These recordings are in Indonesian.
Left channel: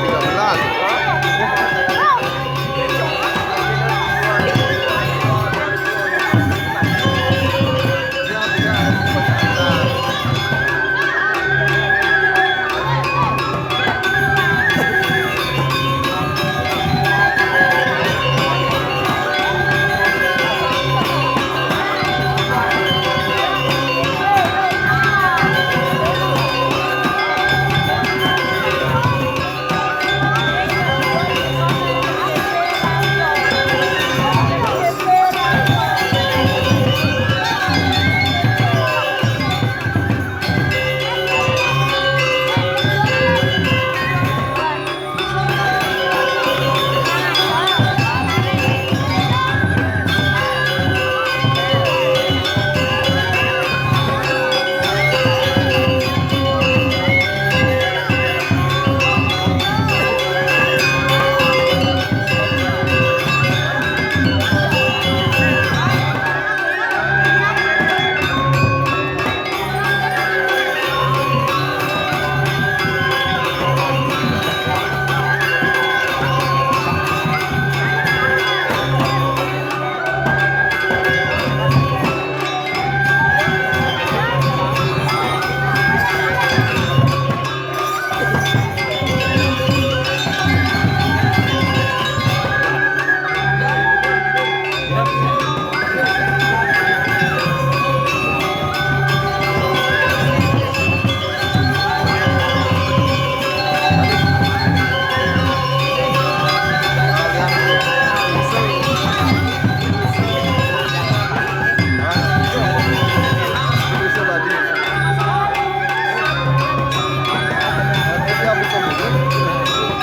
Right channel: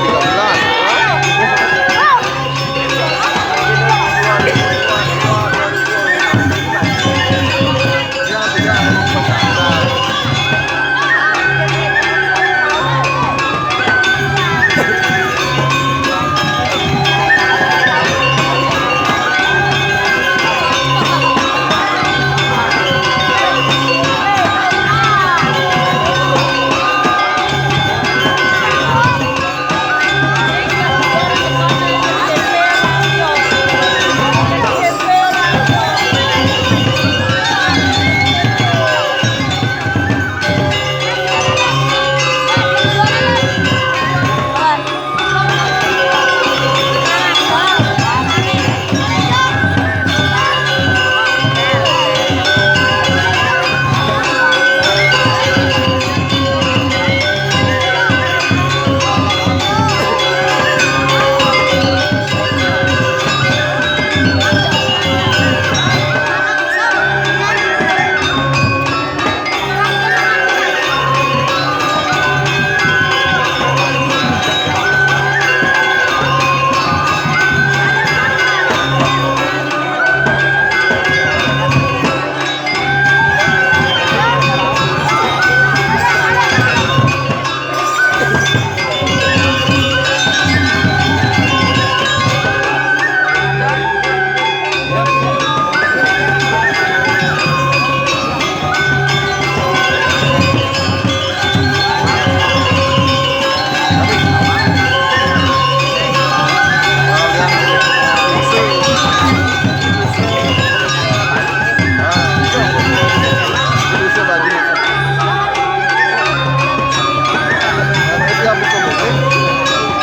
2013. Dia tidak ada pesantren.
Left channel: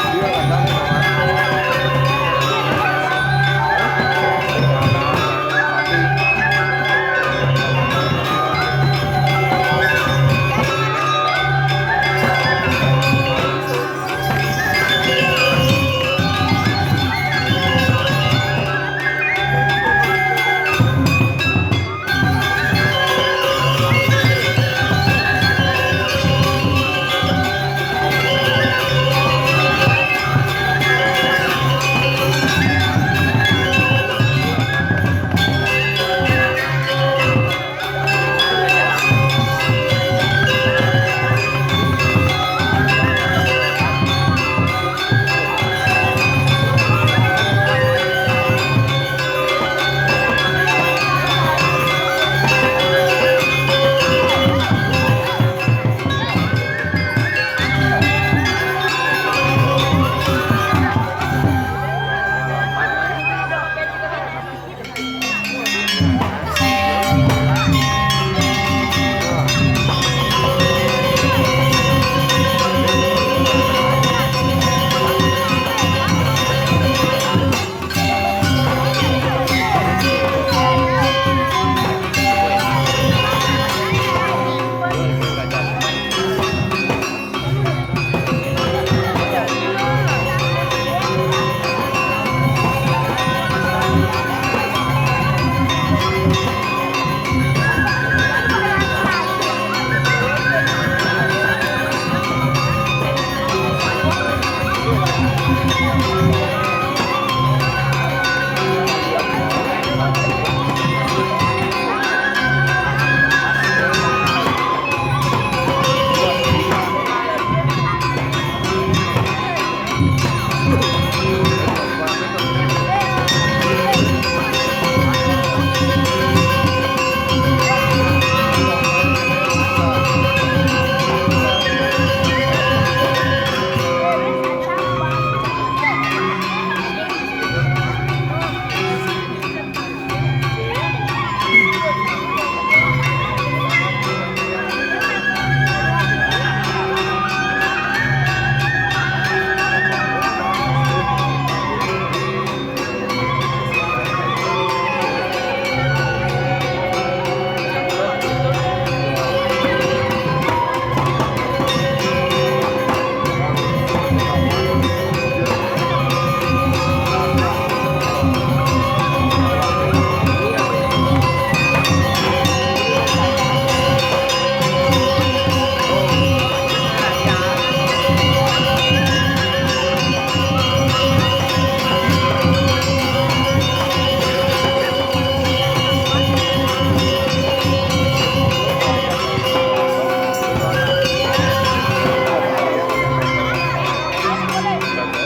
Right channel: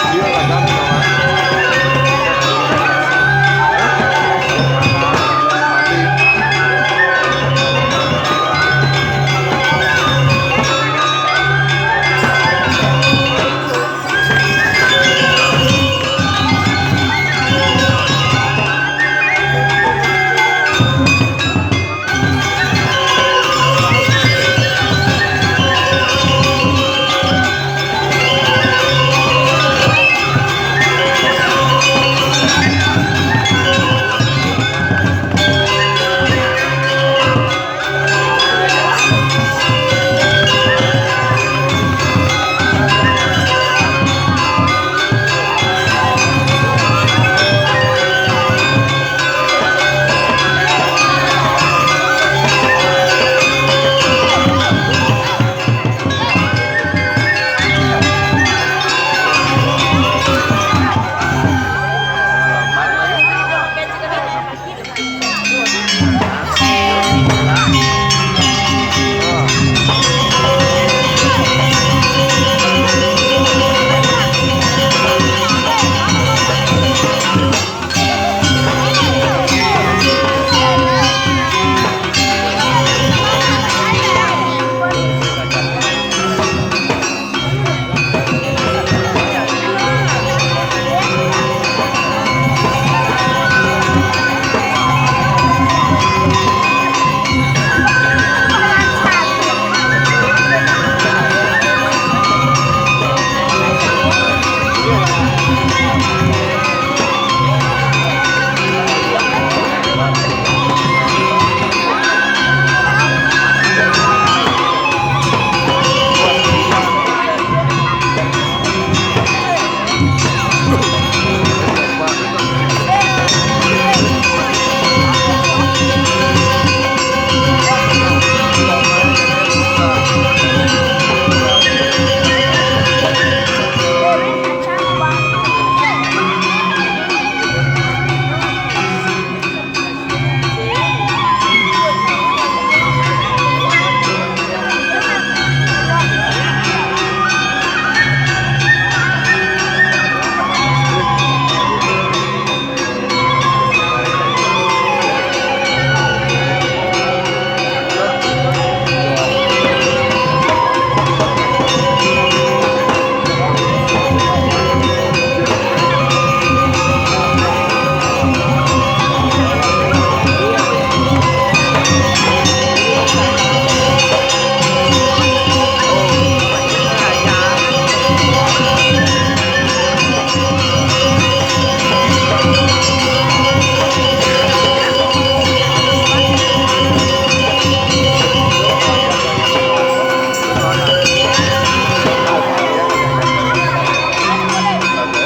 Dia kadang sama mati.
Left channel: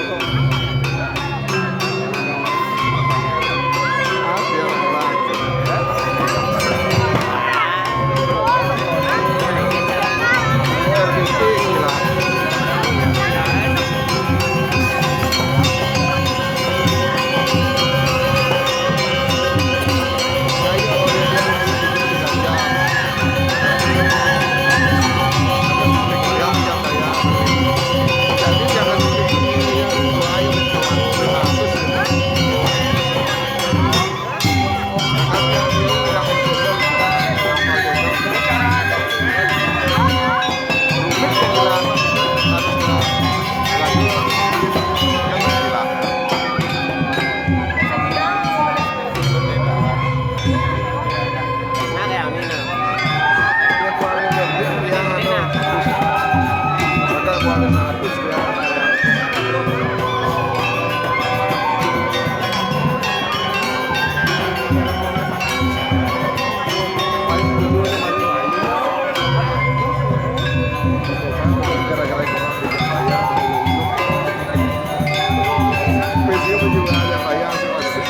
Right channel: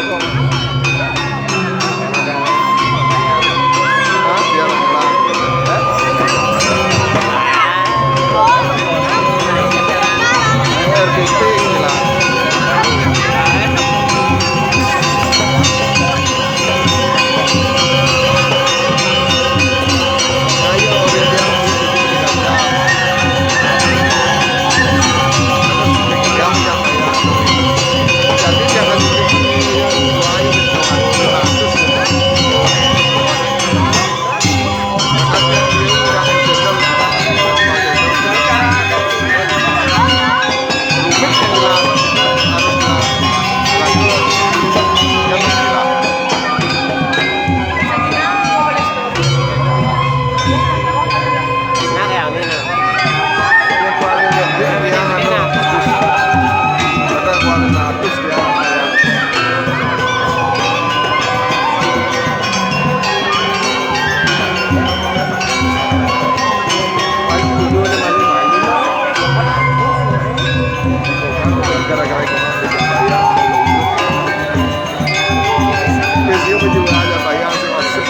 Hah? Dia lah. RBP gila. Kayo orang dia video di dalam. Terus dia macam saya. Jadi jangan buah ayo mencoba 500. Makanya dia udah menjendel sudah rumit yang dilarang itu harusnya lagu dia bergila. Dia kualin dia anu atus. Maka kualin atus dia kayak gara-gara ekonomi di Jambaya video menjual Jambaya masuk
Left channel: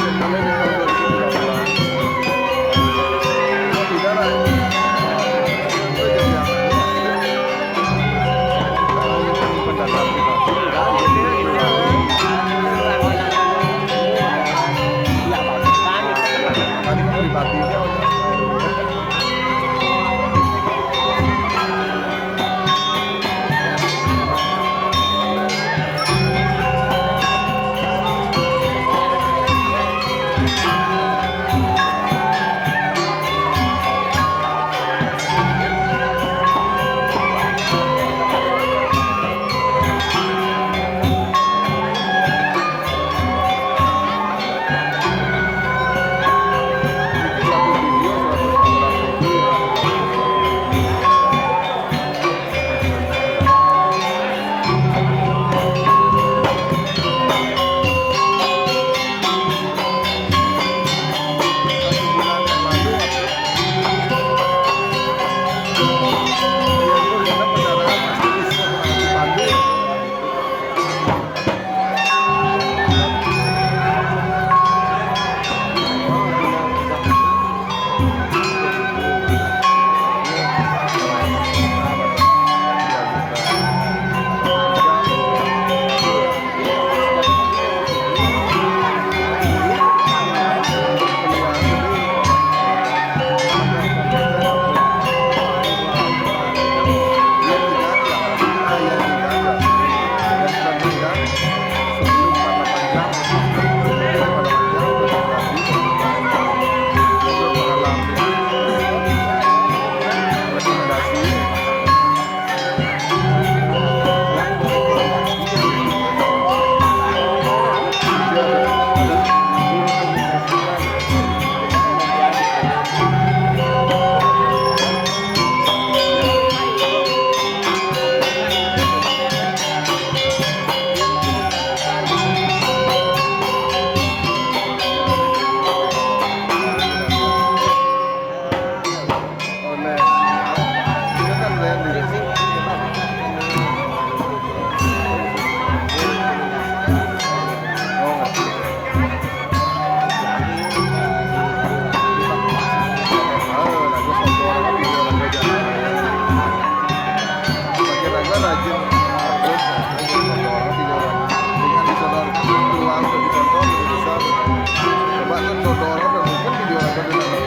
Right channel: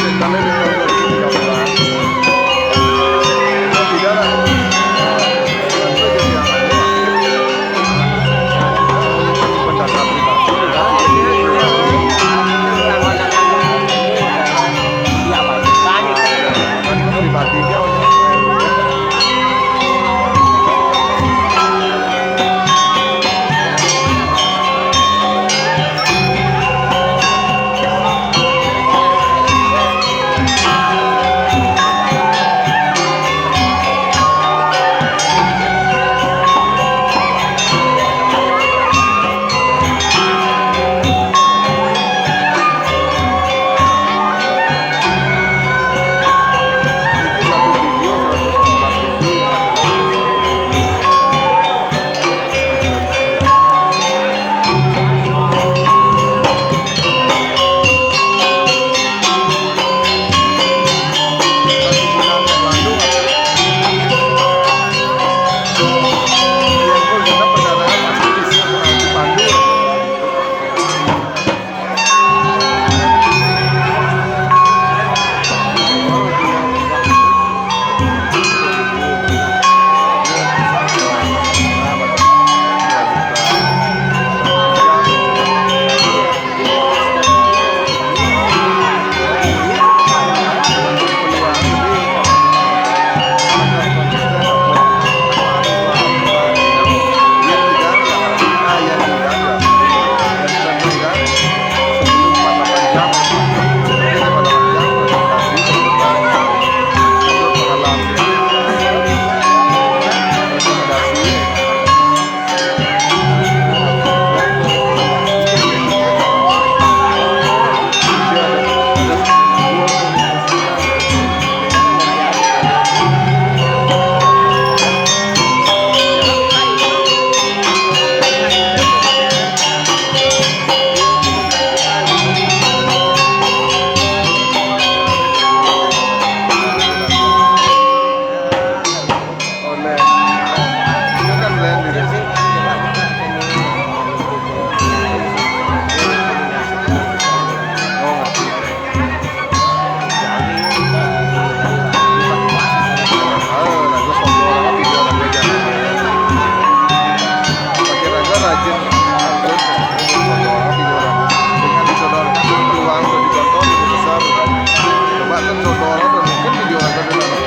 jendelnya di tahun 2013. Oh, tidak lah. Itu jadi yang anu, menyimpan data pribadi. Makanya ke pribadinya udah. Satu video 116.000 yang ada satu video. Satu bulan yang lalu aku yang pun kita perjalanan masih bisa kenal dipandu sebelum 48 jam lebih 48 jam rekomendasi untuk mengalami rekomendasi dia ada oleh itu kan land di sini. Oh ngerti. Lagu sombong orang video lagu jangan. Pakai raga rajin upload sombong orang video orang. Dengan disodorkan peluang untuk ditonton lebih besar. Coba kan sodor dan mungkin video raga dan anak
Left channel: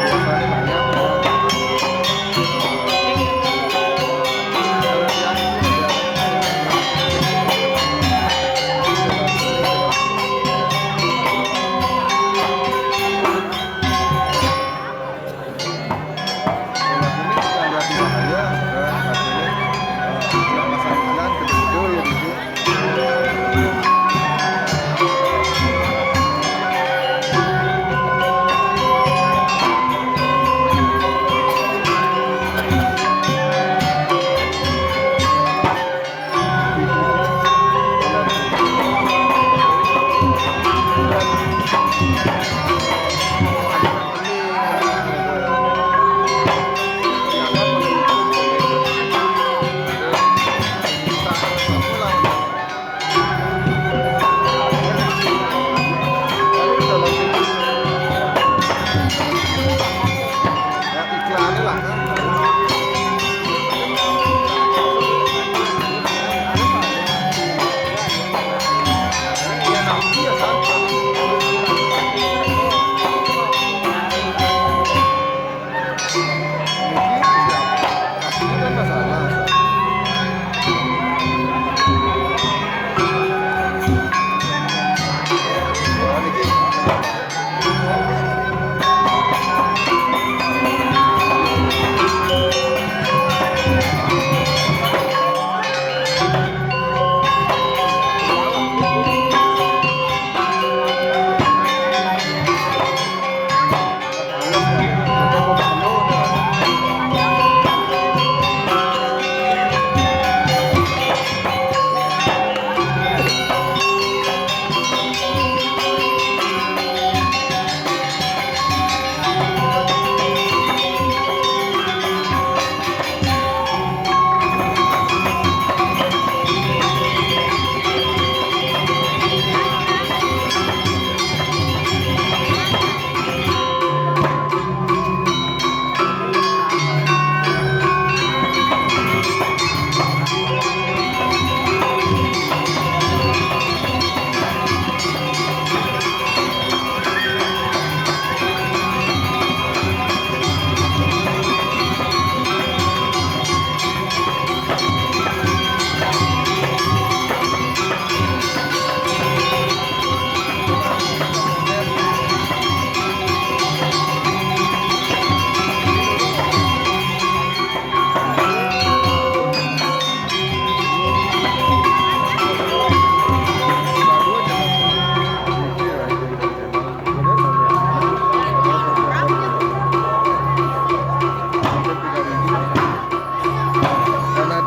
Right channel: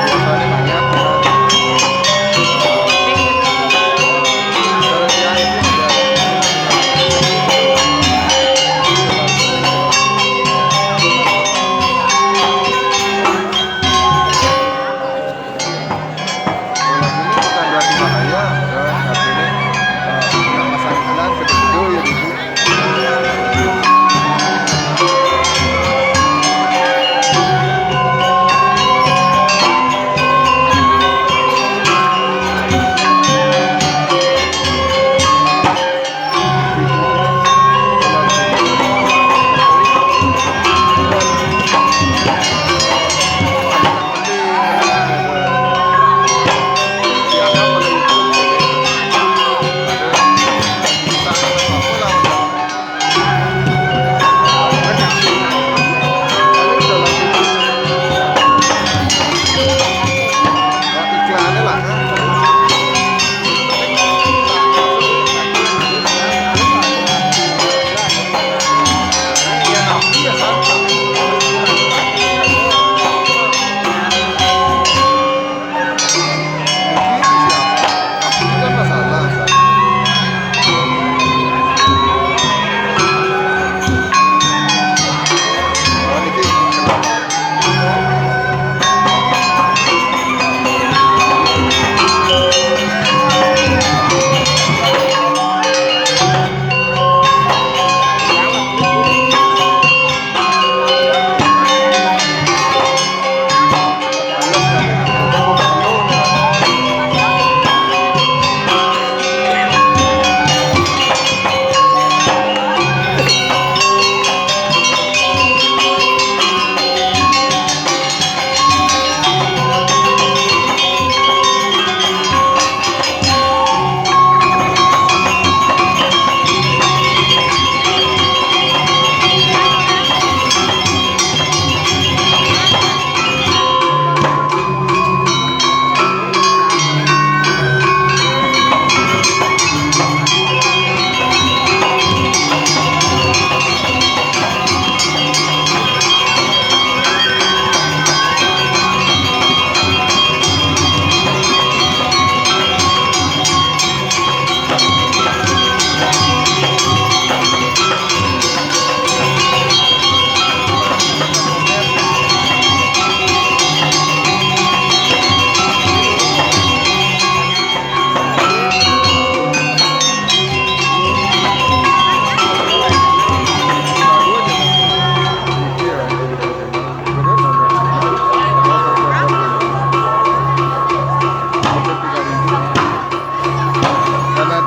biasanya nanya pernah cara dia itu udah kalau ini bukan berarti bahaya kan artinya nggak pasang iklan kedua-kedua ya gitu. Iklannya lah kan. Ya napi ya kan. Mungkin siapa? Napi kan masalah kan. Oh ini kenapa?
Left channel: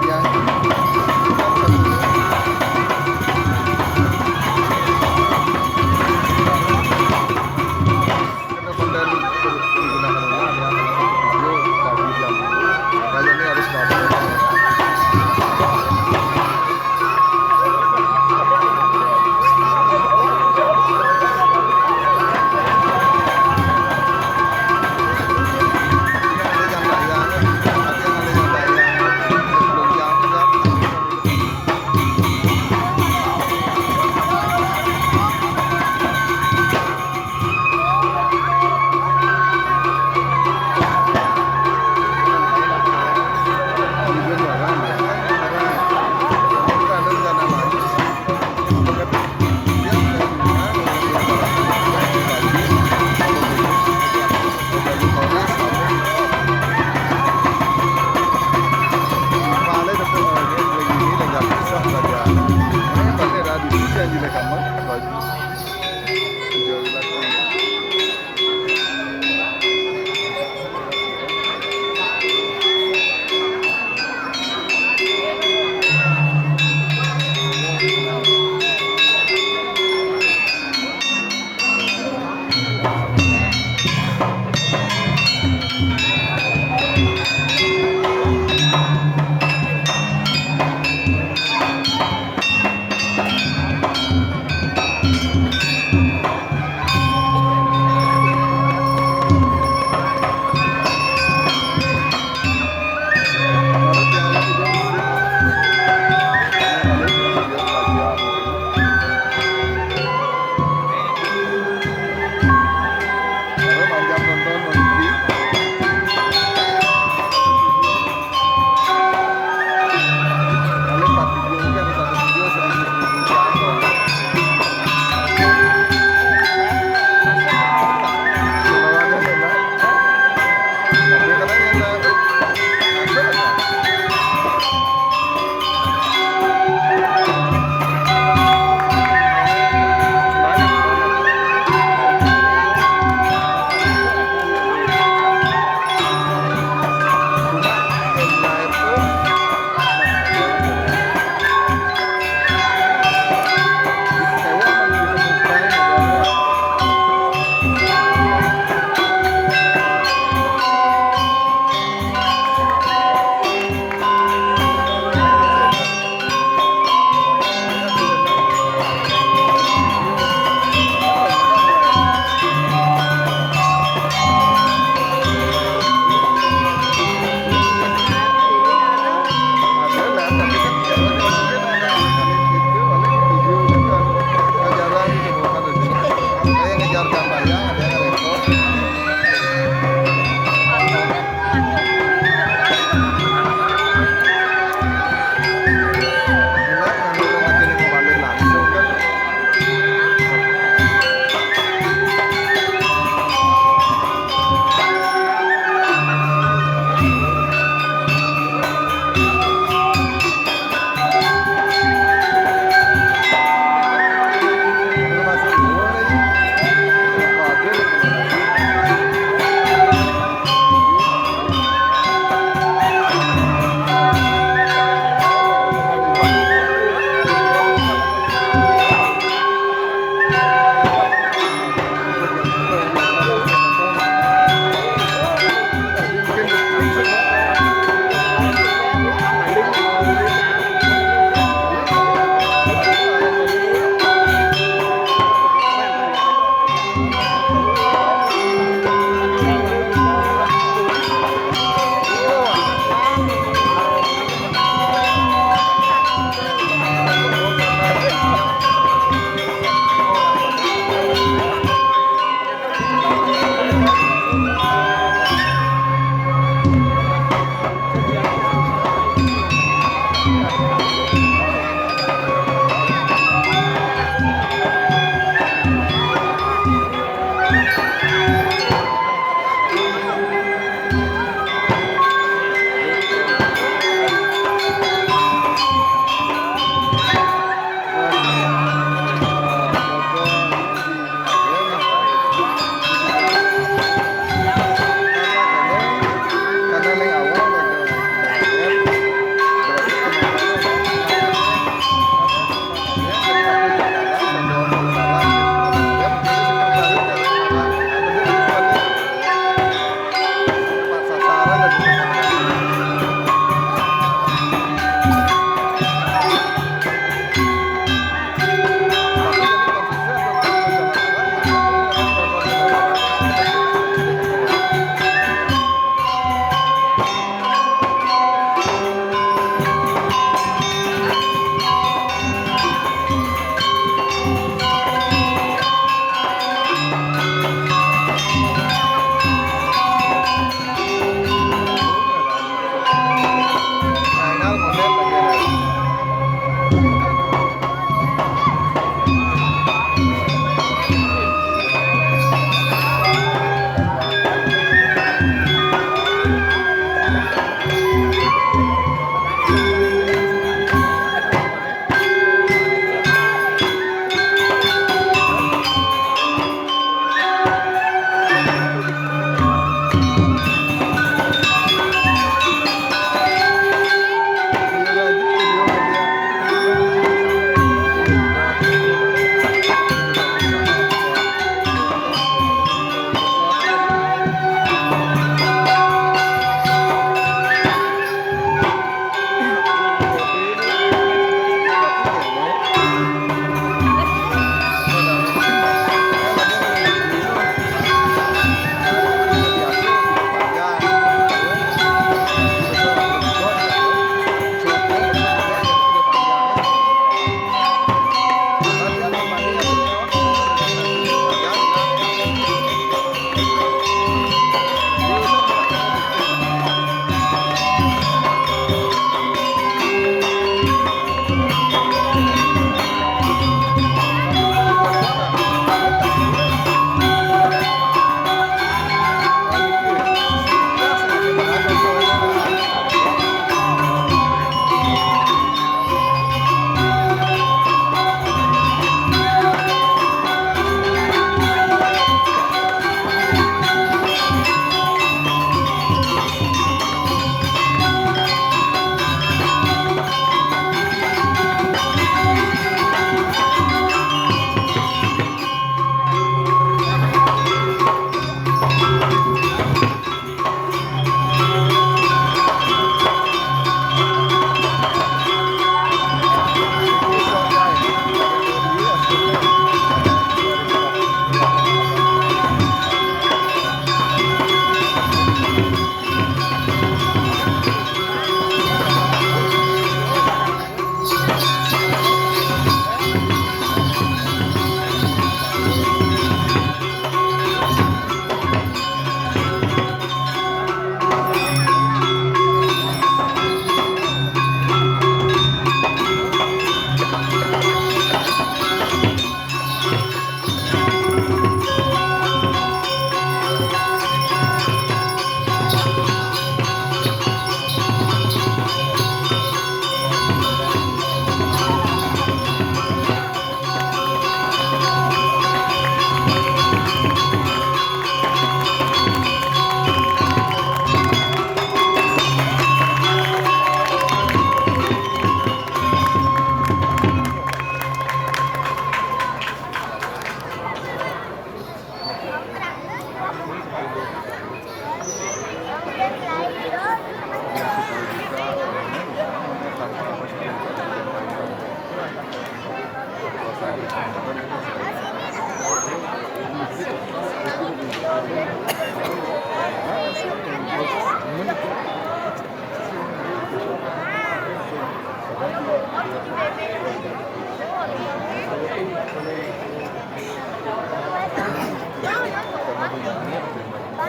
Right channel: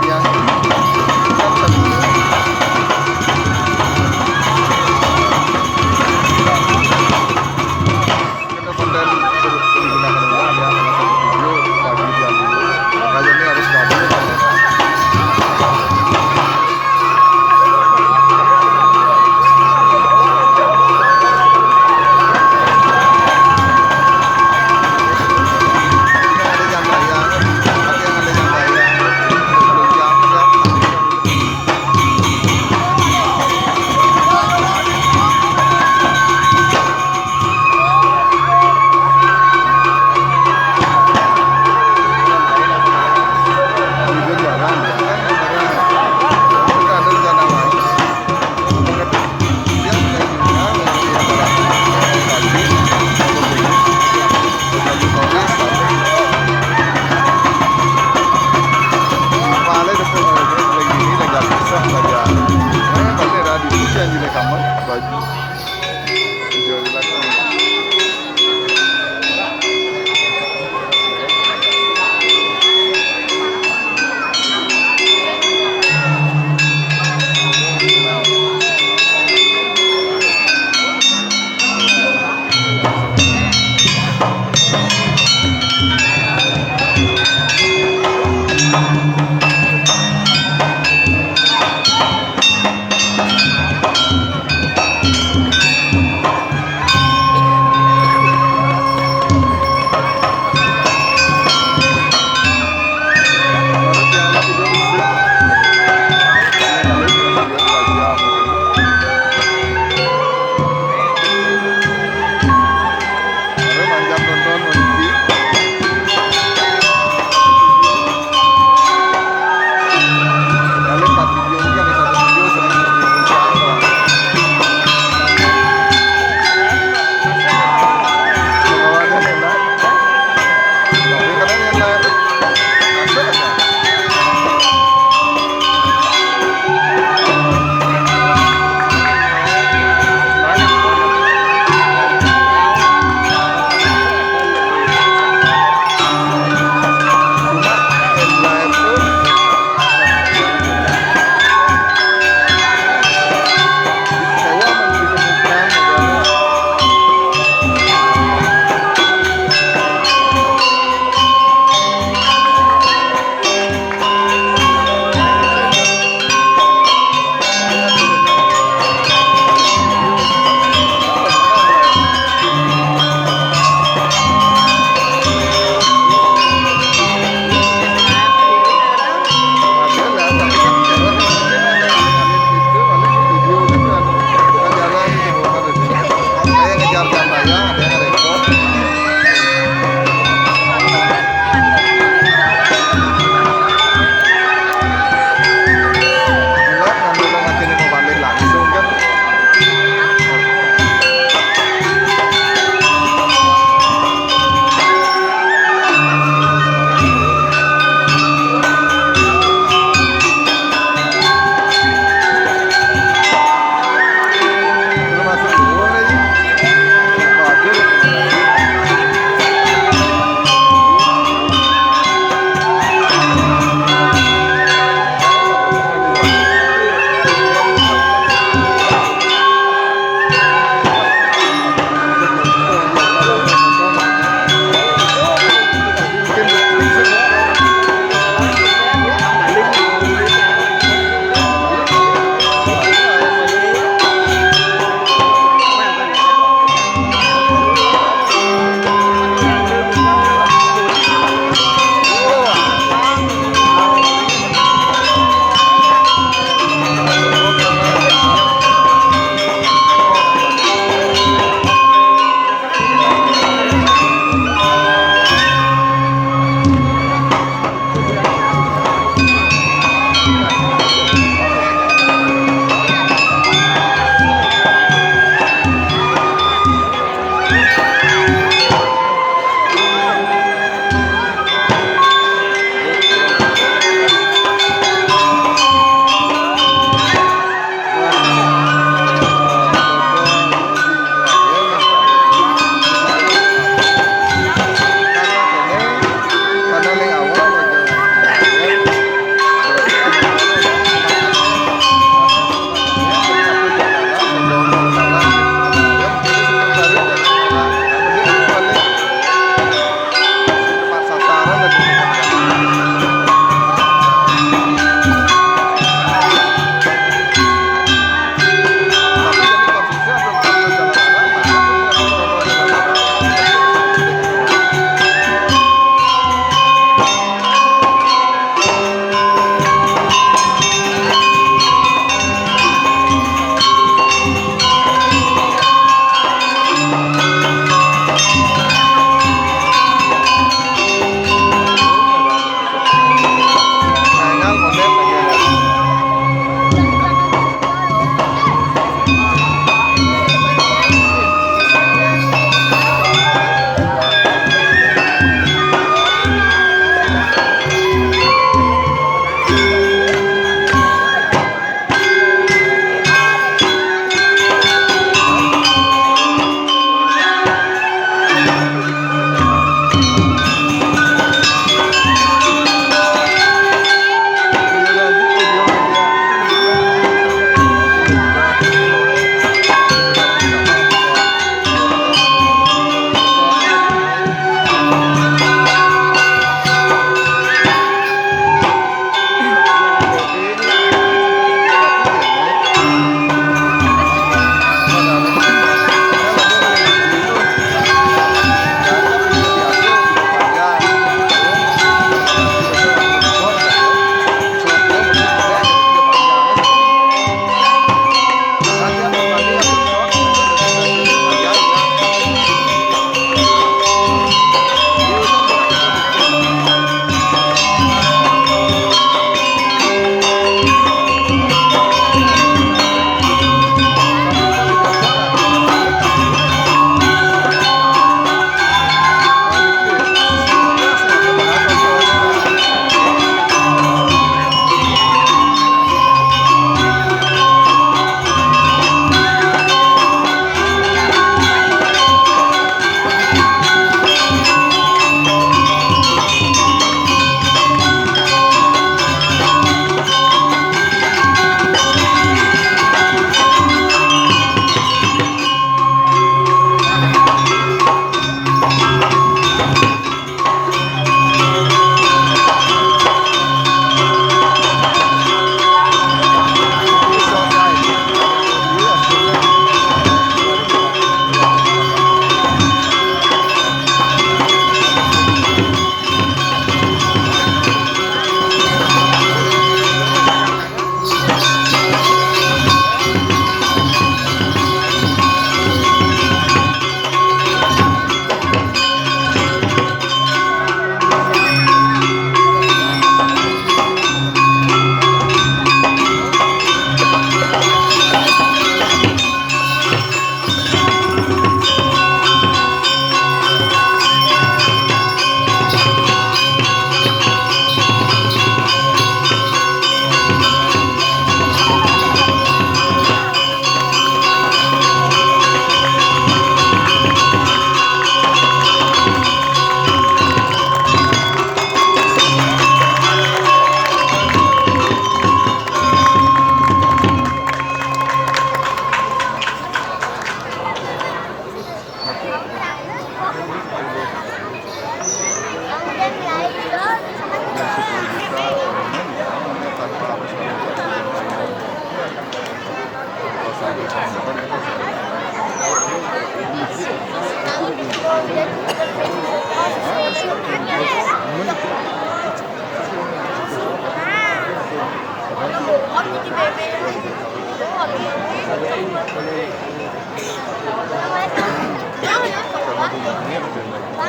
dia kan satu karena konten digunakan ulang ya salah satu video pagi dia dulu makanya ini harus ganti kamera. Barang ya kan barang mereka ada rencana lain mereka dia juga mengambil barang pagi atau besok pagi sore sampai malah depan lagi ini nggak bisa saja makanya pasti ada di hujan di kamar baju hijau di belakang. Kali 4 video mungkin ada satu video 1000 jam lah. Kalau ada enak, tapi kadang enak ada aja. Cuma enak itu tapi kan cewek mungkin ada ngalin gitu paling video gitu kan jarang ditemukan itu kayak ngejar jambaya ada yang ngerekod enak ngandulan macam ini mau balik langsung kan. Masuk dulu lagi wajar Tapi jadi konsisten untuk jalan arah, nah itu bukan protokol jalan arah. Engal monet lagi ada. Video media. Yang 10 juta permanen ya, namanya tanpa harus ada yang bayar. Tanpa satu penghebat kita cari. Karena bunganya rekomendasi.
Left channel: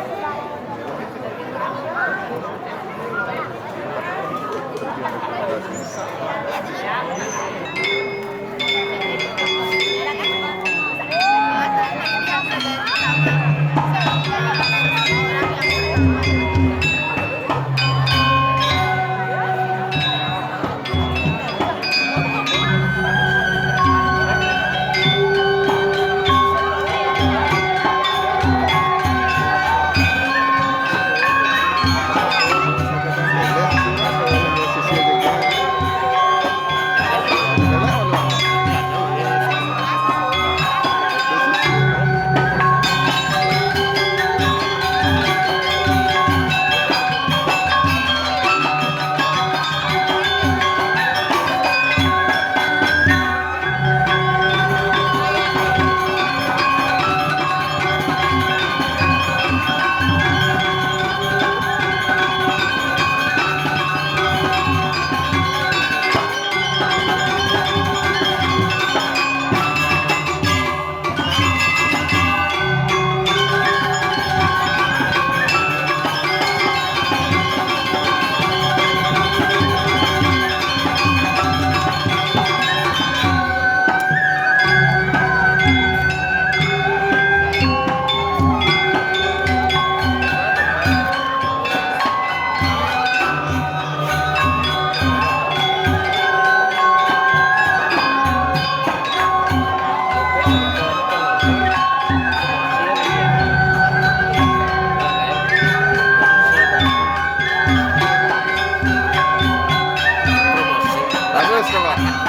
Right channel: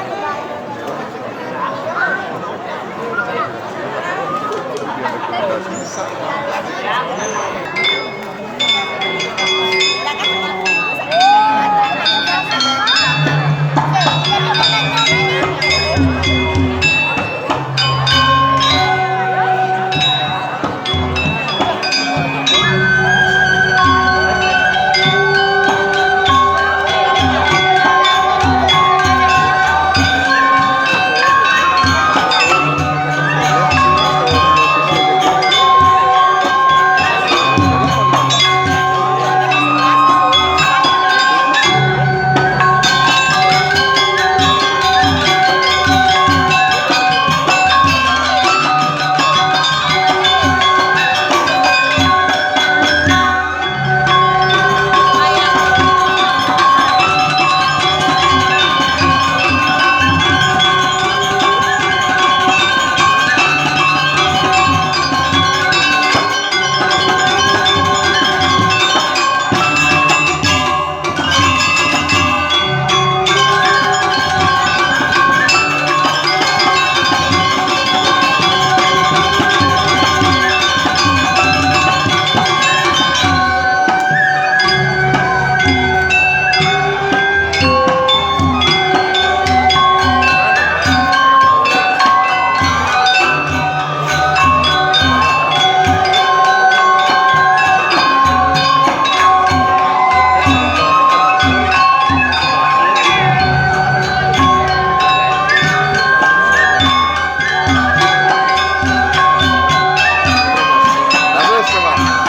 terus coba.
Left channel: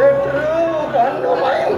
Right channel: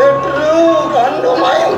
Sedru Gandumai.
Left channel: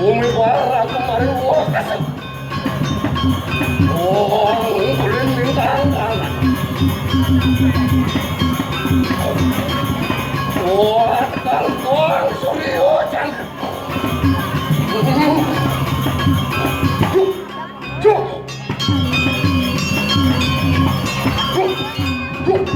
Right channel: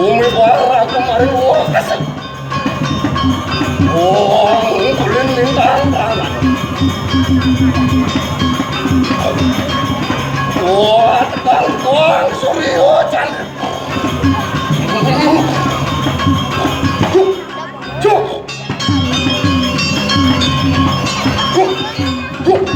Bumi para kemarin wah kasih. Oh, kulin bintang tangan. Wah, tangkuang Suryo cantik. Cuk, cuk, cuk,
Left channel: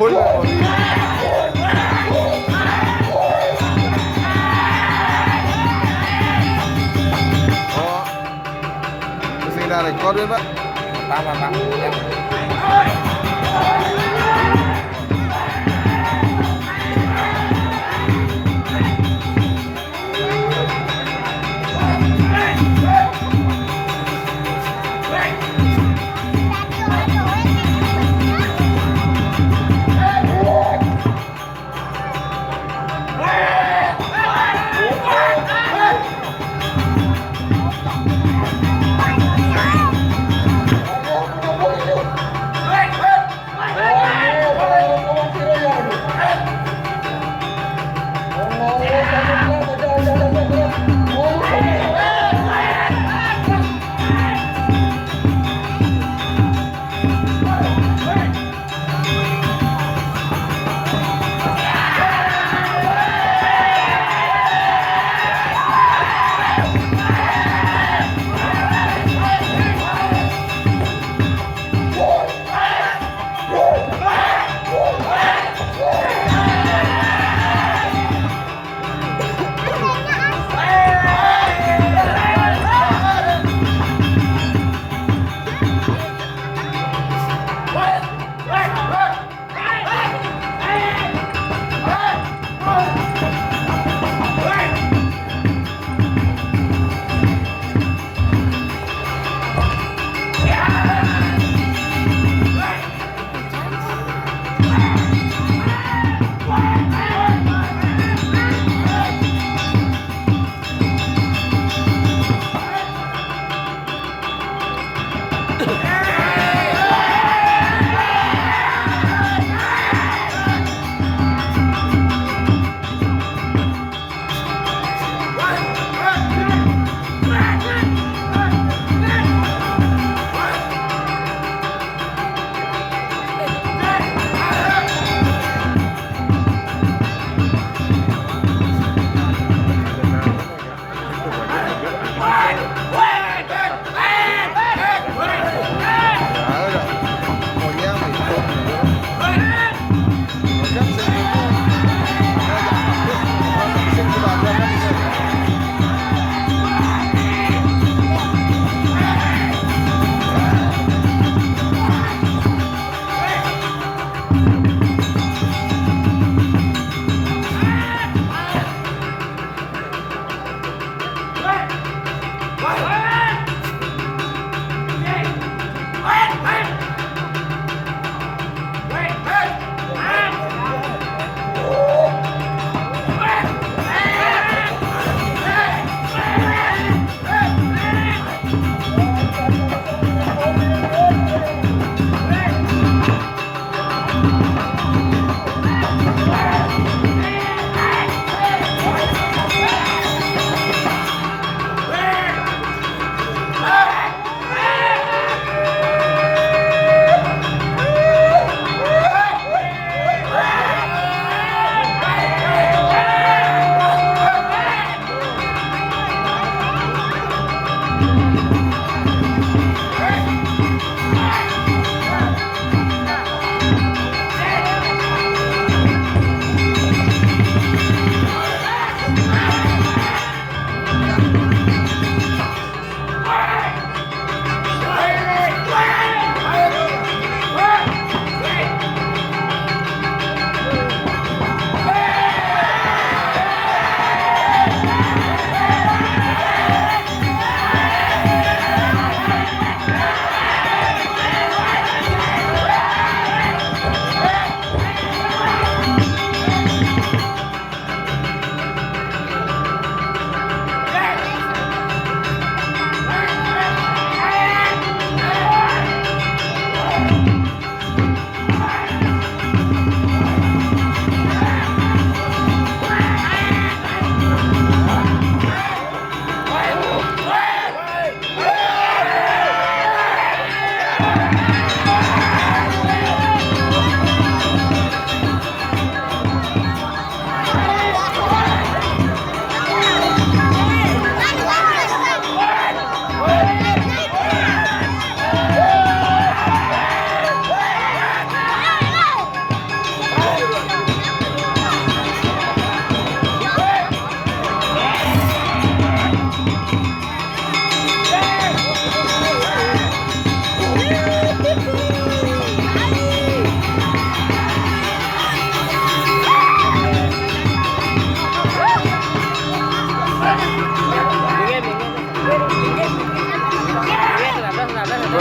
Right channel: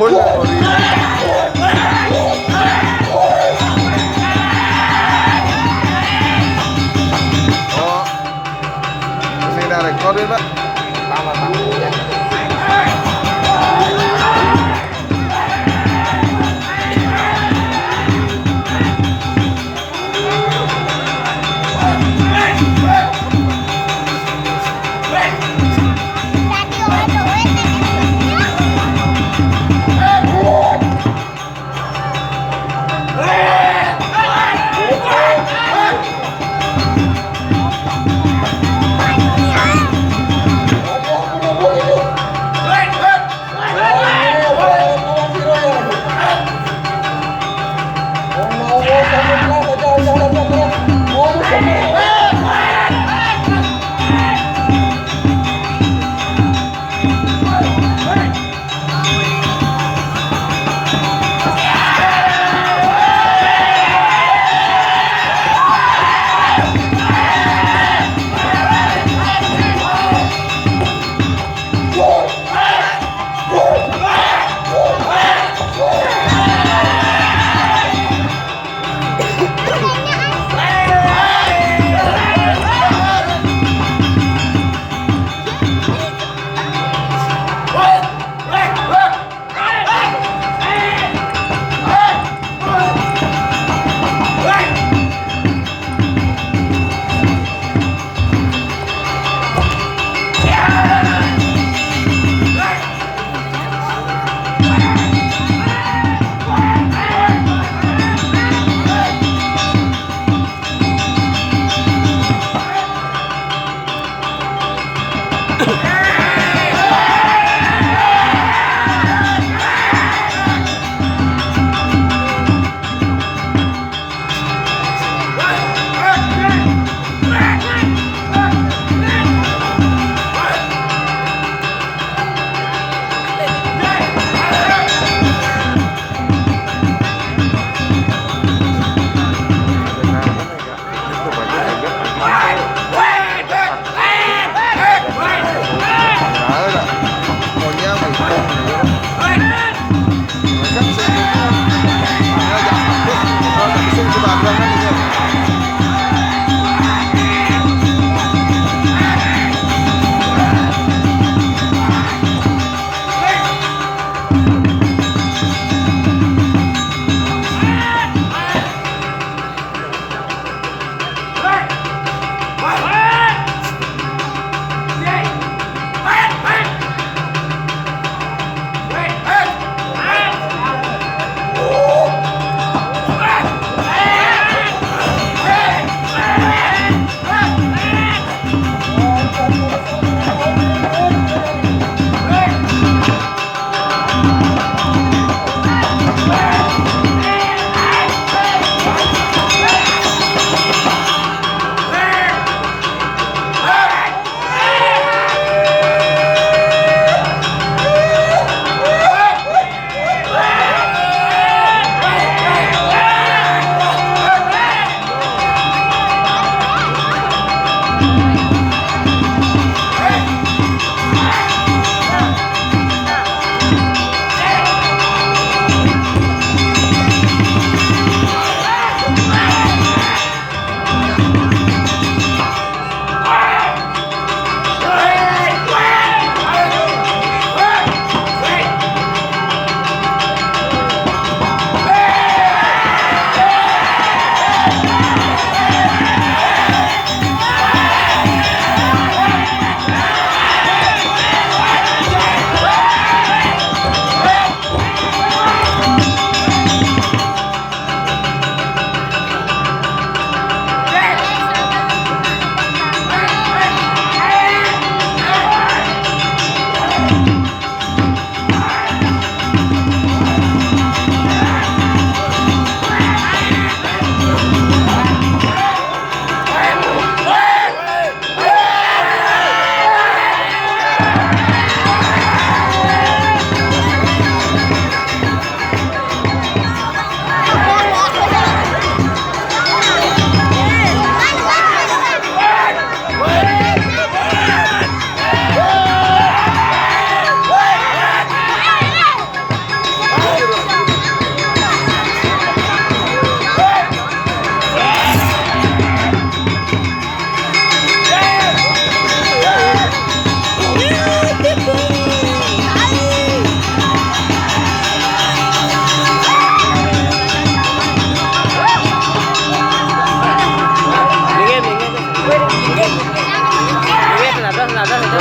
full ori. Oh, kasi na-record yun ba? Tama, tama. Hey! sudah ada kan ini.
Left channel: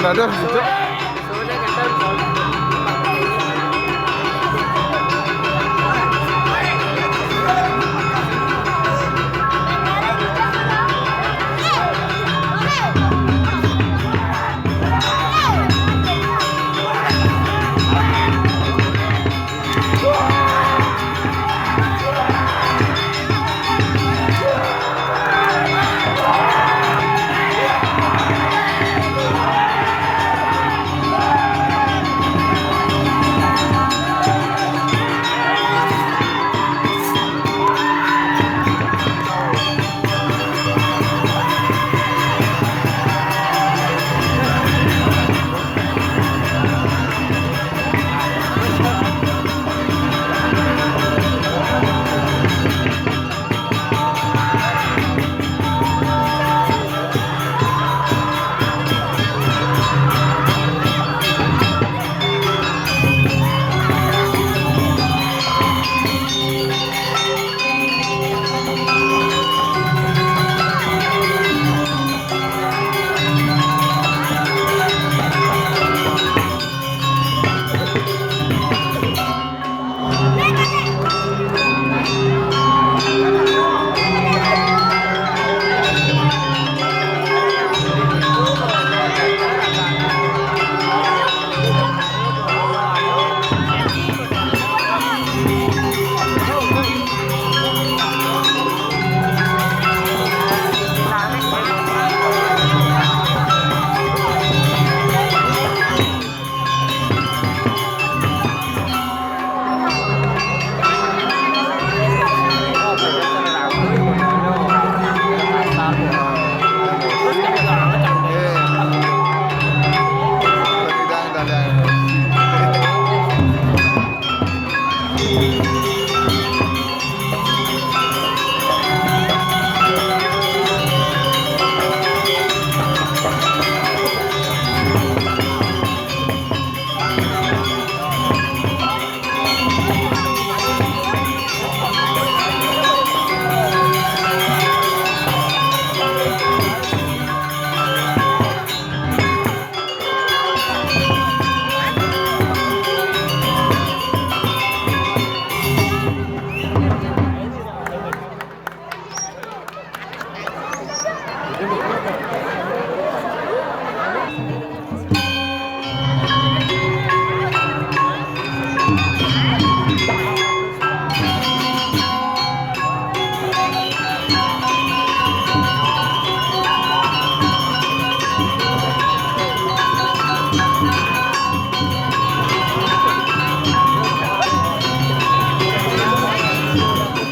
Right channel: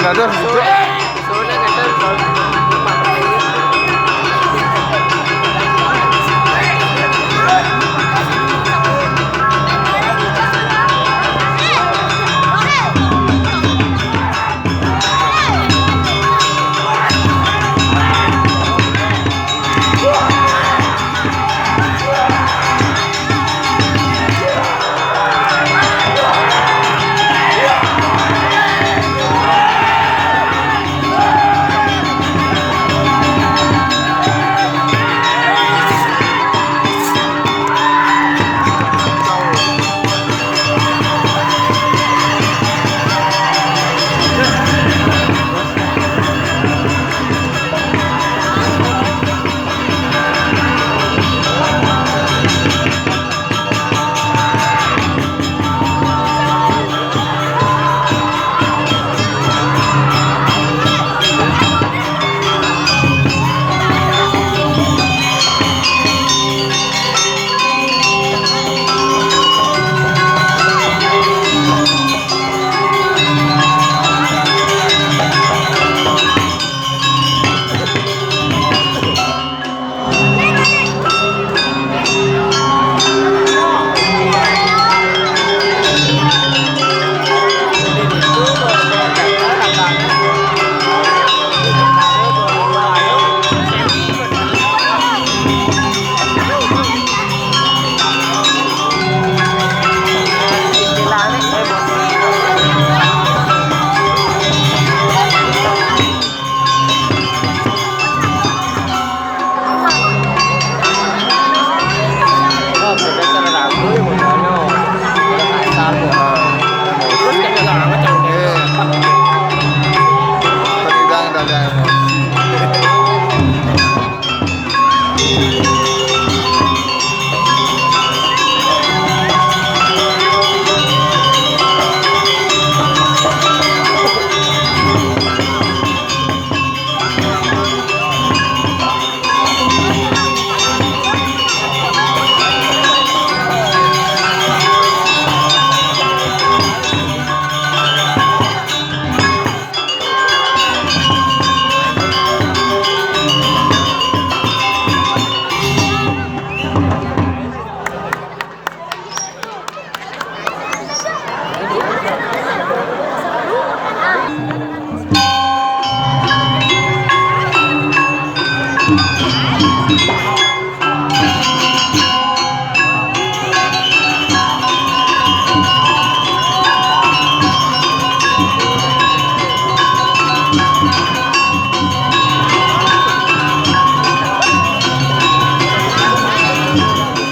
Ada hijau. Soalnya kata soal tempat ini.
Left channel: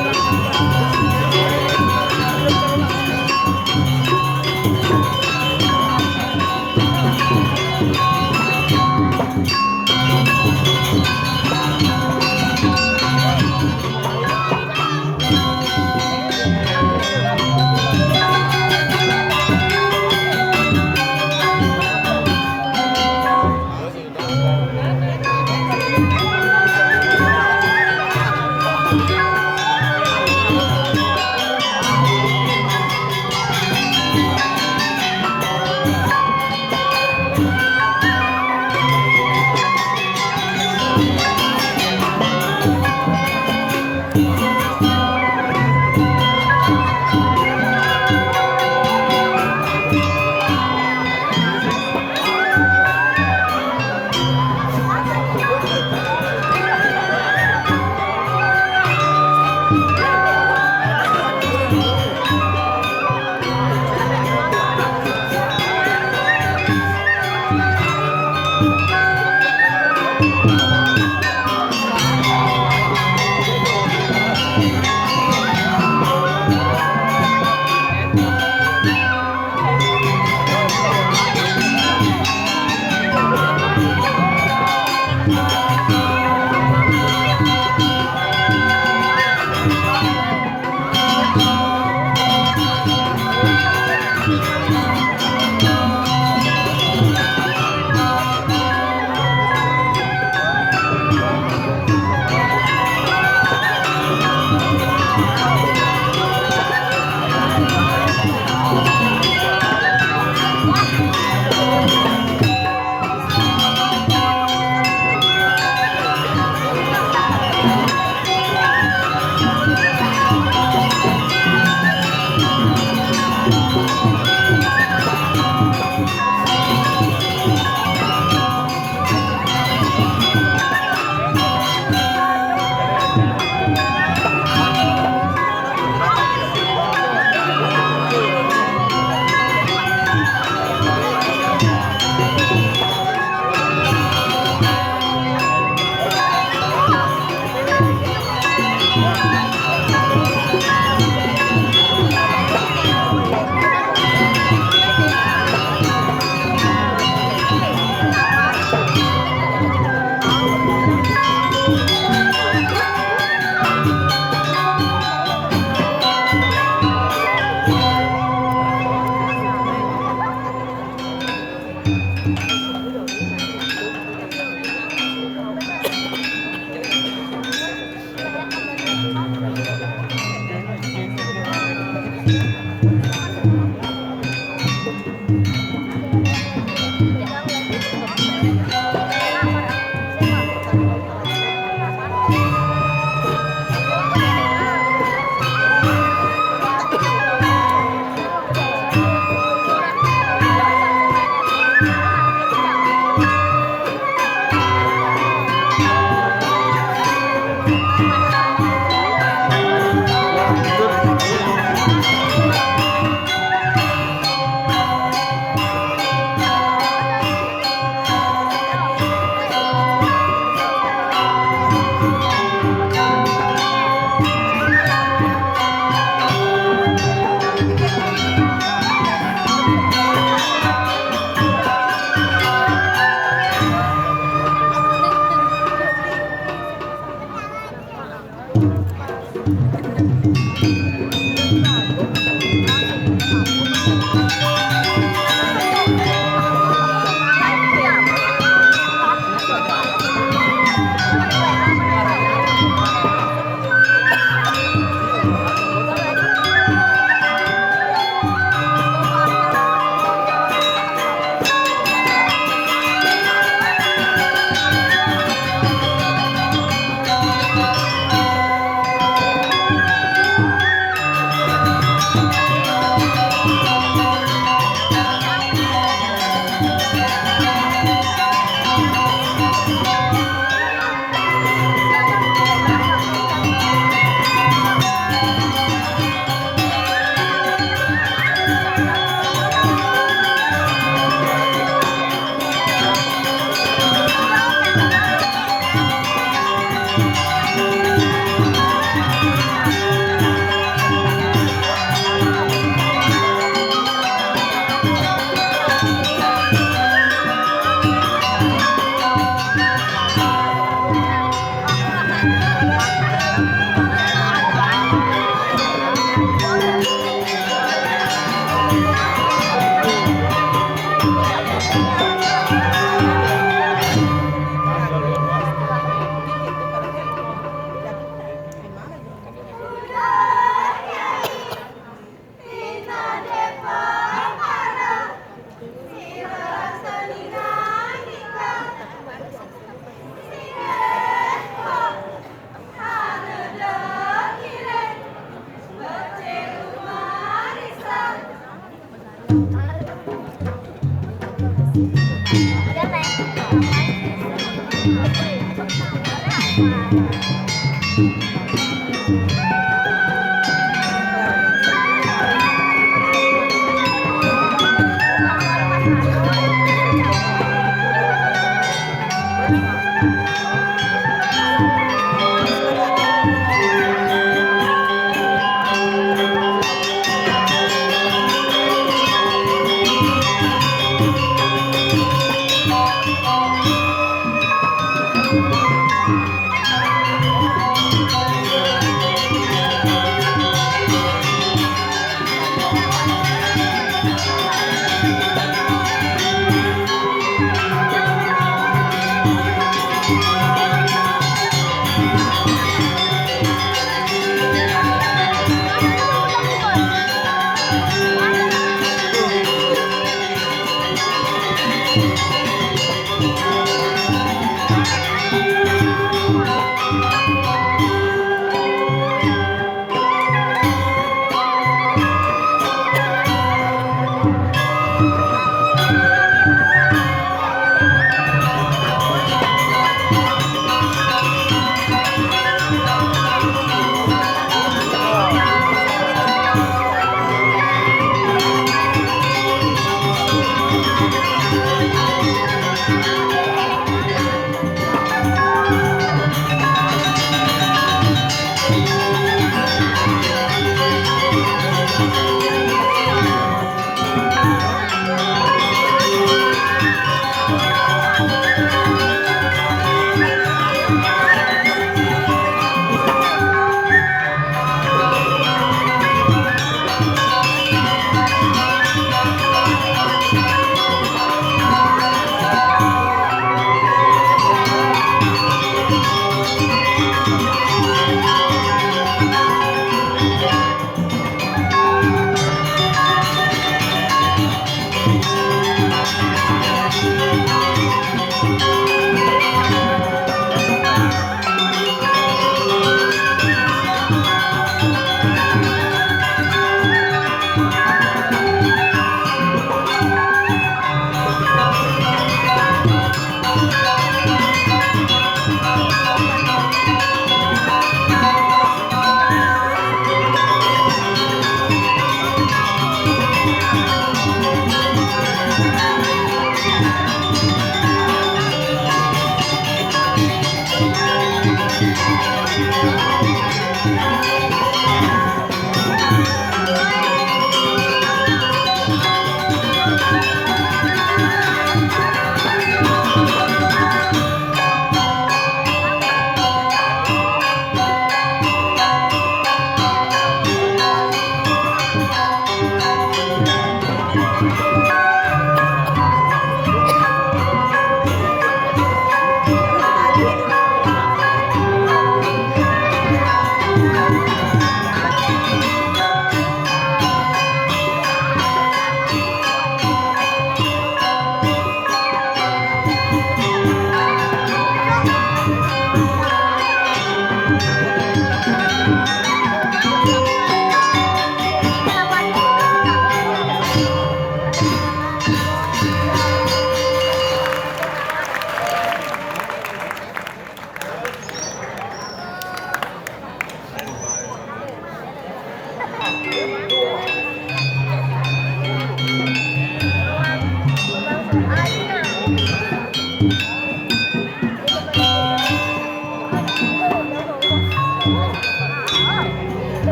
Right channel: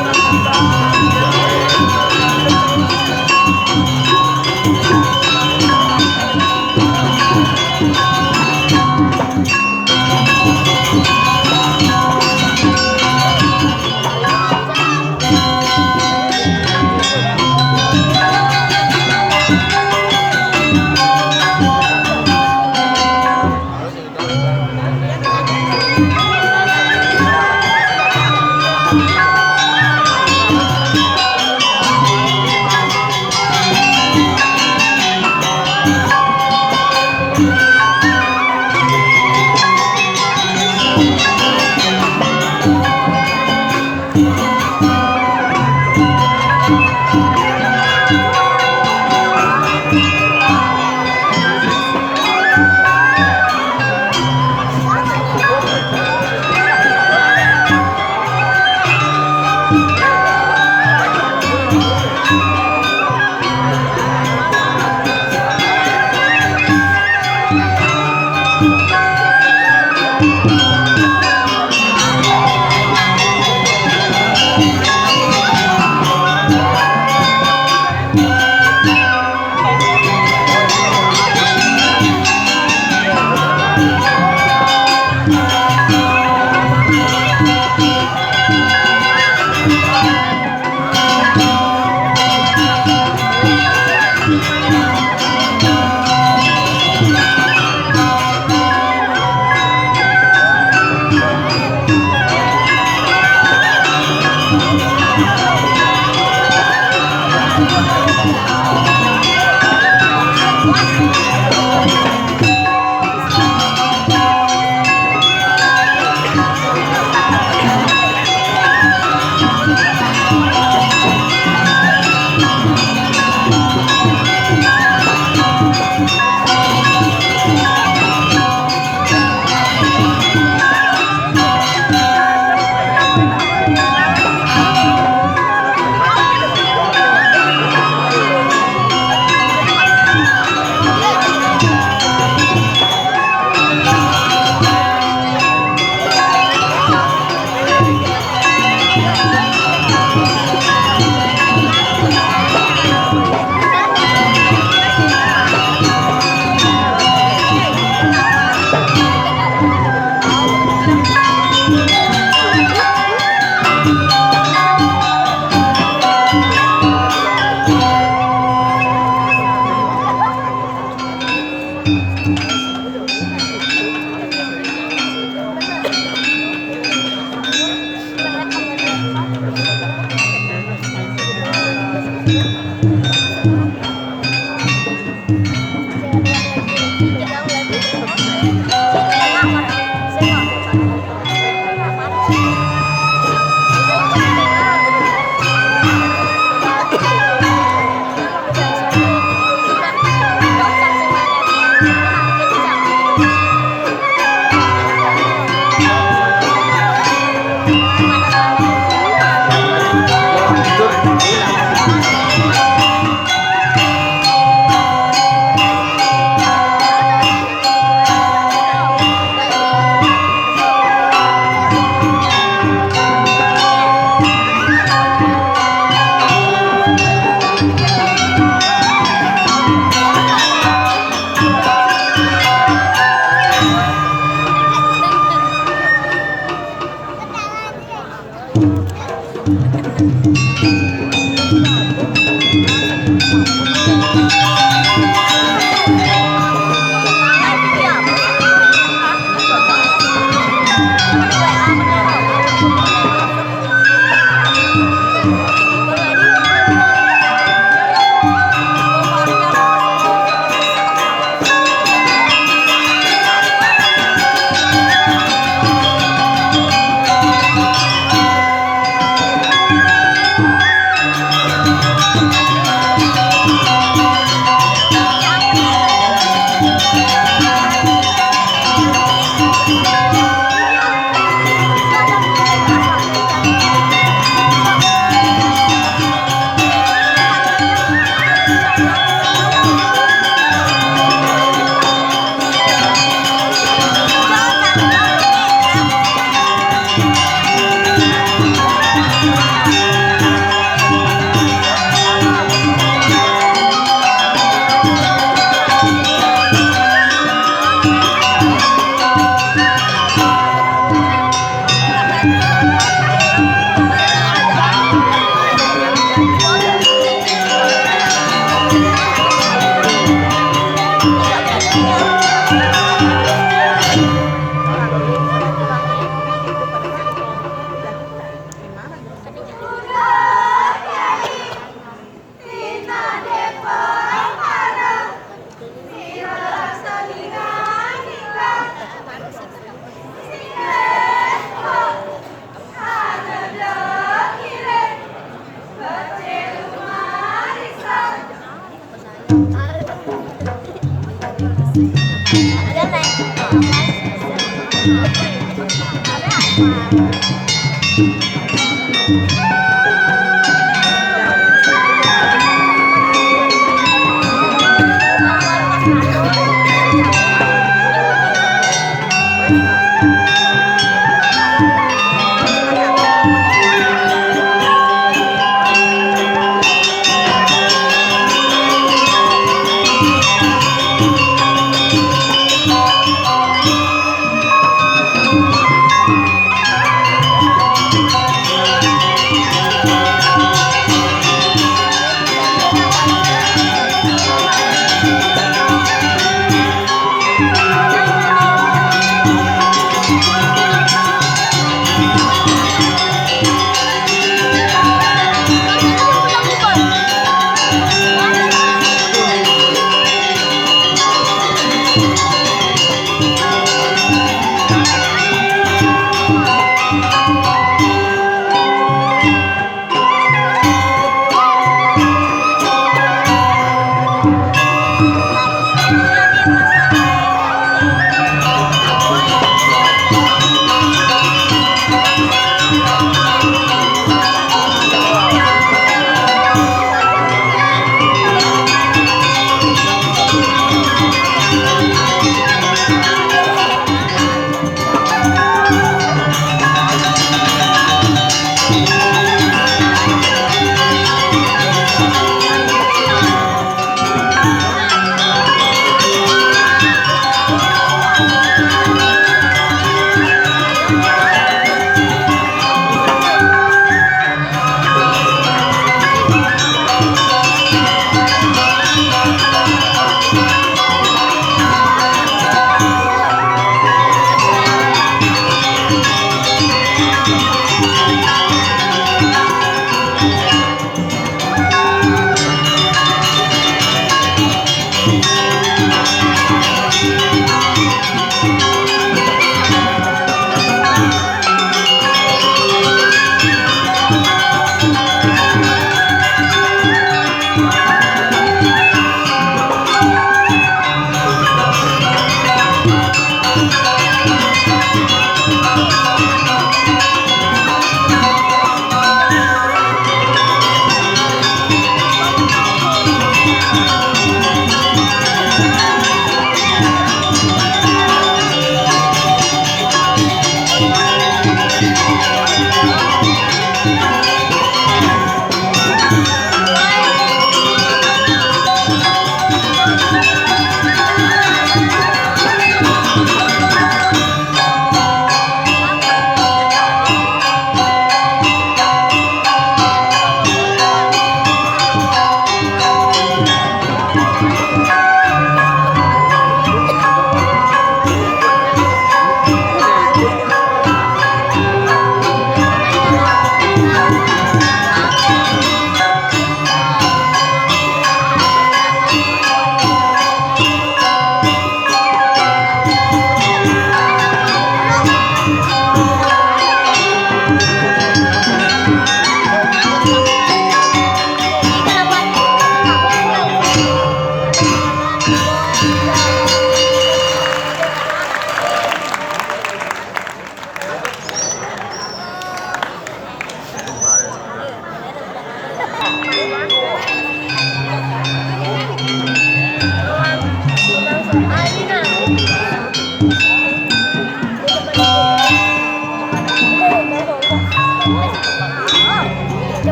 Thank you.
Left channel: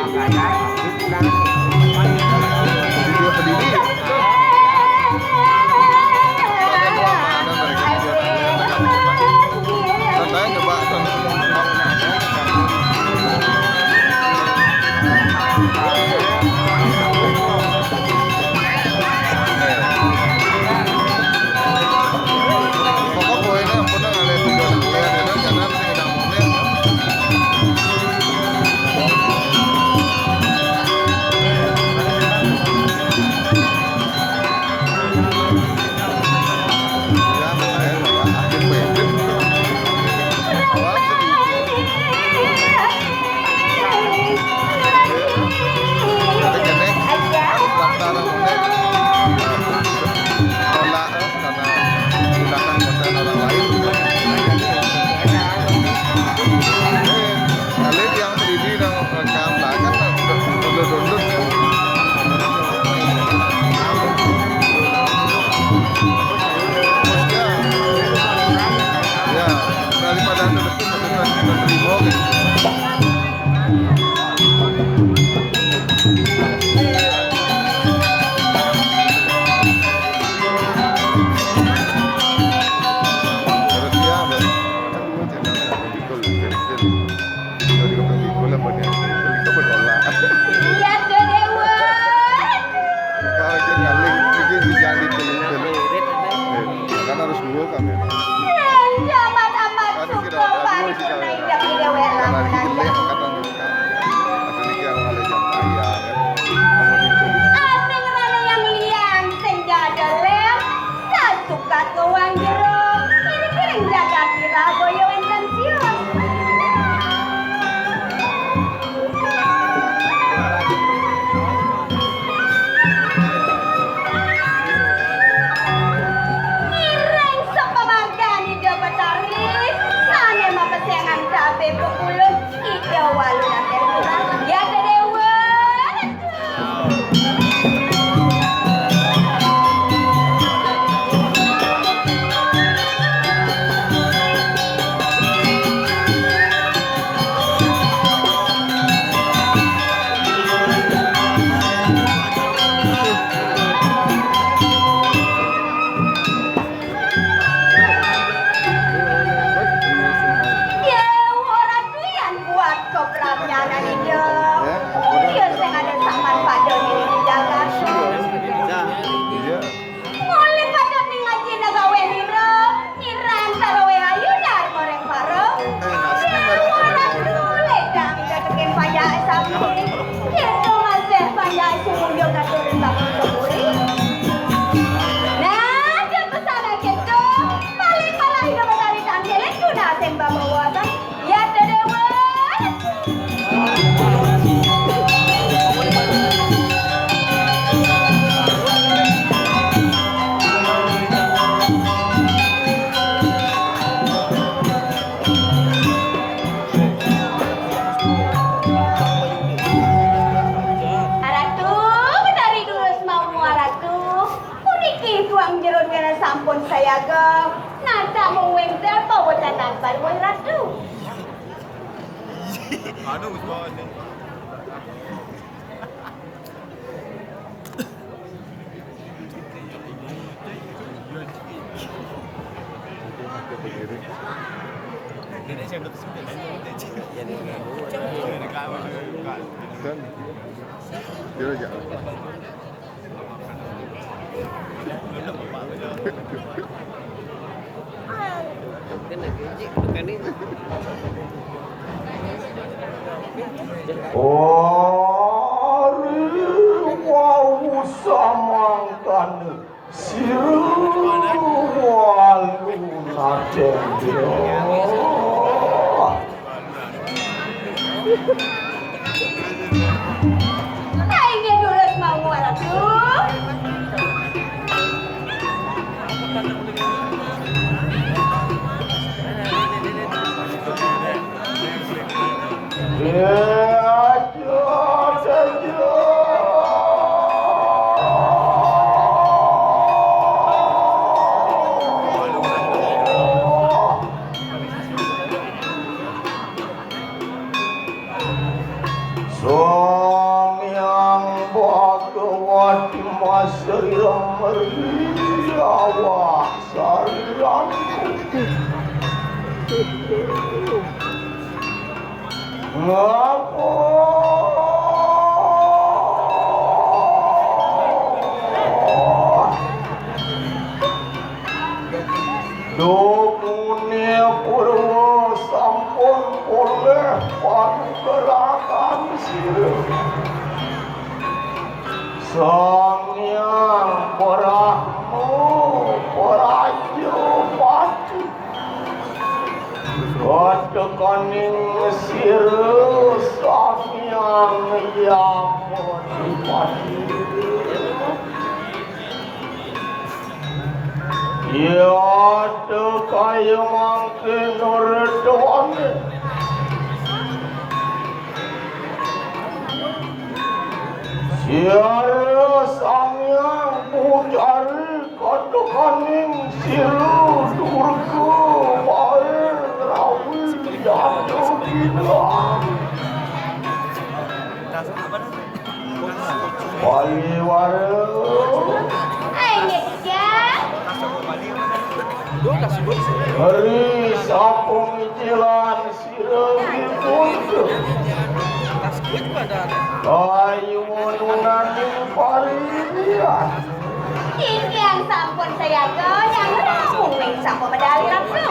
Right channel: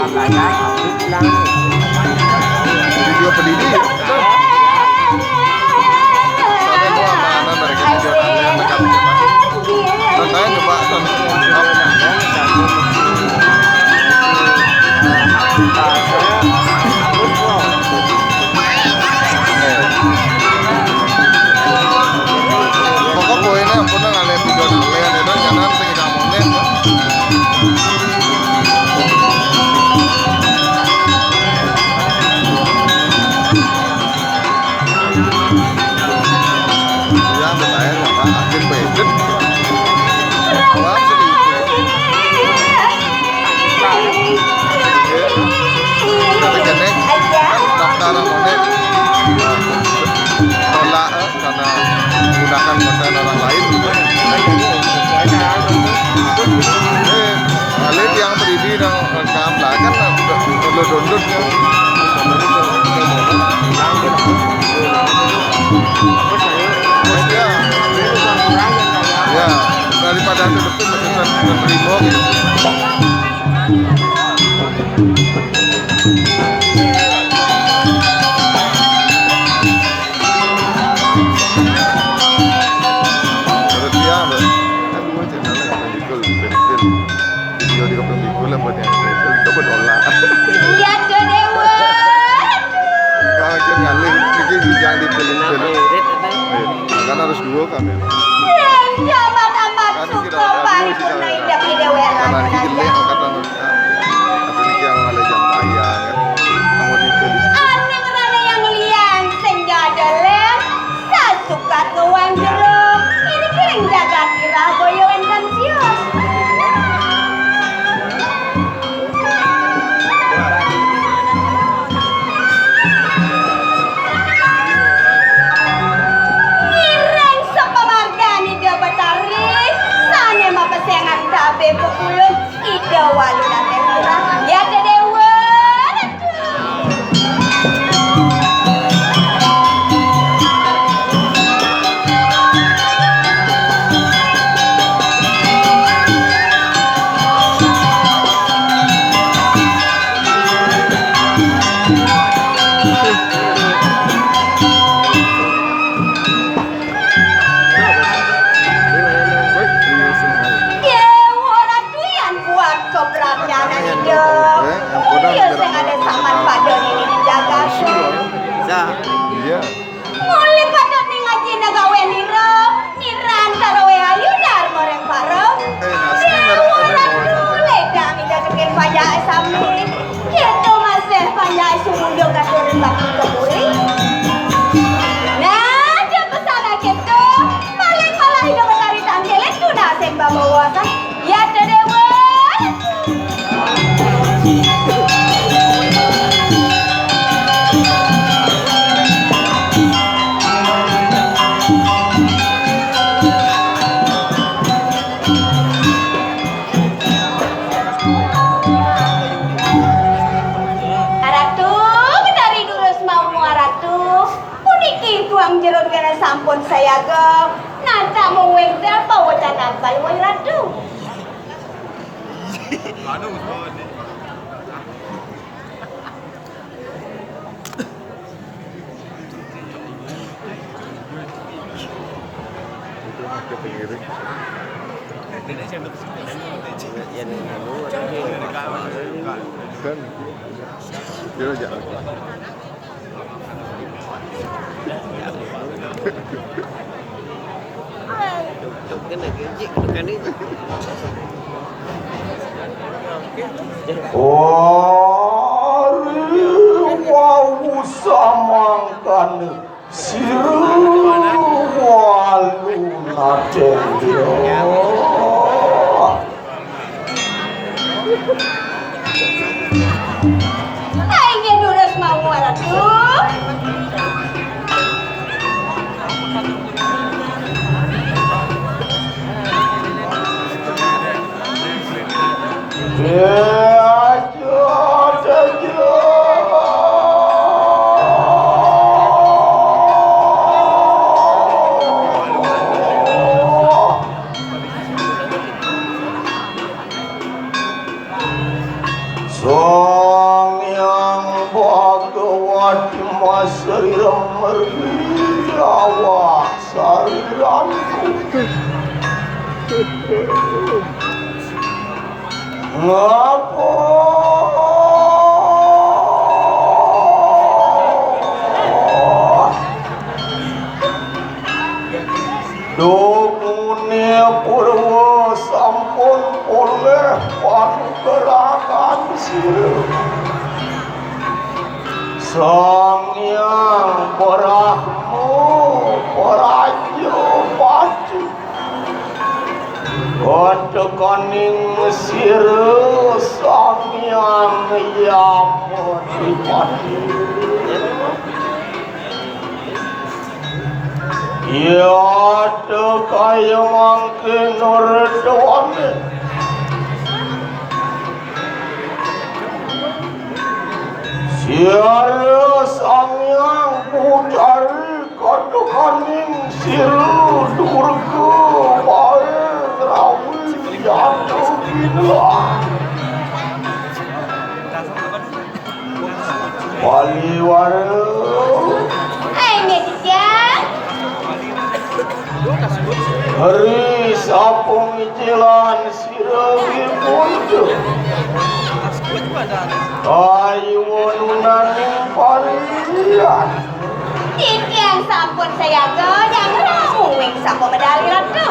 Video pedidi. Soalnya dua mana mereka video aneh yang dekat kita. Saya coba pokok poinnya ampun ngale video aneh itu jangan sing kamonet kan. Ya betaya apa akhir pengen awam segitu. Jadi kenek kan daftar monet tolak karena menggunakan konten orang lain. Alit yang berdiri dan rekam lah kan download kan. Bosnya, ya daripada ke depan masih terima gitu. Terus dia, kan gue channelnya nggak pernah bikul, video di kopeng bikul apa dia itu berdolar. Iya tuh dewa. Kalau kita ngalih, bikin jangan dipilih-pilih. Karena harus dua kan ya. Kan kira ada dua sih kalau ya. Karena ini jelek, kata mereka. Atau ini yang ngalih jam payah kan. Kamu dipilih. Aneh ada yang liang senjata lem. Sasuka tuang jeruk. Ini kering jaga kira goyang pensiun. Pepulung ida walu nate ya dewa. Iya. Mulai pada nih ngaji nagawe niro, niran tarowe ayu dar goreng paro. Nasi mereka Mulai kami datengin pajak sami. Kita masih pajak sumundo katurin bagi keburi. Nah, dia pesana gitu. Paling malah hidup dari tampil itu naseng bawa kan. Ya dewa. Sampun saya ke nata mau wenda bawa catat saya ratu. itu ada pengiring. Kan, dia jangan. Wau samangkan siru walu nadenyo. Ayo dulu mau ratu. Sang Hyang Bhagawati Masrira Meriawa Sariranku Ngapa Dumune Purwa sampun oleh panggerakan sirah Sang Hyang Brahma Praja Pati Wadakaning sirah Sang Hyang Yamadipati Ya kaya mangke nurdawane Siara Sang Hyang Putari Kadakaning siru durga bae rawi jatuh gila Waliwara Hari sapung jalan sirawi muncul Ayu wanunaning parian Yang sampun saya ke yang ramung sampun medali ratu.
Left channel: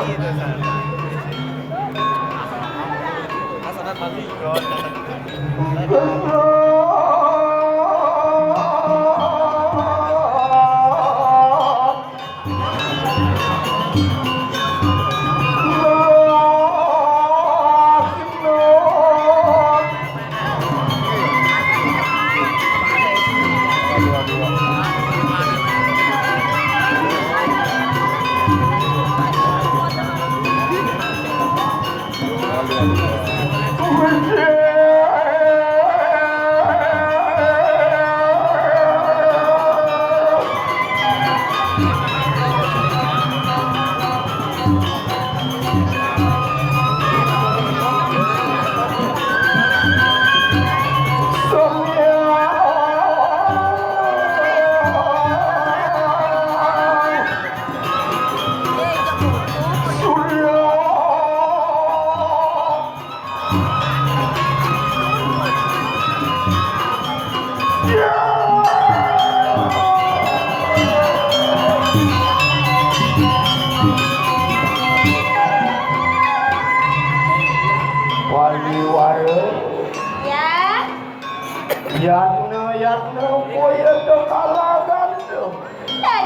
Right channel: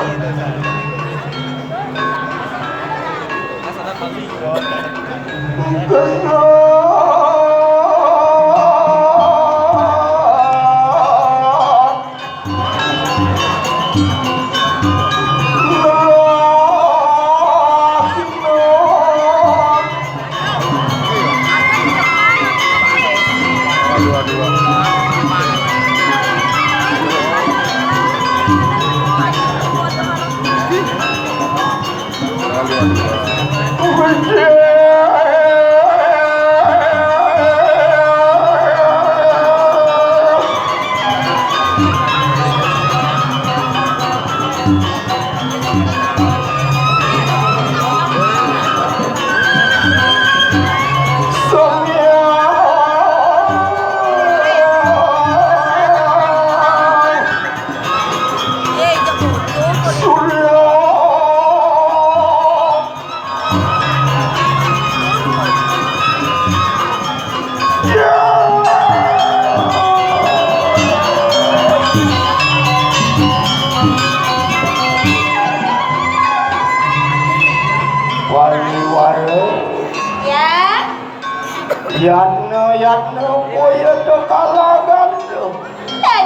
Yatna boya kekalagan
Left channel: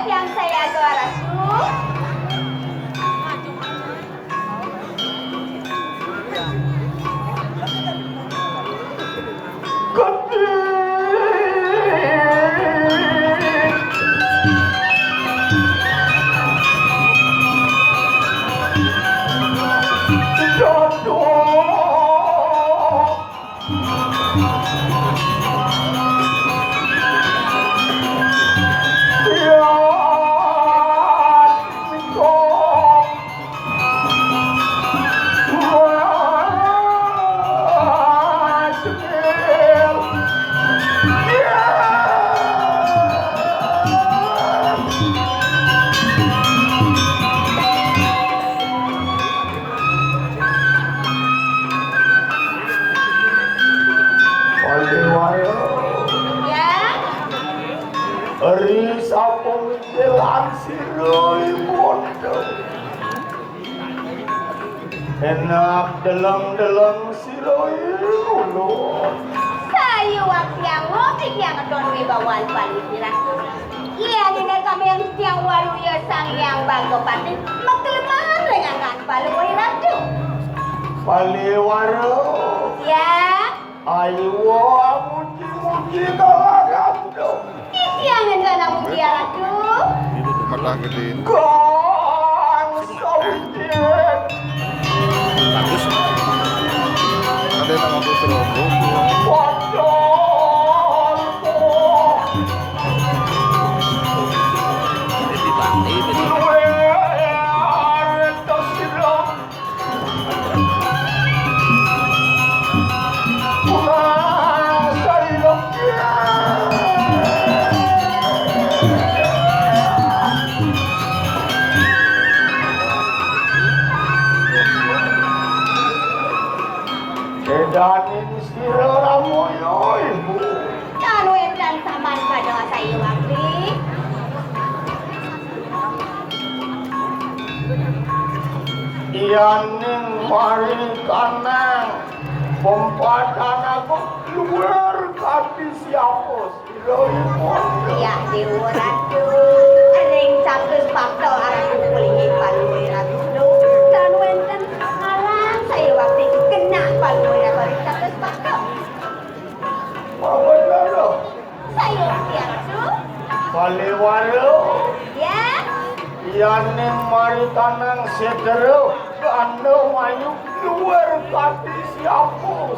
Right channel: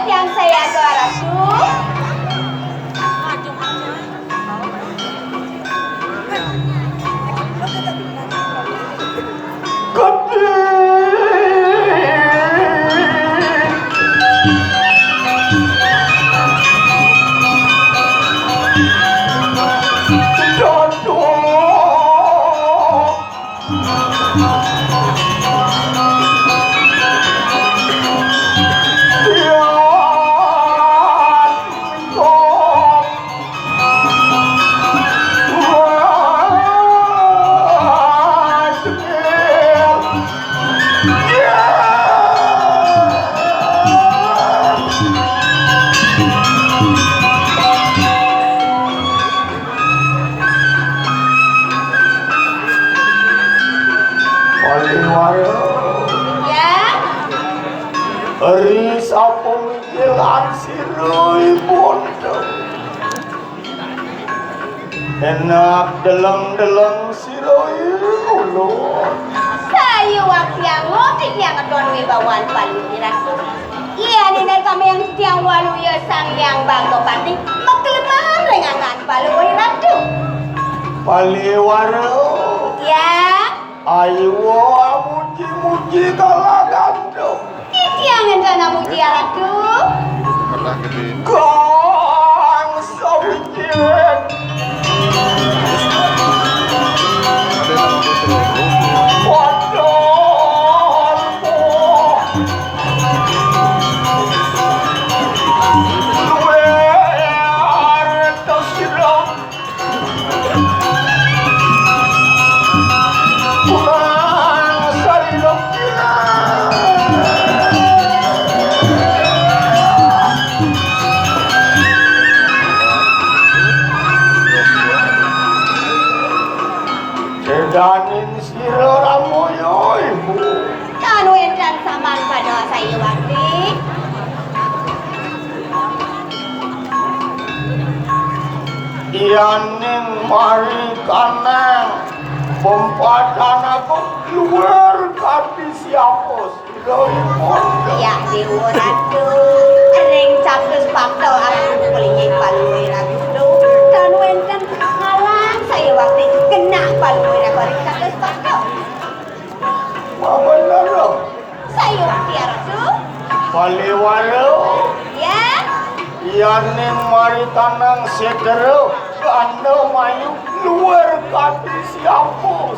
Yang saya ke ratu. Ri sapung jalan sirui bondo Enak deleng-deleng sirui ulun Saya waktu yang ngotik yang kedon wibawaan paling dirasa. Iya nenek kami yang setiang walu ya sang yang bangga pati maklemahan rengangan palu ratu. Paliwara Ya, ayo muji-muji kalagando jangan kena muji ratu. Itu matah gede. Kang sawijik Ada nama putri. Wah Yaning mari kanang pempadan aku luar kati siapa Ya Dewa Ratu, ring capres fakta arah kulingnya palui Ratu. Dan wenten halang saya waktu itu kena palui Ratu capres fakta. Mau benar loh. Saya waktu Ratu. Palewalo. Ya. Yaning mari kanang sedero kanda mayu luar kati siapa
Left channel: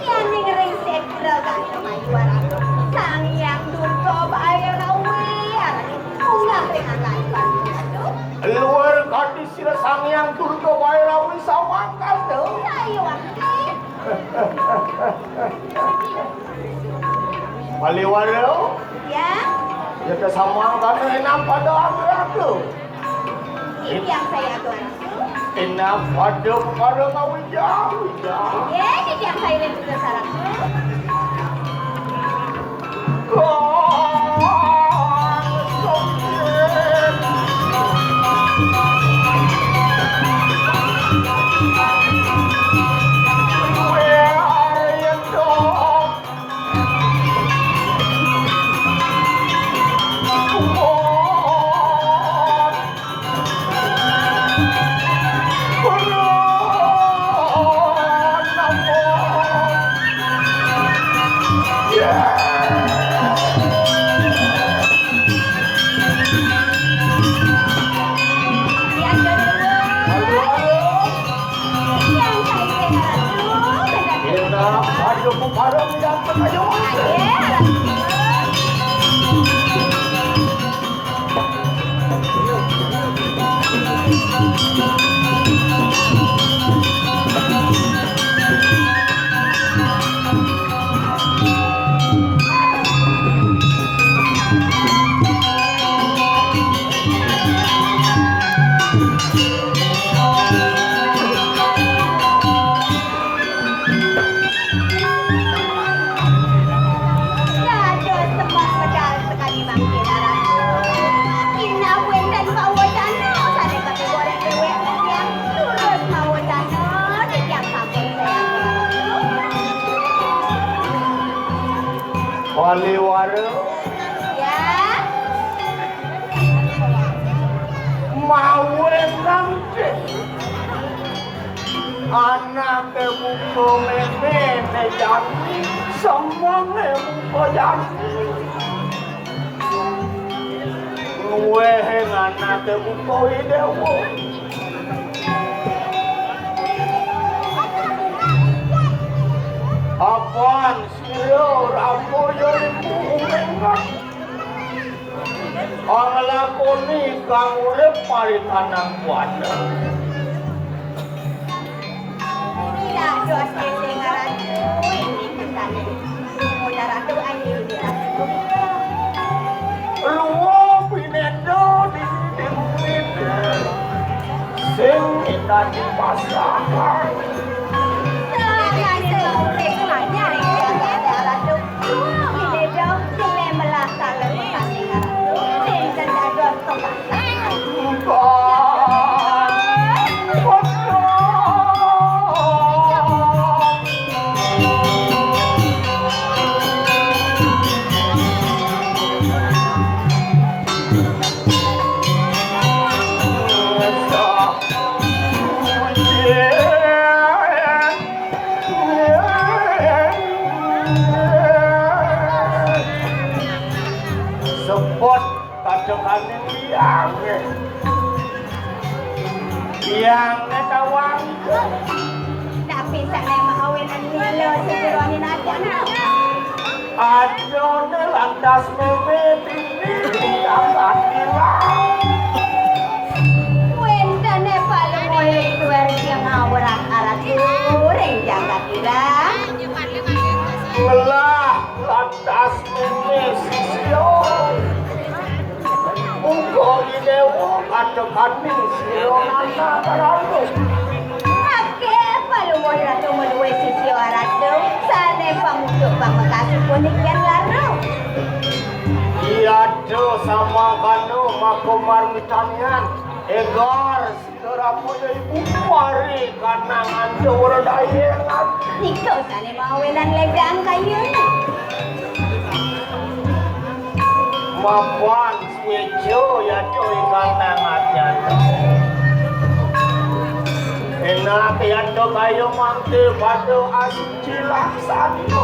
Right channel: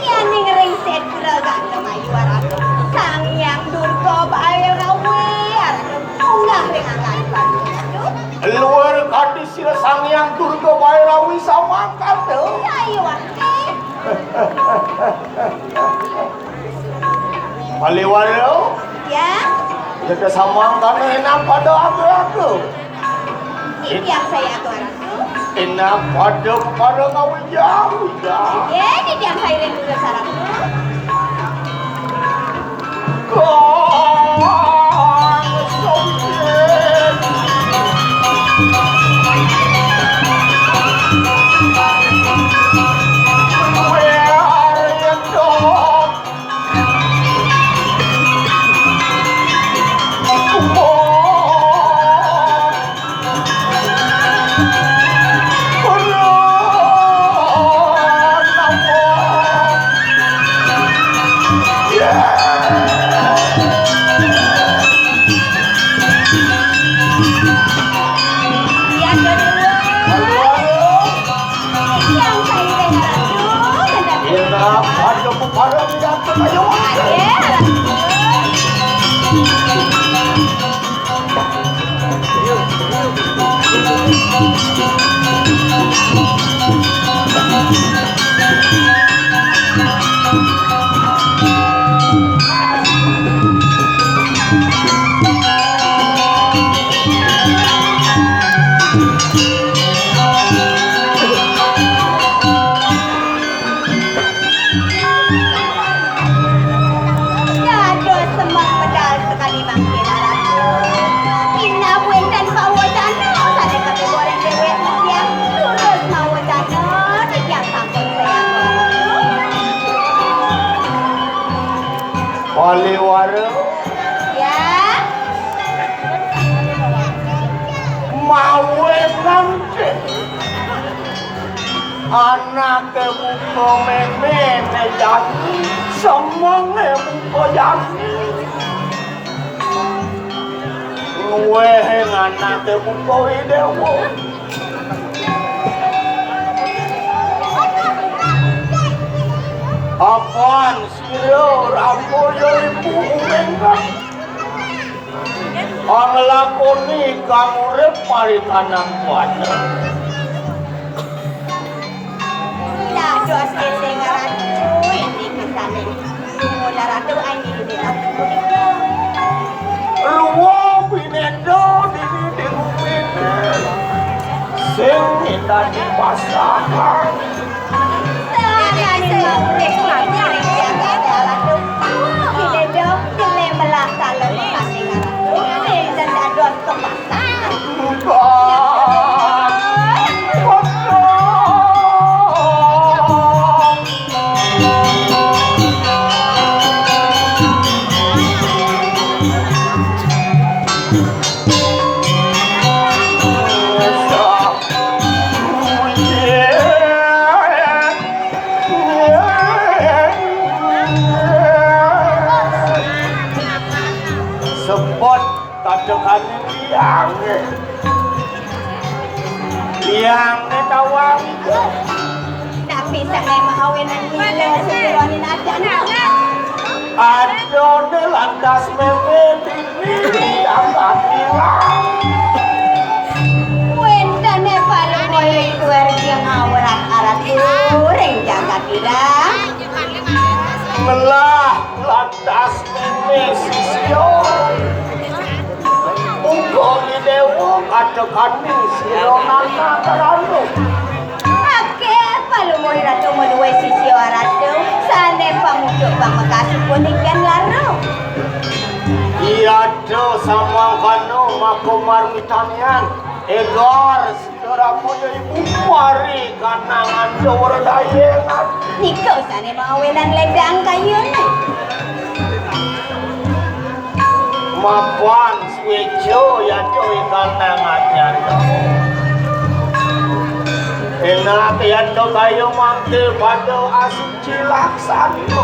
Ya ning ring sedra ganda mayu Ratu. Sang yang durko bayar gawe Ratu. Unggah dengan kalian Ratu. luar kati sila sang yang durga bayrawi samakan tuh. Saya waktu. Palewalo. Ya. Jadi samakan enak pada aku. Ini yang saya atur Ratu. Enak pada kau jauh jauh. Ya, ini yang saya lihat dulu Ratu. Yang kedua, yang saya lihat Ratu. Palewalo. Mawe nanti anak buko mene jati semonge buko jati ngewe anak buko idewo apaan siro rambo jadi bumengan ang lakoni kang urip paritanang kuana. Ya, Jos Ratu ini kesana. Sudah Ratu ini Ratu. Luwa pinendo di buminen sing indah di pasangan. Saya ni mau reklamasi Ratu. Pinendo sini melah salah kasih Ratu. Dan ada kebasan. Sebut katakan yang tawang Tapi saya mahawinan gila sejeronin aja. adone lantas meme dini dapat hilang. Wendane paling mulai keluar yang ngawurat arat goreng jaga bilang. Melah lantas meme sisyo ugo idewo kacau-kacau sironana karanu. Ake paling mulai ratu meluai sisi waratu. Sane pamukuk pamakasu punikan laru. Iya do sama kanu makomar mitanian egor sila berapa ya ibu mari kanangan dor dayengan. Niko sane mau wenan ledang kayun. Mapan swejo ya coy kanangan enak ya do kayo mangke pada asuci laksana.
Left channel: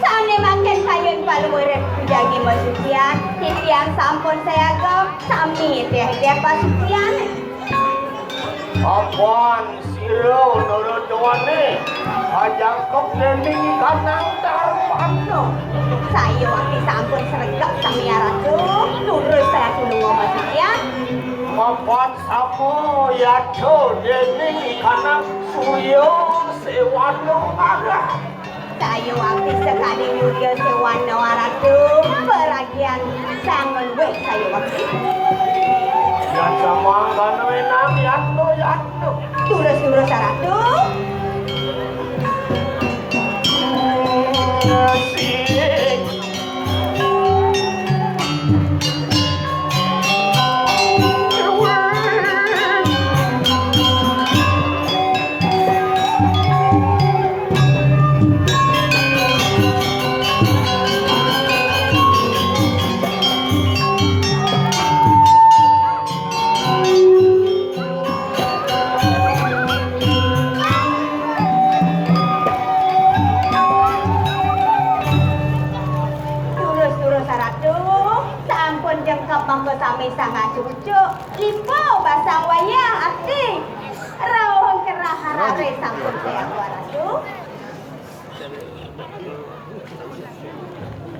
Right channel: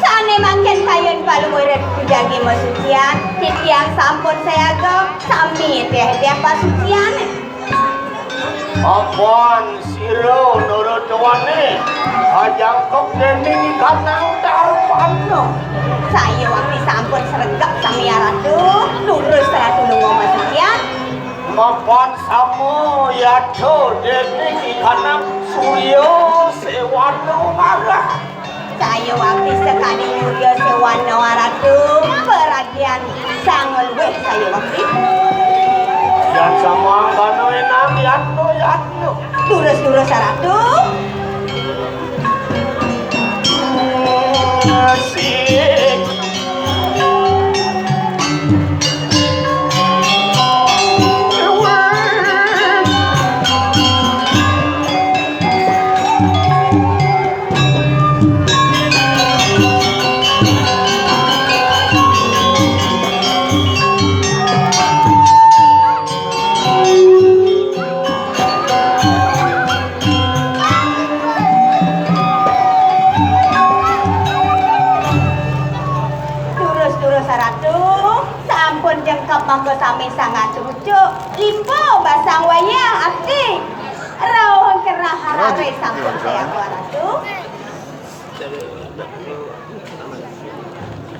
Sane mangken kayun paluwer kujagi masucian. Tipiang sampun saya go sami teh pasucian. Apaan siro nurut doane ajang kok dening kanang darpano. Saya waktu sampun seregap sami ratu. Lurus saya tulung masucian. Mapan sama ya do dening kanang suryo sewano marah. Saya waktu sekali nyuryo sewano ratu. Peragian sangol weh saya waktu. Dan sama kano enam yatno. Turus ratu. Asik. Turus ratu. Sampun jengkap mangko sami sangat cucu. Lipo basang wayang akti. Rawon kerah harare sampun saya ratu.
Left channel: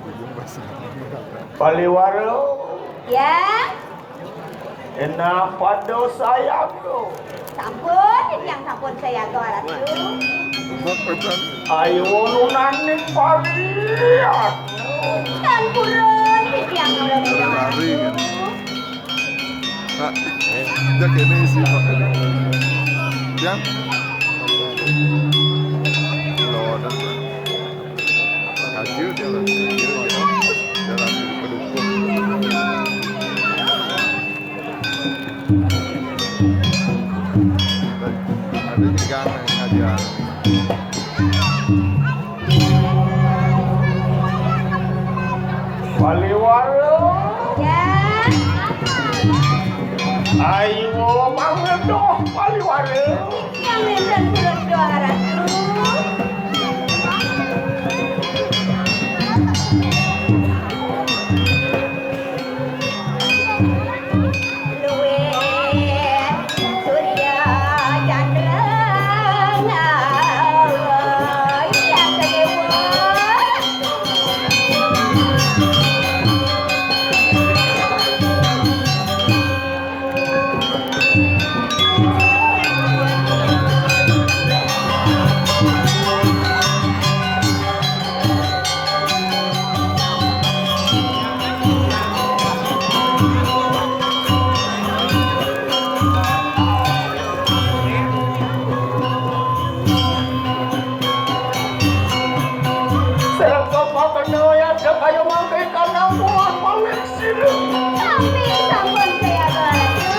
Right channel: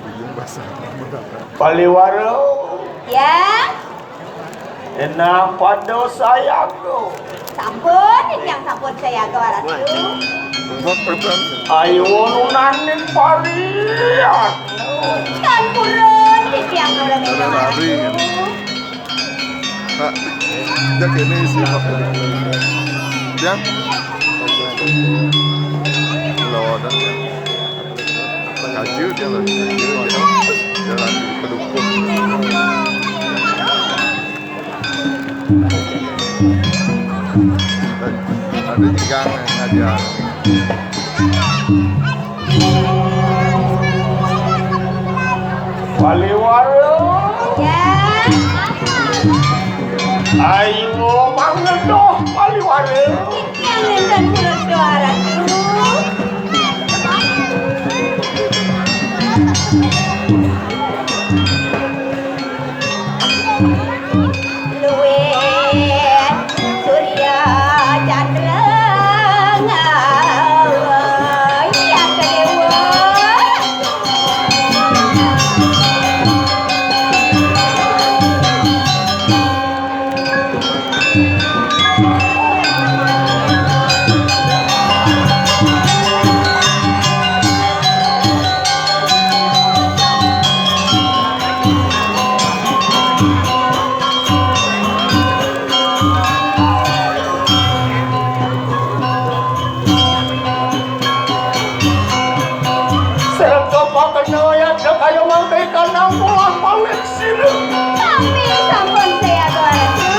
Ujung basah berapa? Paliwaro Ya, enak pada sayangku. sampun yang sampun saya go ratu. Untuk pesan Ayo nunanin pariat. Kan purun yang ada lari kan. Pak, jak ini isi pak ini. Yang lodan ya. Kaju dia lah, kaju dia. Jalan kedukung. Ada jegang ngajar. Paliwaro Ya, ayo mangedoh paliwaro. yang dan purun doa ratu. Luwet Surya Chandra yang kedua. Serta pakena ya kayo mangkay kanang bola pawit sila. Kami sampun saya go ratu.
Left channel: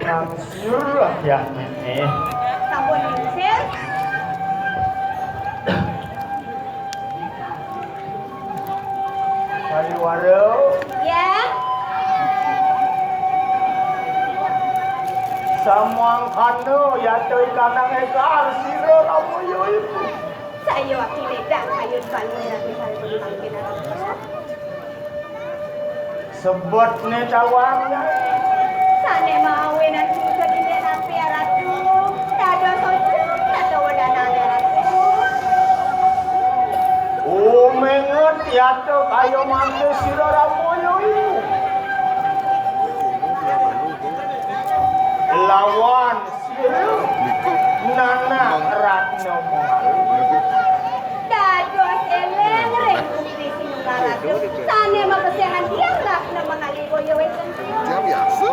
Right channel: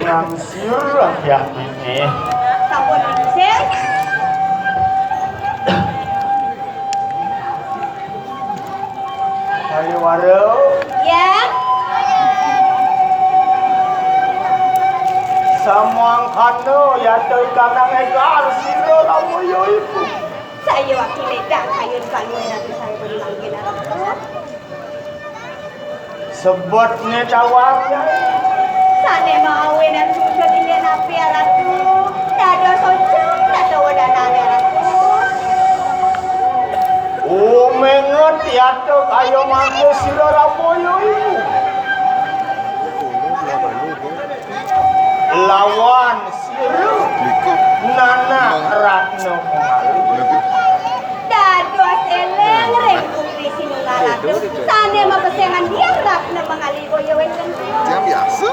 Langsir ya ini. Sampun langsir. Ayo waro. Ya. Samang kando ya toy kanang egar siro lamu yo ibu. Saya waktu ledak kayun palu nanti saya berulang kita. Sebutnya cawannya. Sane mau enak sudah dilihat api ratu. Ada sojok, ada wadanane ratu. Oh menget ya to kayo mangke siro lamu yo ibu. Lawan siro Likop. Nana Ratno. Lebih. Dado seleng republik sini ratu. Sane mau kesengan dia ratu mengaligo ya wetan. Yang biasa.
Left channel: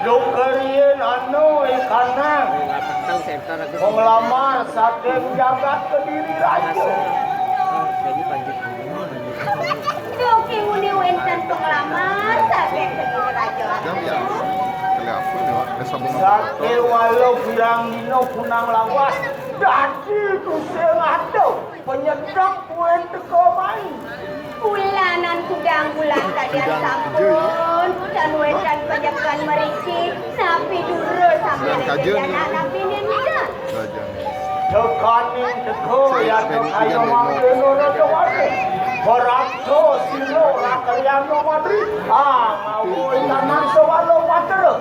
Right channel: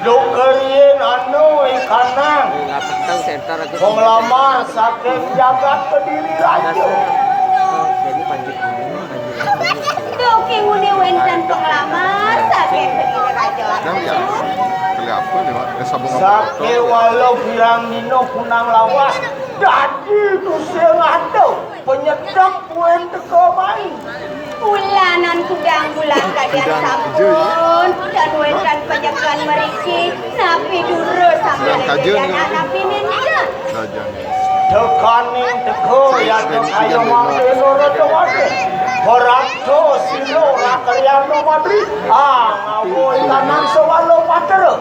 Dukerien anu ikanang. Nggak pentang center aku. Penglamar saking jagat kediri rajo. Jadi panjit ini. Doki nguni wetan penglamar sakit begini raja. Yang biasa. Kali apa lewat sabung apa Sake motor. walau pirang dino punang lawas. Dadi kusel ado. Penyedap kuen teko main. Bulanan kudang bulan kalian Kudang sampun hijau, dan wetan panjakan meriki napi dulu sampai Kudang kajen, dan napi ninja. Saja nih. Tekaning teko ya kayo menurut wate. Horakto silo nakariano madri. Ngawo ikanan sewalo patero.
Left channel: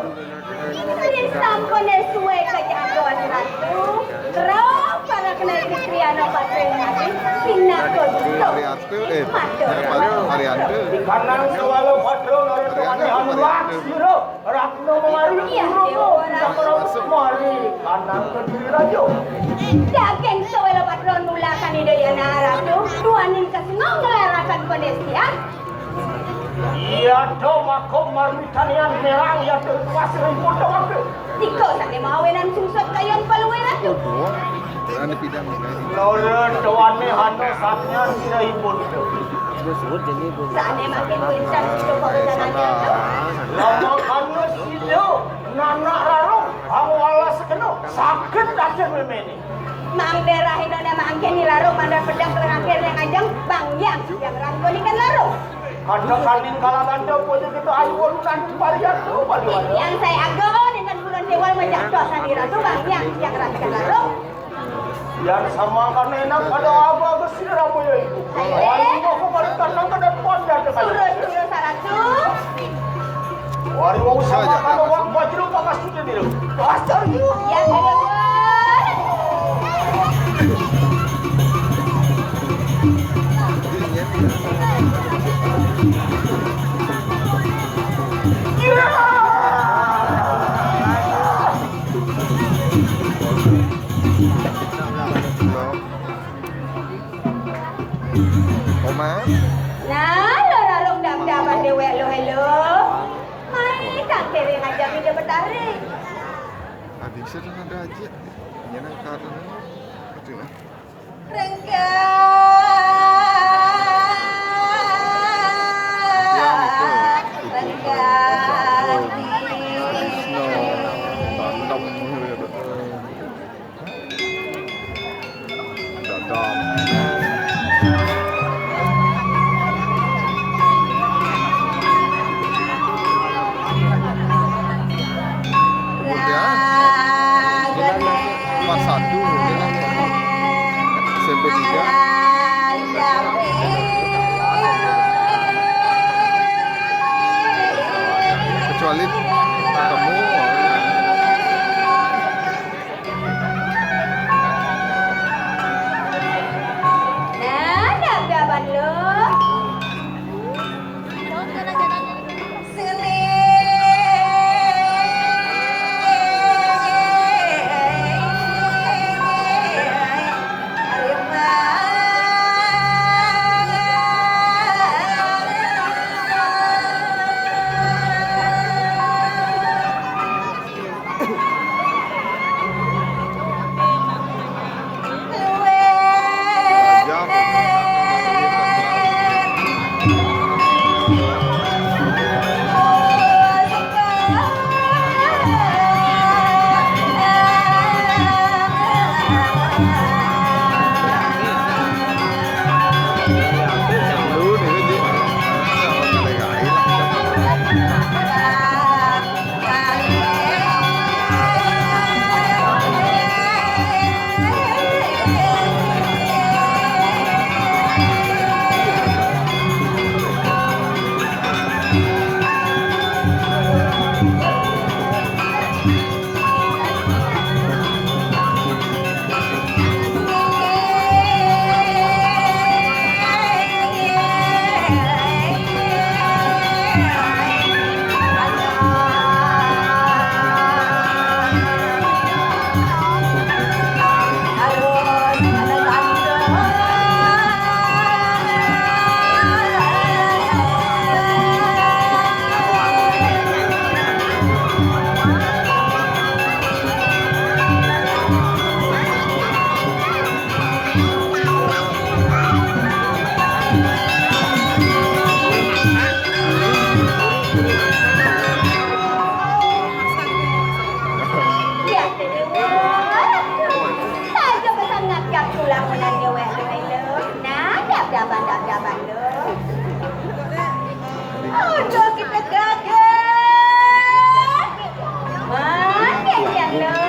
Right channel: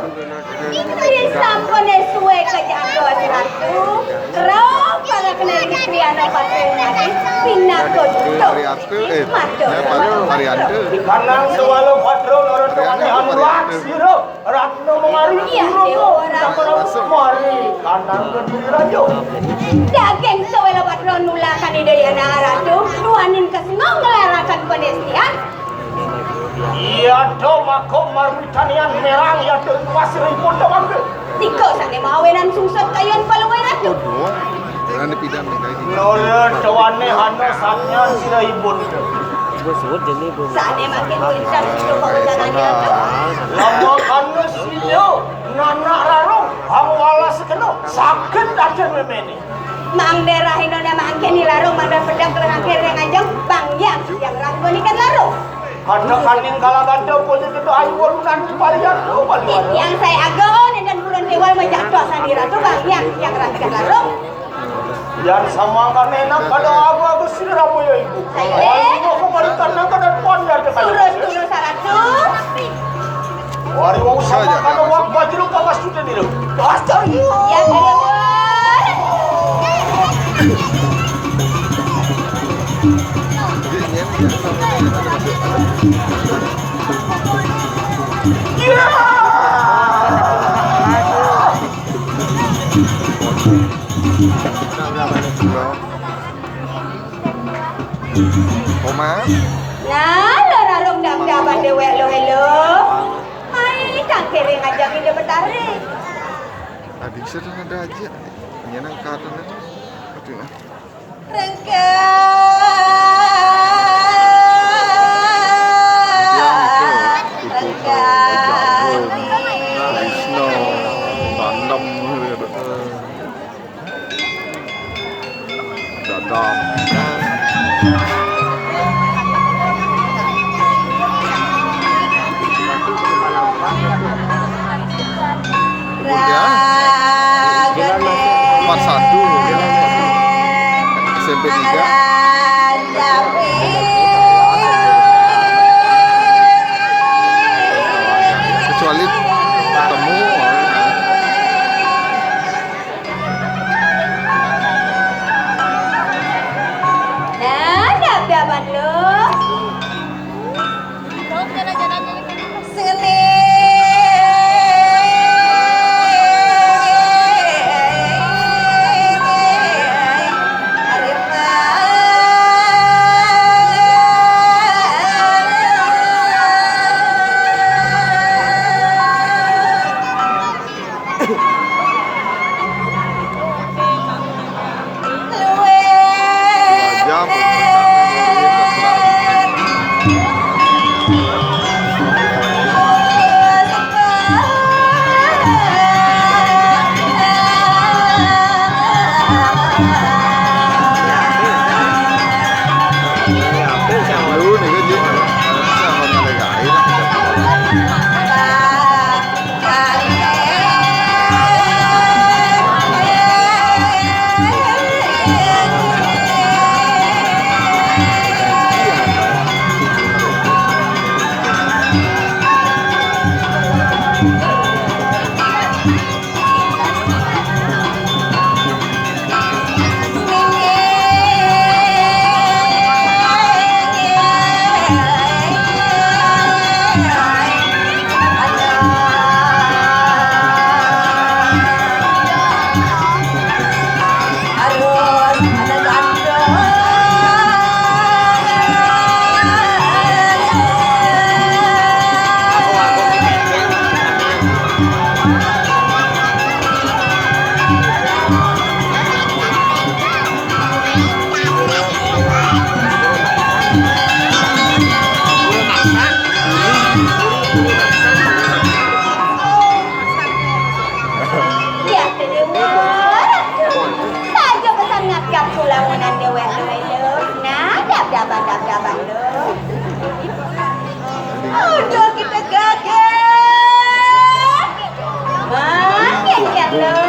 Ini sampun suwe kejatuhan ratu. Rau para kena kriana patri mati. Pinako Variante, variante. Ikanan sewalo patero nurut Ariana apa variante? silo. Ratno mengari. Iya, Dewa Ratno mengari. Kanan kediri rajo. daging sewela patron nula kanidayana ratu. Duanin kesengong ngelerakan penestian. Iya do mako marmitanian merang ya do pasir ipun doang. Tiko sane mawenan susut kayon paluwe ratu. Oh doang. Yang dipidam nih kayak ini. Noler doane anu saknya sira ibun. Gue sebut jadi belum. Sane makin pincang Kayak sana. Lama anu silo nana laro hawala sekeno sakit aja memene. Mang daerah Indonesia mangke ni larung mandar pedang keleng akhir yang anjang bang yang rangkoni kan larung. Ada kaning kalabanda pun itu ayun dan varian do balik. Yang saya agon dan bulan dewal majak dosa di ratu bang yang rasakan larung. Yang sama kanena kalau abu-abu sira boyo iku. Ayo ko balikan nang kanan ponda tekan. Turun saratu. Wari wong Saja, sama dia kalau masuk. wong bajru kawas sudah dulu. Astaga. Ya dewa. Jadi ini sama nih ada masuk ada. Belum. Koma. Nah, lo larung dam dapat dewa lo hello. Hai, tak kere ngajak ide betarik. Adik sudah ada aja. Penyenang karena. Oke lah. Yang ke Ibu No, Jarum, Krishna, Bandam, Dadam. Kemudian 41 ya, SMP 3. Kecuali ketemu Nah, dapat lo. Ya, terdengar. Saja bersangat kap pulang menannya wendoi lo. Nah, daban lo. Udah kita gagal. Makin yang lo.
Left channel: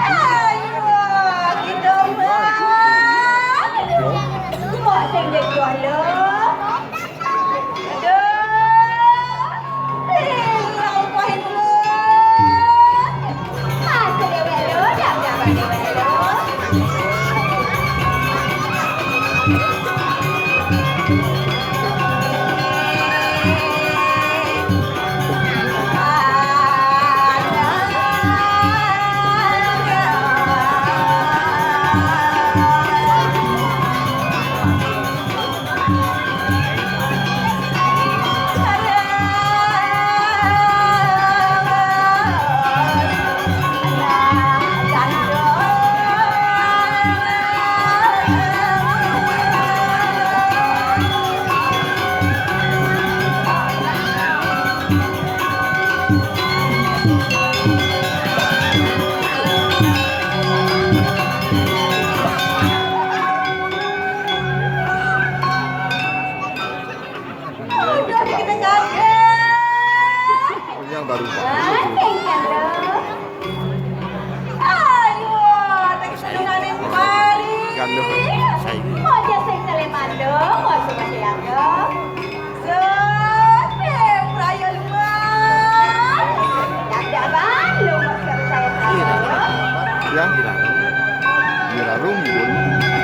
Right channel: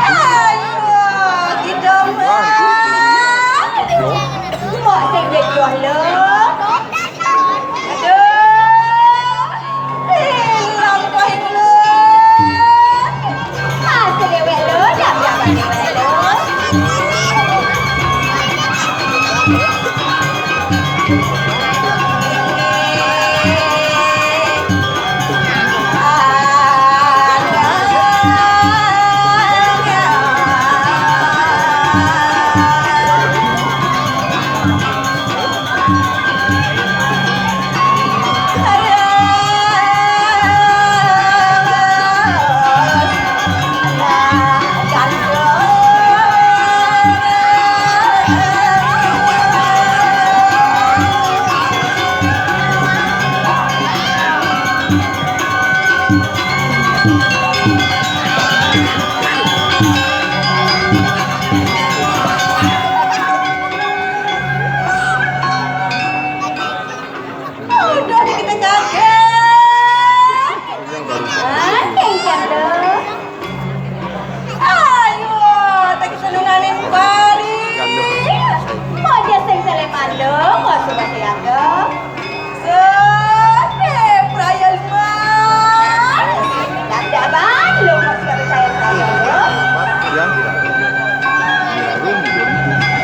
Ayo, kita mah. Mau sing dek lo. Ya, Miralum 2000.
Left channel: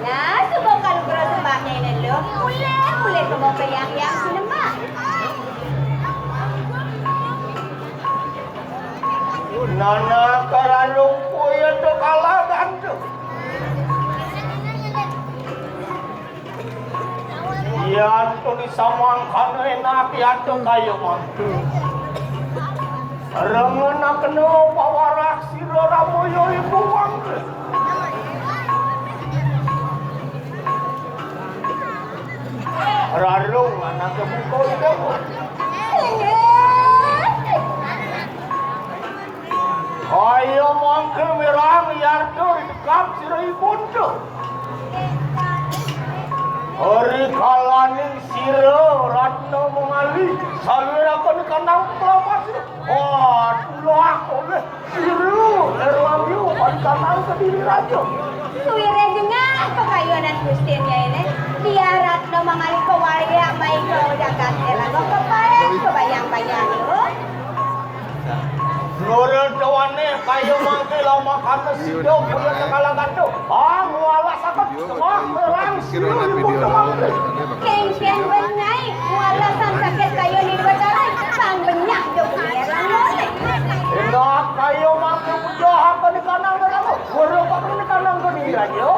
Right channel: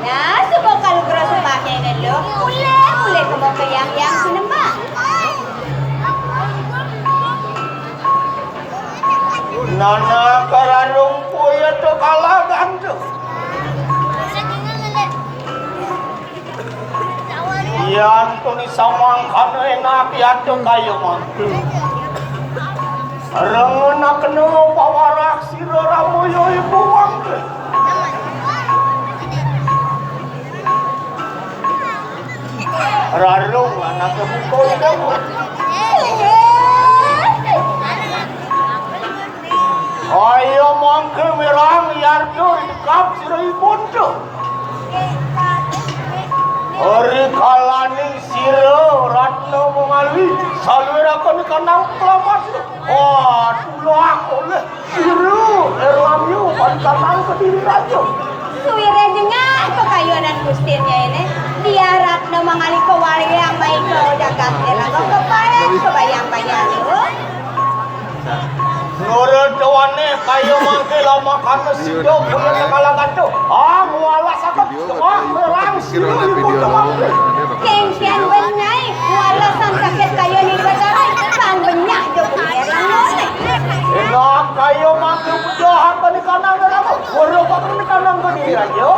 Nah, subukan ko sa bahay na lo. Uli! ke yang sinema. Nana karanung puya to kalagan to. Yan to ni samang kano enak yan to kayo mo. Sarang na kano pawarak sirora mo yo ibuwang. Rarong anak kebukoy na mo. Ayo mangke merang yardo kap sirai bondo. Hari kalaning siro ratno mengali salwera kon kanang kelamas. Wah, tulo aku le siro erang yu pan kanang kediri rajo. Suwire jengah kekayuanan gustirnya ini. Dia ratno mengali kewali yang baik lo jagat elago kebayang-bayang yo. Nurut doane kayo mangke lama kanu sido punya kalangan tu. Ah, mualah sakit. Video berkayu kirona video lo Kengkian benyai, walasan sakit kayo ni bacaran, pang benyak jo punya langone. Enak kayo mangke pujahan ka ni kanang ngeramo. Wala ka ni kanang gani ayo.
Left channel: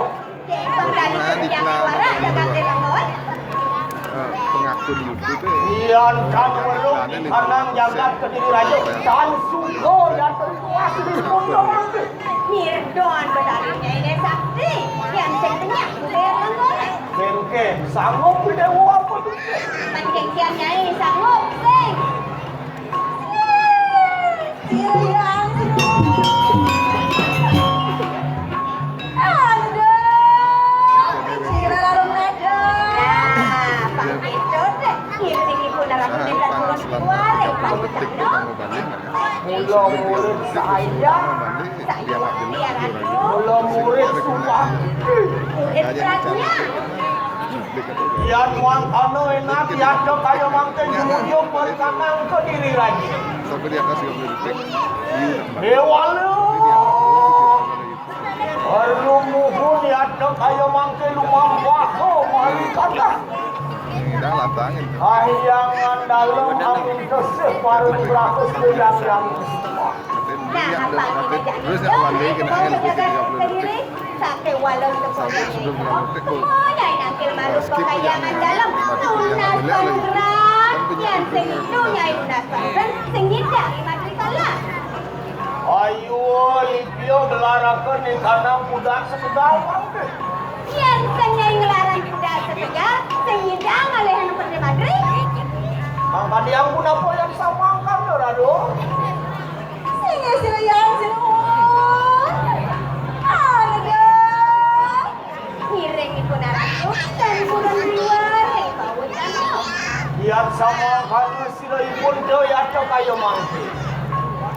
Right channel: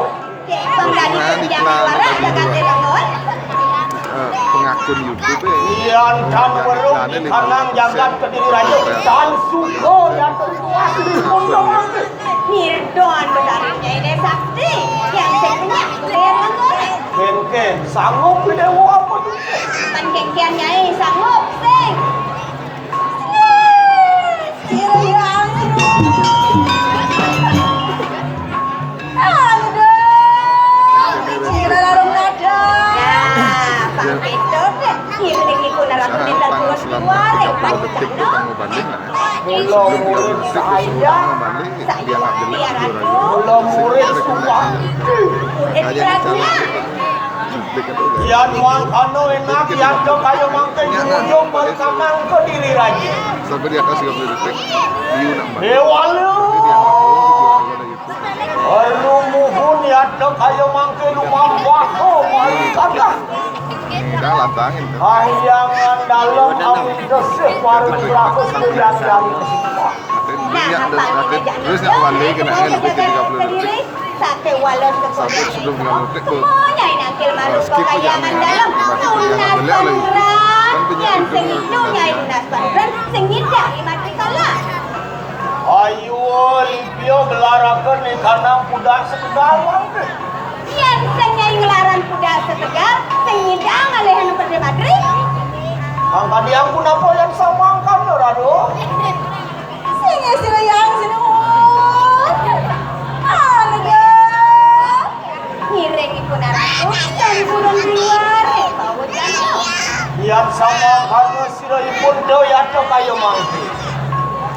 Keng dari kerja para jagat langone. pengakun YouTube ya. Iyan kan warung di kanang jagat kediri raja. Dan sudo dan terkuat di punggung. Nirdoan bedarinya ini sakti, yang saya benyak punya langone. Kengken, sanggup tidak mau apa juga. Man kengkian nyai sanggup sing. Sahapan selama 30 detik tuh kamu balik lah ya. Sebelum 30 detik tuh suruh kamu balik, dia nggak jelas juara Belum murid semua. Makanya bicara publik itu ya. Iyan wang anu enak yang do kayo mangke nyuyung berkanang kediri raja. Sampai di atas 30 detik, dia nak balik. Dewalu. Jadi dia nggak tahu video ada YouTube. Perlu muhun ya do kayo mangke lumang wako mari kanang. Udah lantangin tuh. Kayangan dalam api dosif baru berlaku sedang Atin terus nggak balik kena lebih dari 30 detik. Sate walos Sampai sebelum 30 detik tuh. Skip aja nih. Berarti perjalanan beliau lagi. Kan banyak itu Ayo review gelarakan nih kanang kuda sedang mangke. Yang senyai ngelaran kuda setegar, senyidang alehan pada Madrid. Angka diang guna poyan samangkan rado. Singa silayang sinuhun. Harga. Ngiring ibu narako, dan kurang luar. Bawut kamu. Yang samangkan sirai bondo ya to kayo mangke.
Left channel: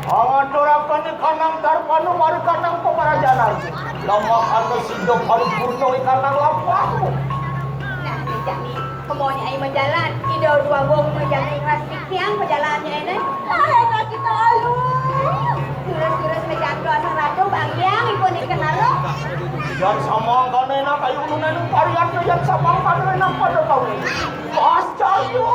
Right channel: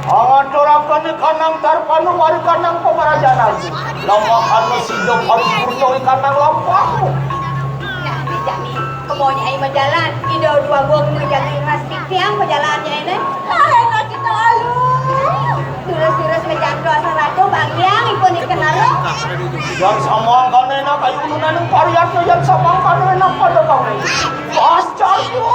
Amat orang kanang tarpanu mari kanang pemarajanan. Lama kanu sido harus bunuh kanang lampaku. Nah, dijami kemonya ai majalan, ido dua gong majalan plastik tiang majalannya ini. Enak kita lalu. Terus mejan doa sarado bagian ikut dikenal lo. Yang samangkan enak kayu nunan parian yang samangkan enak pada kau. Pascal yo.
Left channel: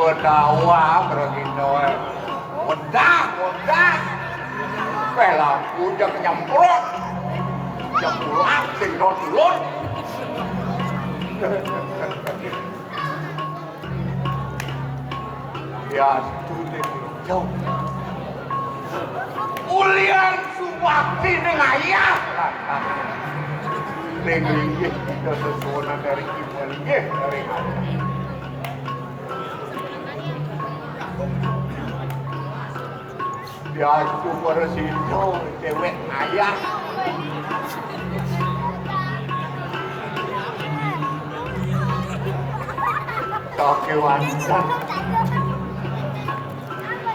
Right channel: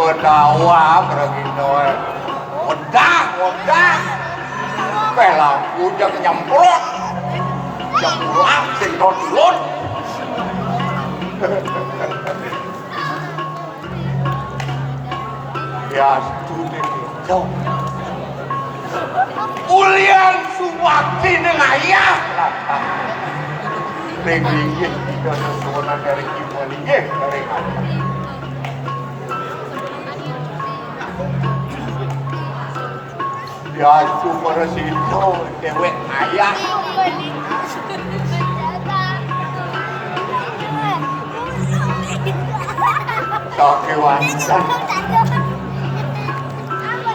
Berdawa begitu, mudah, pelaku udah nyemprot, jempulan sedot dulun. Ya studi itu, ulian suwakti dengan ayah. Linggih, dosa dari kita linggih dari ya super situ dewek ayah kewancan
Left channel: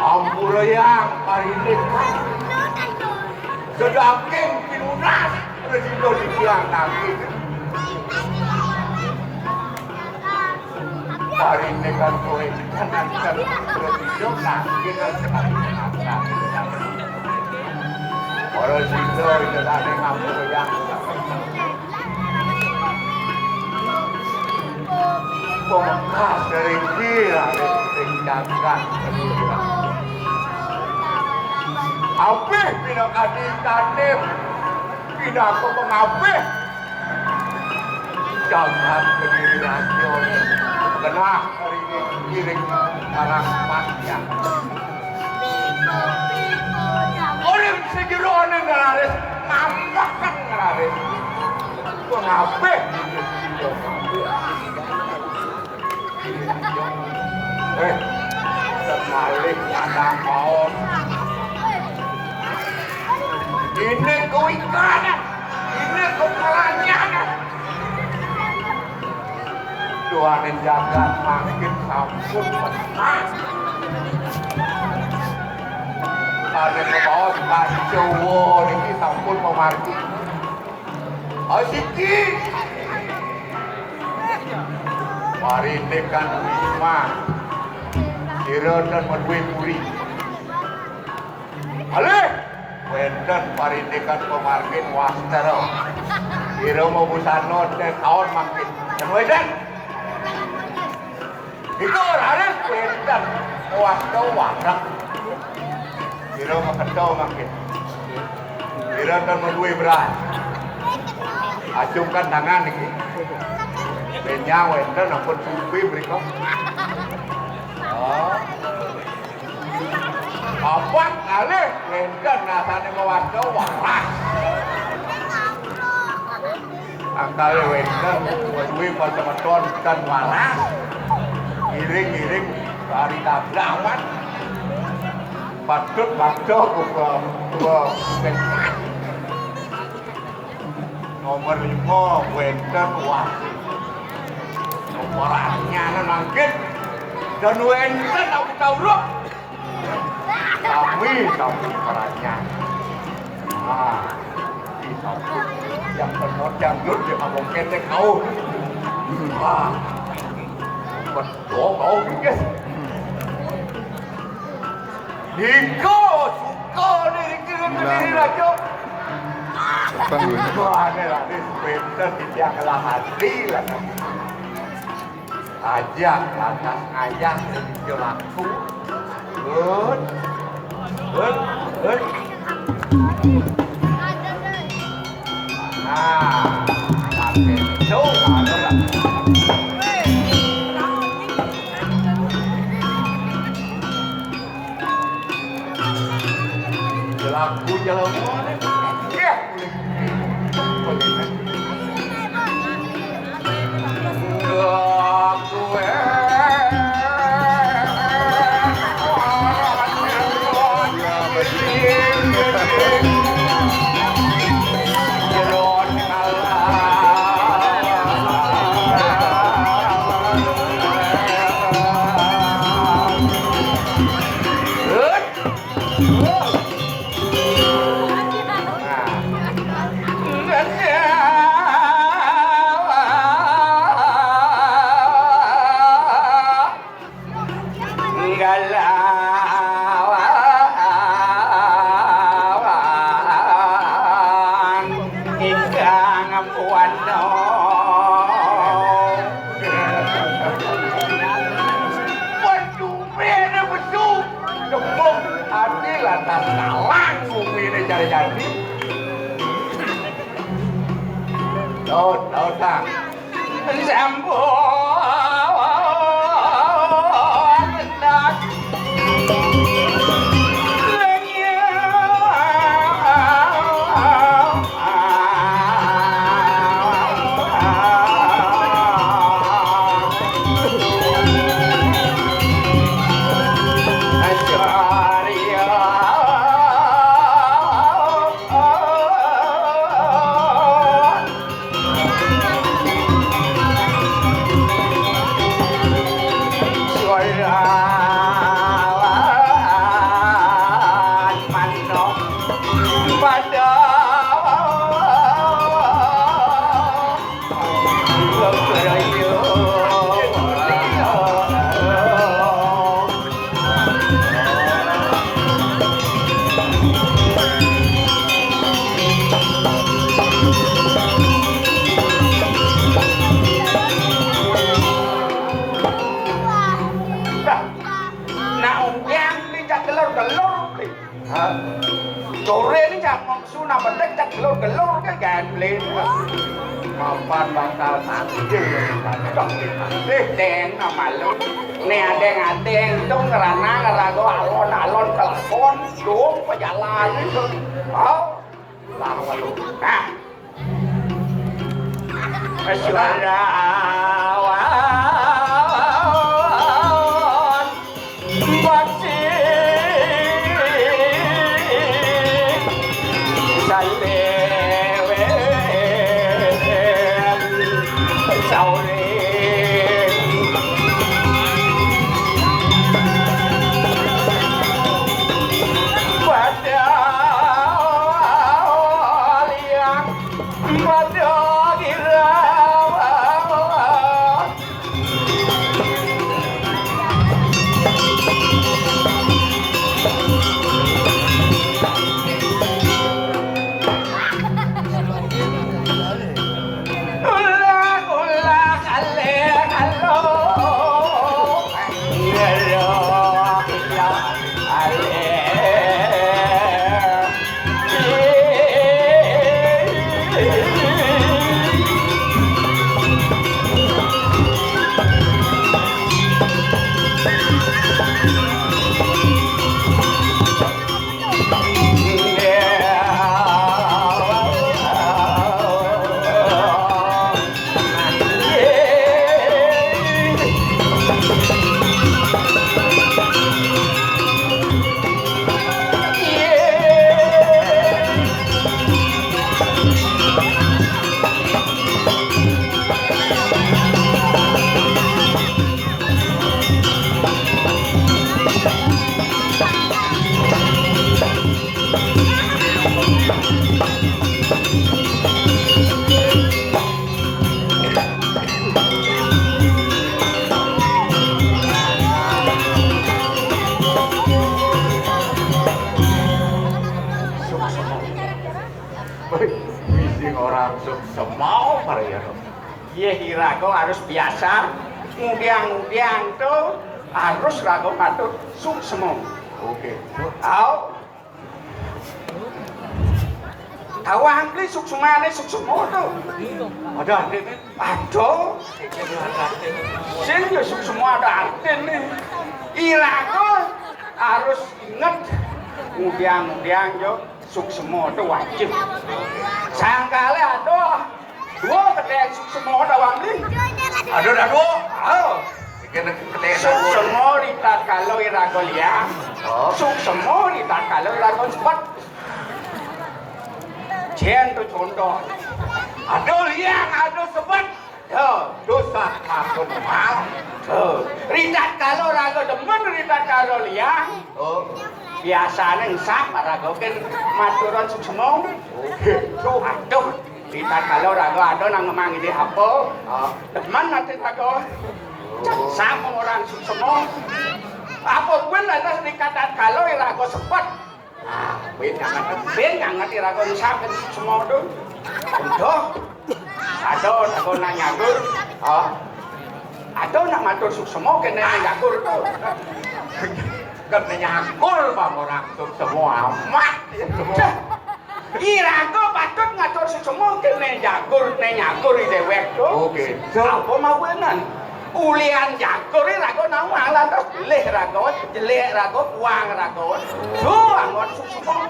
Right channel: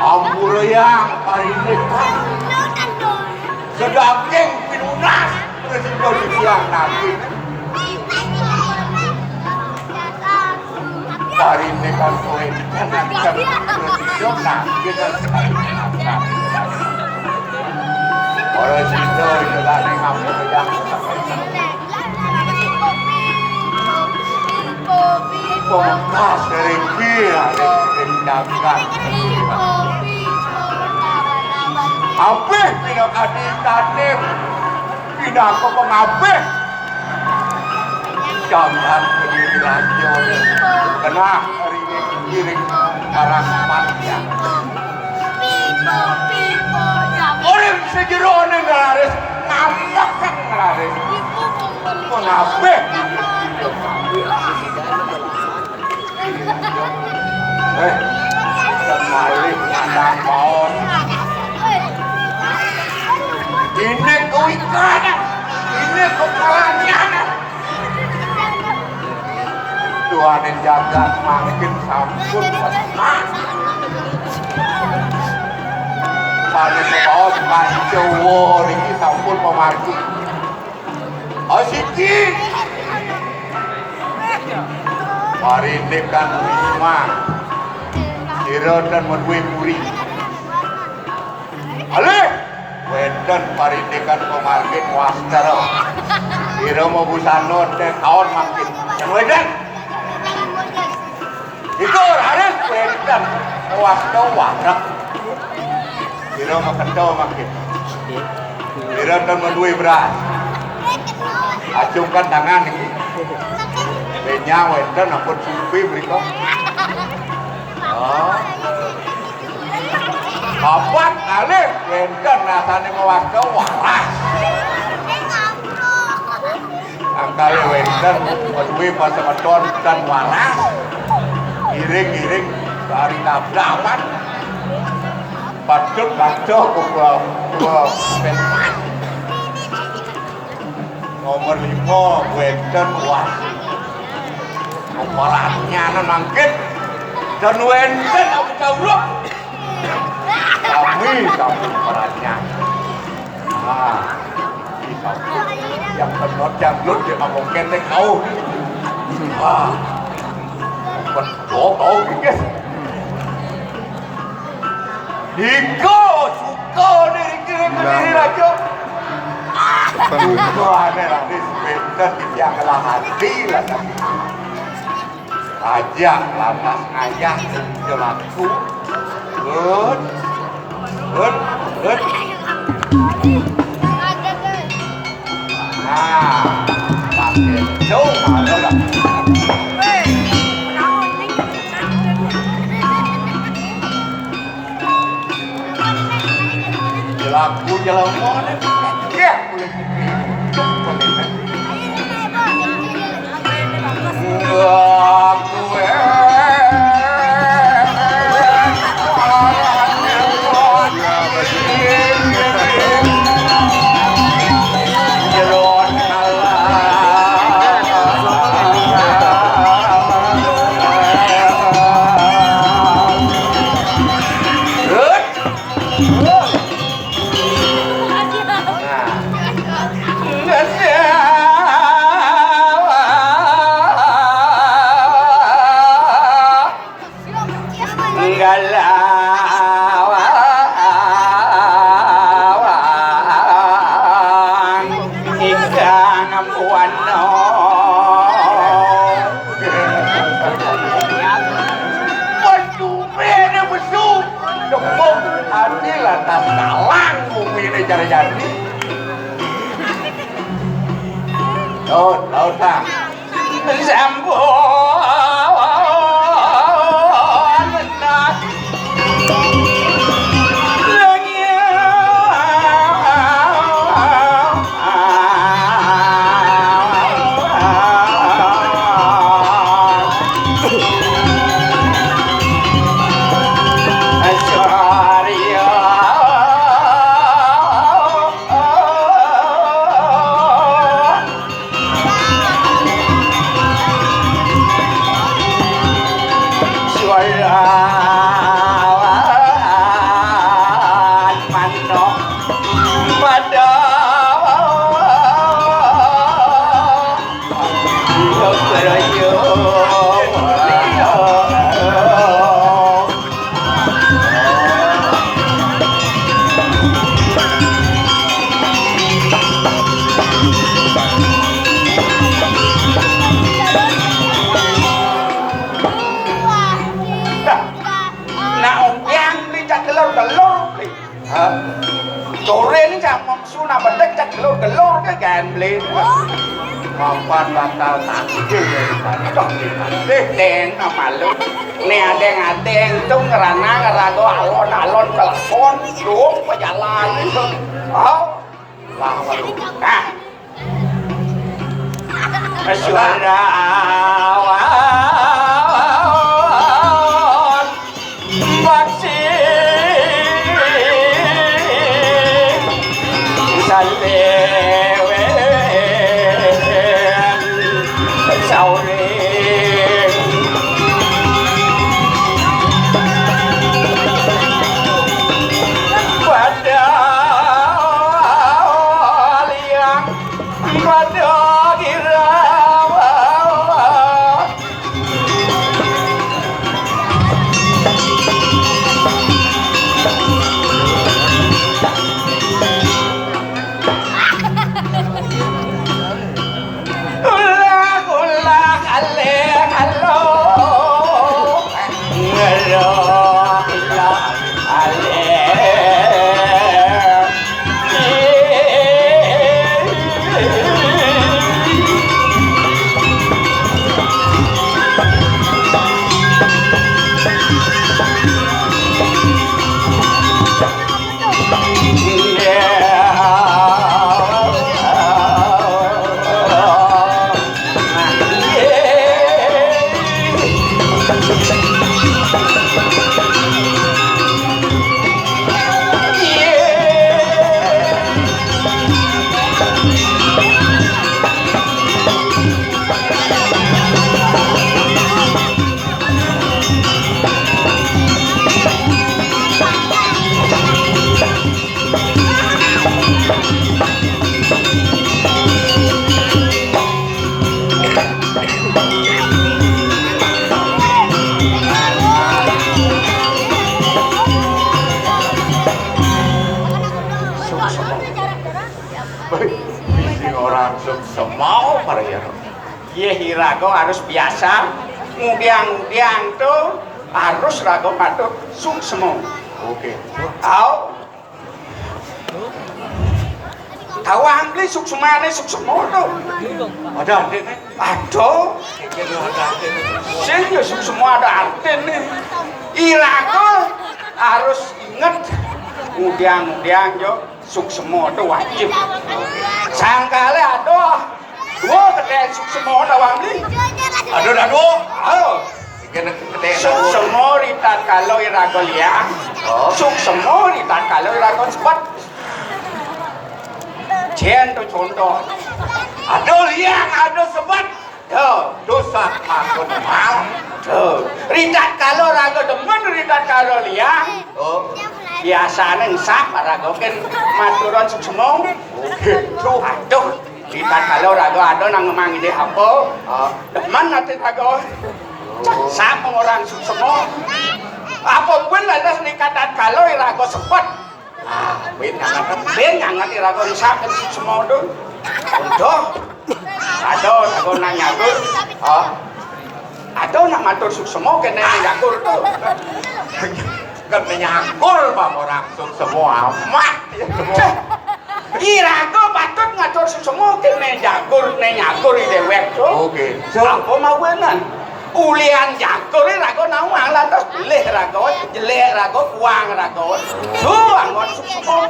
ampun yang hari ini sedaging pinunas presiden siang nanti hari ini kan poin jangan presiden nanti kita sekali presiden jangan ngambil yang pengkas dari kira dari dagang Kabeh pira kaditane. Pinaku kok kabeh. Jangan berdiri rajo. Kena ring arah panjang. Orang sejerone ngaris ngambak kan ngaris. Kok kabeh. Kenalin anak paus. Ini kewikanan, ini kepalanya. Tuhan yang jaga makin sampun pesat. Saya paus pancowo ini sampun memarki. Asiki. Hari ini kan Wisma. Ira dan Medwipuri. Alih! Wedan parindekan pemargin wastara. Ira mau busano dan kawan makin. Dan wedan. Itu harus wedan wastara warak. Ira makendo makin. Ira dan Medwi beras. Acungkan tangan ini. Benya wedan ampun supi berikut. Bapak kali wenten rasane mewakil waras. Angkali wenten wadui pasemeton dan waras. Giring-giring dari kabraman. Patut baca kumpul pentas. Nomor 5 wenten waras. Nomornya nangkit. Dan wenten aku tahu kami perannya. Yang penot yang lut dia ngomong ketek kau. Betul kau guys. Niko suka diri aja. Tuhan ada di sebentar tidak kalah hati lah. Aja lantas ayah jelaku. Good. Nah, pakai coba lah. Jelaku jalan mana? Ya, boleh. Jadi tahu tak sambung Sore ini cak suna bedek cak gelor-gelor ke kan beli. Kapan bakal takdir dari dong kita. Deng nama lu. Nih adeng tuh ngerana-ngerago alon-alon telepon dong pejalan itu. Oh, lama lu. Nah, suara awan masih semau Maria. Ye hirago harus biasa. Ngudiang-ngudiang tuh harus rago matur suksemo. Oke. Tahu angli suksumane suksemo tuh. Ada artinya. Aduh. Sing ya suksemo ada artinya. Irago harus inget ngudiang-ngudiang yo suksemo itu wajib. Sangkale aduh, dua kedai suksemo ada bangli. Aduh. Suksemo ritat kalau irago liang. Suksemo ritat kalau irago cepat. Jen tuh contoh. Aduh liang, aduh sebat. Dosa masuk mal. Ritat kalau rago demen ritat kalau liang. Biasanya ngesap rago kan maturan suksemo. Aduh, ritat kalau rago ada nang ngemang ide apa? Demen nanti rago. Sak orang suksemo. Apa pun ada sedikatan kalau rago sepet. Ben ngangat rago ngesap kan suksemo tuh. Udah. Aduh, rago nanyagur. Aduh nak matur suksemo kene nyagur tuh. Katanya akur bang orang semua mak irago patut ngatur semua kene jagur di dewek tuh. Oke. Apa mau benan? Ulian jagur rago nang malah terus pilih rago jelek rago kuang rago. Tuh angon semua.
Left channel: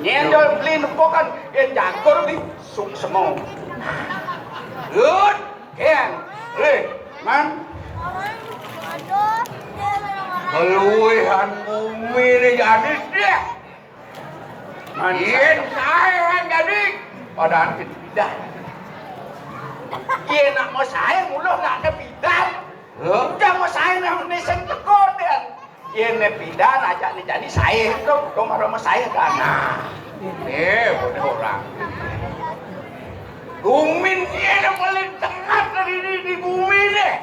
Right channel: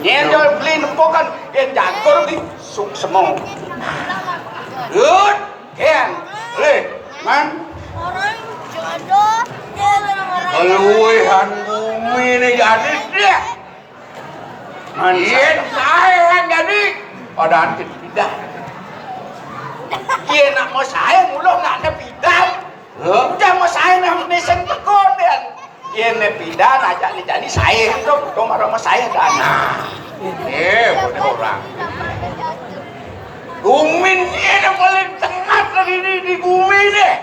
Nyendol beli nempokan yang jagur di semua. Good, Ken. Man. Keluihan bumi ini jadi deh. Iya, saya yang jadi. Pada antin pindah. Iya nak mau saya mulu nak ada pindah. Udah mau saya nak nesen tekon dan. Iya nak pindah najak ni jadi saya itu. Tuh marah sama saya dana. Boleh orang. Gumin ini yang paling tengah tadi di Gumi deh.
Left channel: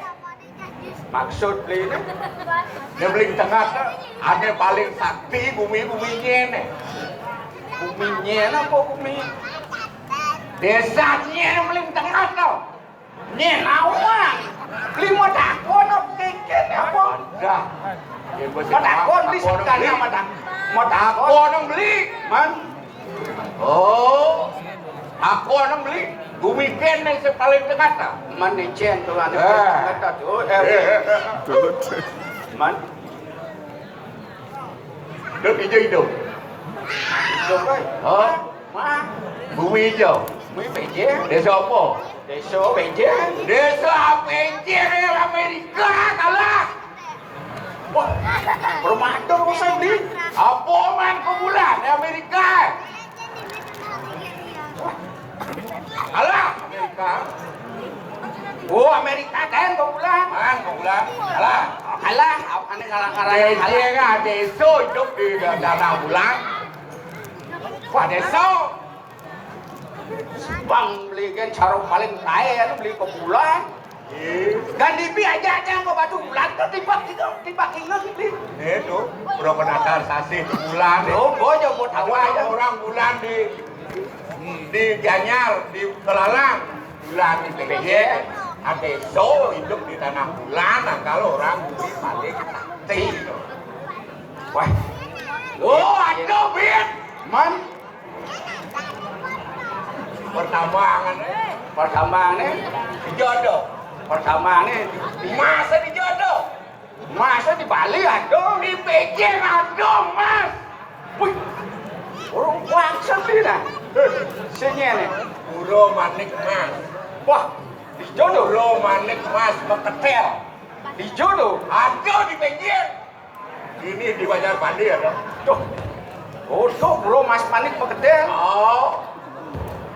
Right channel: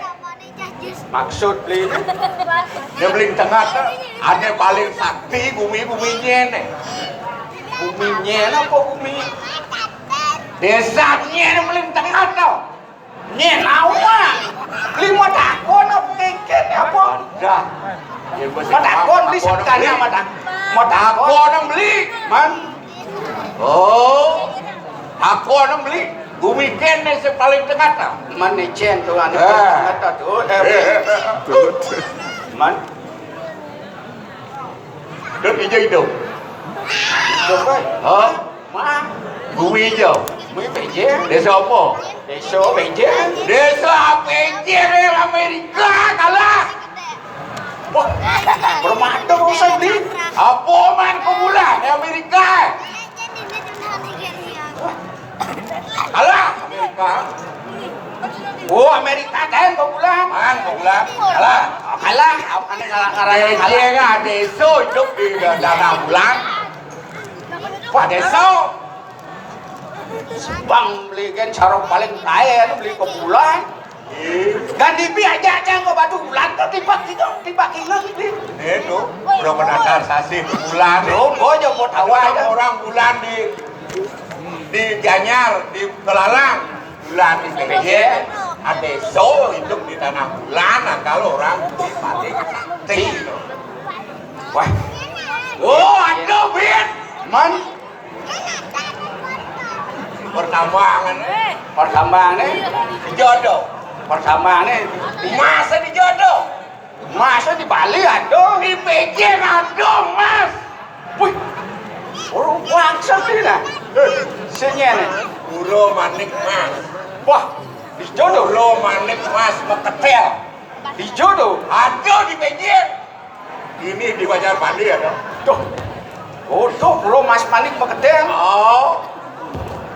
Maksud beli dia beli tengah ada paling sakti bumi-buminya nih. Buminya apa bumi? Desanya yang paling tengah tau. Nih nawa. Beli mau takon apa keket apa? Dah. Mau takon beli sekali sama tak. mau takut Aku orang beli. man Oh, aku orang beli. Bumi kene yang paling tengah tak. man nicen tuh anu Eh. kata tuh Betul. man Duk hijau hidup. coba Oh, mah bumi hijau. Bumi Beijing Desa apa? desa Beijing Desa Beijing dari Amerika kalah. wah bermata urusan di Apa man kebulan di Amerika? Kalah Amerika. oh Amerika kan kebulan Man kebulan. Kalah. kalah apa nih kalah kalah Beijing ada desa hidup di dalam bulan. Wah desa. bang beli kan cara paling kaya lu beli kebulan kan dibi aja kok batu bulan tuh tiba kingan di Itu belum menakar sasih bulan. oh gua aja mau tahu aja Orang bulan di Gianyar, di Kelalang, bulan di PJ, ada so hidup di tanah bulan. Nah, kalau orang beli paling tinggi. wah Oh, ada bet. man Pertambangan pertambangan jodoh. pertambangan Masa di jodoh? masa di Bali ada Di PJ ada mas. wih orang bangsa ini nah sini nih Puro manik mas. wah di jodoh Puro manik mas mau ketel. di jodoh Ada di PJ. Ini di Banjarmasin ada. tuh oh tuh belum mas manik mau keteng Oh,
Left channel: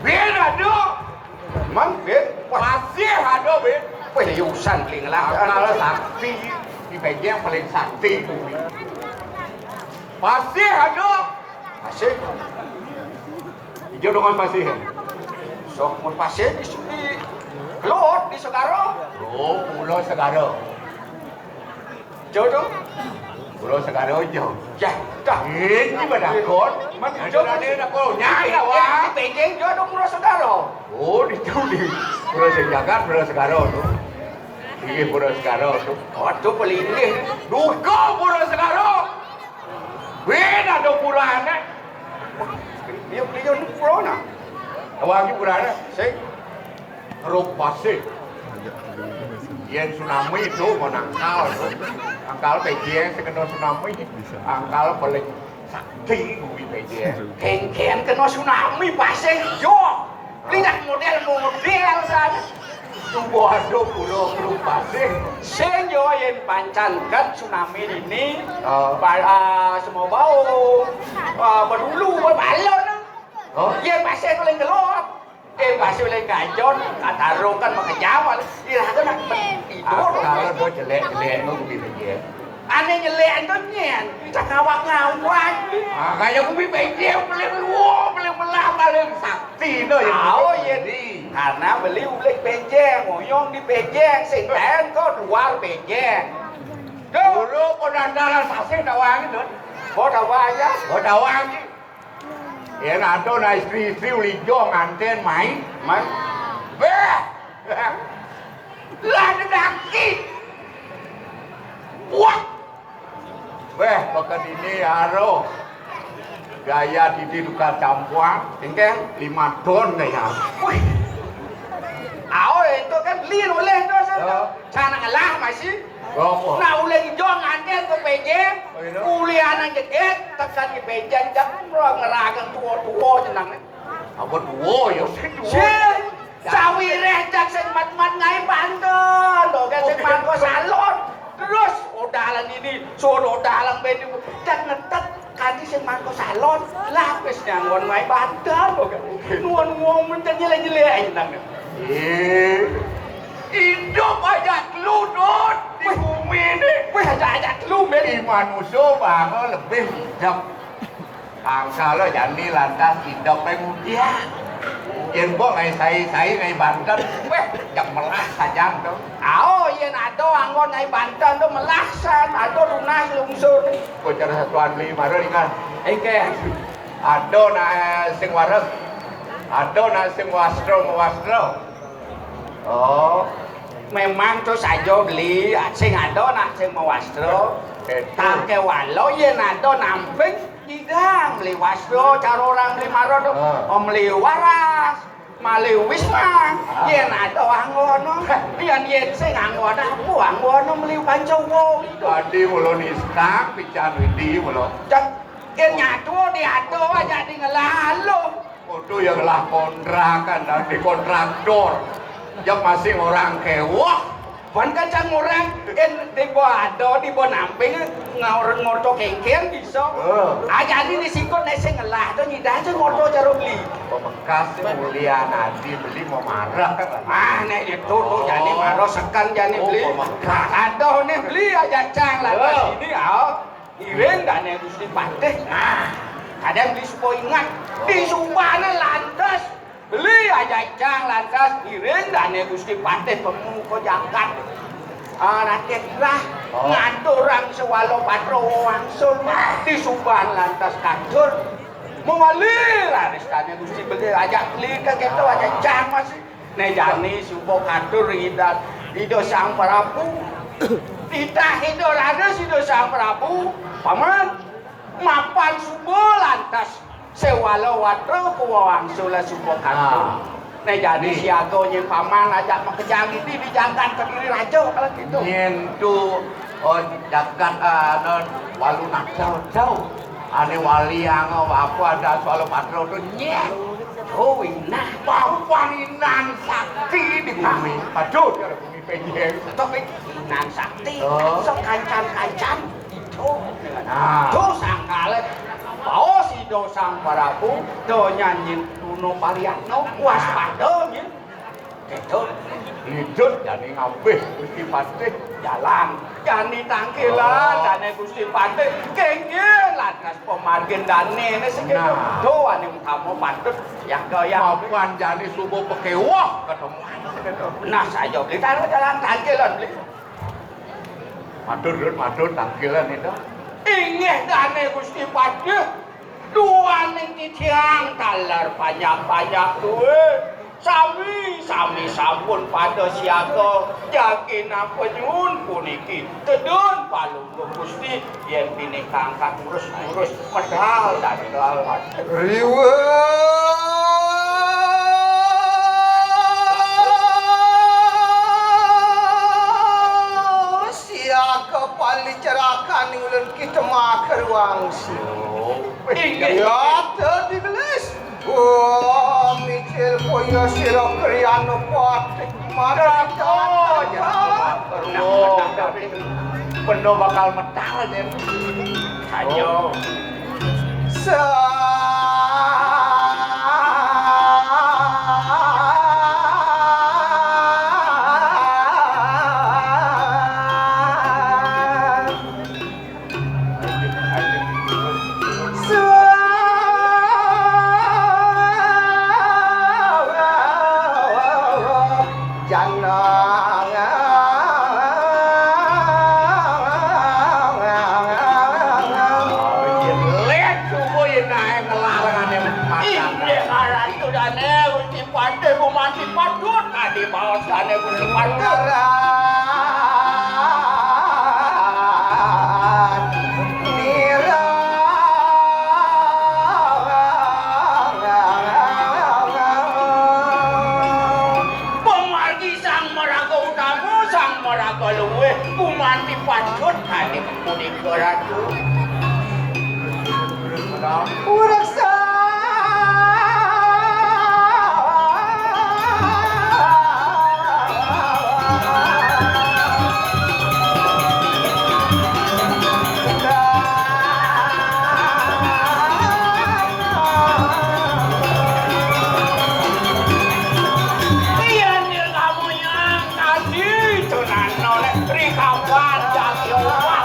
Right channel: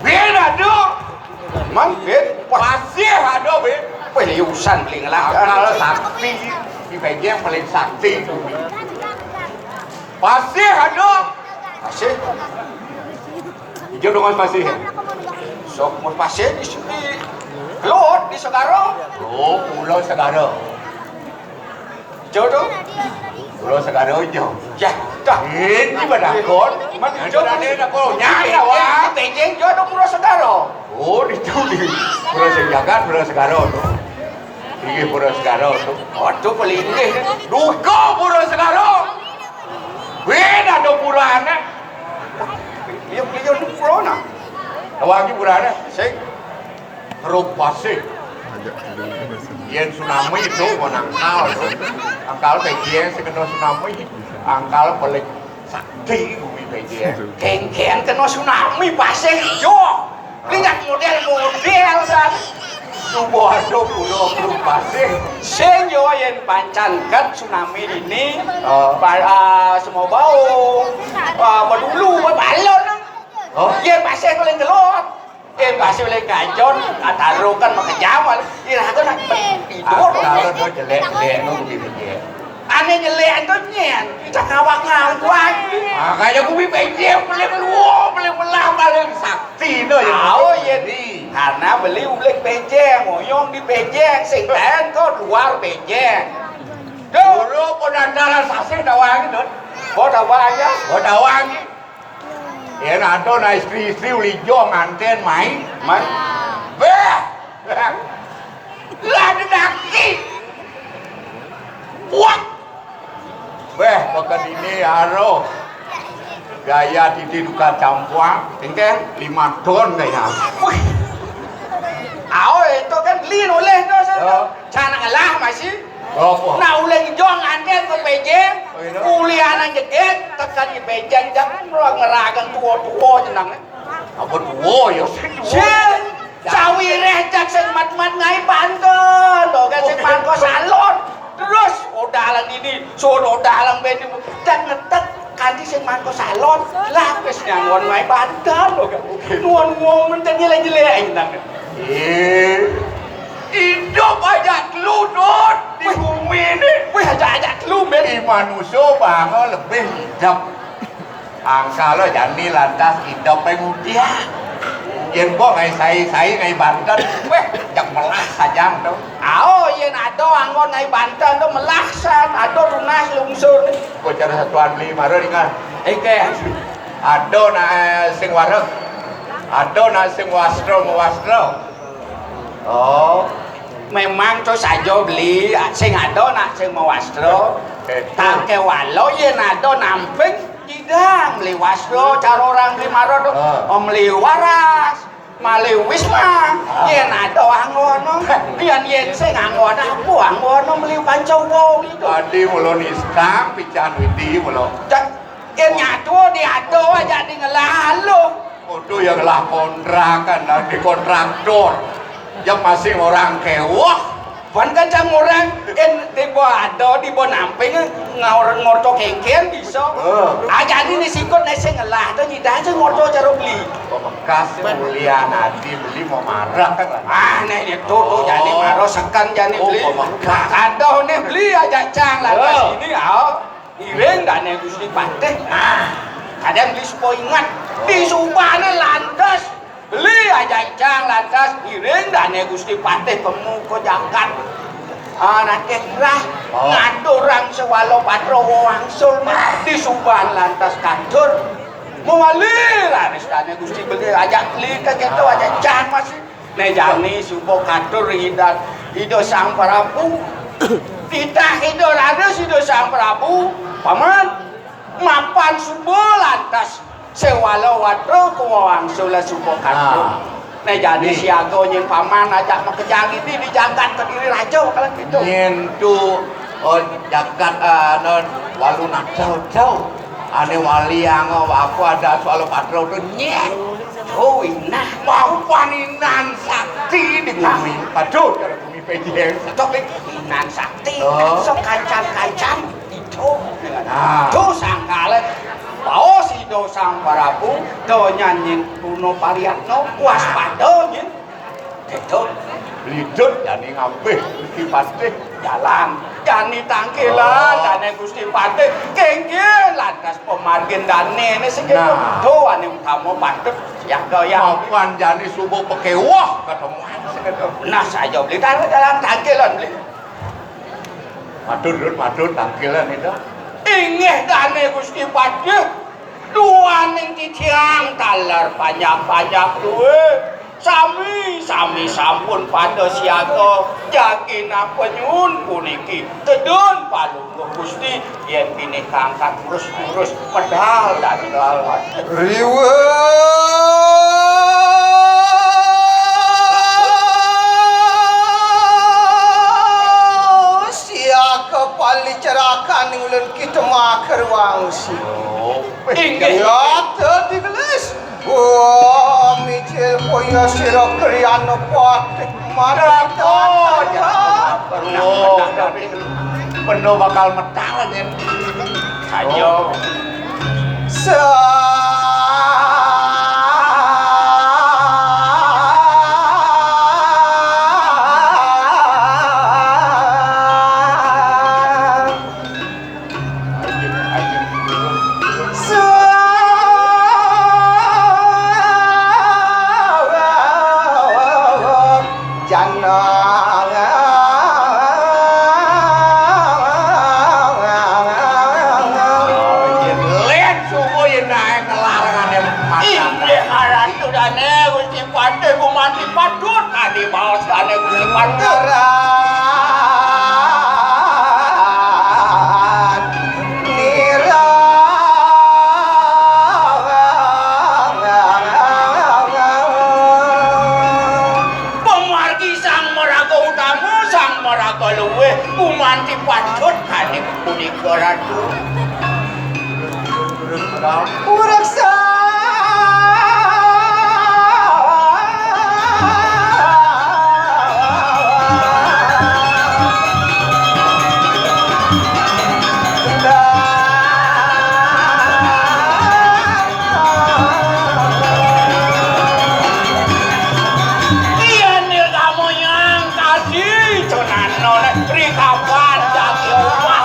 ben ada. man bet Pasir ada ben. wih liusan beli ngelak Kalau sakti di PJ yang paling sakti bumi. Pasir ada. pasir Hijau dengan pasir. sok mau pasir di sini Lot di Segaro Oh, Pulau Segara. jodoh Pulau Segara hijau. ya dah Ini badakon. Man, Yang hijau. sudah ada nak pulau nyai awak. Beijing jodoh Pulau Segaro Oh, itu di Pulau Sejagat, Pulau Segara tu. Ini Pulau Segara tu. waduh pelindih Duka Pulau Segara. Ben ada purana. dia di Pulau nah Awak ni purana. sing Keruk pasir. Agak sedikit. Yang tsunami itu menangkal. Angkal Beijing sekena tsunami. Angkal paling sakti bumi Beijing. keng-keng kena tsunami pasir hijau lihat model-model kan Tubuh ada pulau keruk pasir. sing yo yen pancankan tsunami ini Oh. semua bau badulu balon Oh. ye pasir paling gelap pasir paling gajon katarukan makajawal irakan tidur Angkal tu jelek-jelek tu bumi Beijing. aneh jelek itu nyen kita kawak ngawak Makanya bumi Beijing paling luar, paling melah, paling sakti tu yang tahu ya di karena beli ulik Beijing ngoyong di Beijing sing lain kok luar Beijing Dulu penandaran sasih dawang itu. kok tahu aja Oh dawang ni. Ya ada na istri-istri ulijo nganten main. man Beh. Lah ada daki. Wah. Beh, pekan ini aro. Gaya titi duka campuang. tinggal 5 ton kaya. wih itu kan lin oleh tu Oh. sana kalah masih Apa? nah oleh hijau nganten ke Beijing Oh, iya. kuliahan jedek tekan di Beijing jangan ngeragan tua-tua jenang Apa tuwo ya? Sing sawi recak sing mat-mat ngai pantun to kan sing mangko salon terus odalan ini sun odalan ben tak ngetek kanthi sing mangko salon lah wis nyangon ngai pantun to kan nuwun men nyelek-nyelek nang Hidup aja teludut di bumi ini. wih ajak-ajak lu men Di manusia bahkan lebih hidup. Kalau jadi lantas hidup pengujian. Yang gua ngai sai ngai Banten, weh jak melah saja tu. ao yen ado anggon ngai Banten to melaksan ado runas lungsur Gua cara satuan lima ingat. ke Ada na sing wareg. Ada na sing wastro. Oh, memang to saja beli sing ado nak sing mau wastro tak ke walau yen ado namping Jidang beli wasdo cara orang beli maro om beli waras mali wisma yen ado anggono yen sing anggono aku anggono beli pancowo itu tadi mulo niska pican widi mulo yen nyatu diado aja di ngelalu kudu yang lah kontrakan dan di kontraktor yang masih orang kewah Wan kancang orang di bawah ada di bawah namping ngorto kengken bisa. Aja ini sikut nasi ngelah tuh nyidang tuh ngorto cara beli. Bekas mulia nanti beli mau marah kan? Nih itu tuh jadi marah sekan jadi beli. Kado nih beli aja cang lah pas ini iring dan yang gusti pantai. Kadang beli supaya ingat di Subane lantas. Beli aja cang lantas iring dan gusti patih pemuko jagat anak kekrah ngatur orang sewalo patro wangsul di Subang lantas kantor mengalir anis dan gusti beli aja beli gitu aja cang masih nejani subuh kantor hidat hidup sang Prabu tidak hidup ada hidup sang Prabu paman mapan subuh lantas sewalo watro kuwang sula subokan. Nah jadi siago yang paman ajak makejang ini dijagat ke diri raja kalau gitu. Nyentu jagat lalu nak jauh-jauh. Ane wali yang apa ada soal patro tu nyet. Oh inah Mau paninan sakti di bumi. Aduh, dari bumi pejeng. topik inan sakti. Sok kancan-kancan itu. Tuh sangkale. Bawa si dosang Prabu, do nyanyin Puno Pariatno, waspada nyin. Gitu. Lidur jadi ngambih Gusti Patih Jalan, jani tangkilan, dane Gusti Patih, kenggil lantas pemargin dane, ini segitu. Tuh, ane utama Patih, yang goyang. maupun jadi subuh pekewah ketemuan segitu. Nah, saya beli taruh jalan tangkilan beli. Madur tangkilan itu. Ingeh dane Gusti Patih, dua ning titiang talar banyak-banyak duwe. Sami sampun pada siaga jagina penyun puniki kedun palungguh Gusti yen bini kangkat urus-urus pedal dan lawan Riwe siaka pali cerakan ulun kita makar wangsi Ingat tadi gelis. Wah, micil koyo sira kriana patek marang Penuh bakal metang aja. ayo Lihat subuh yang naik ngelarangan yang makan. ini haran tu dane Gusti Patih kumati patut adi baos dane Gusti Patih pemargi sang meraga utamu sang meraga luwe kumanti patut adi punika ratu Uraksa iya nih kamu yang tadi cuman nolak rikapan jadi obat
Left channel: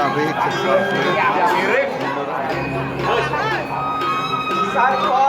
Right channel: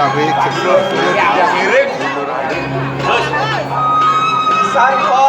tarik ke belakang. Yang miring. Mundur aja. Terus. Sarpa.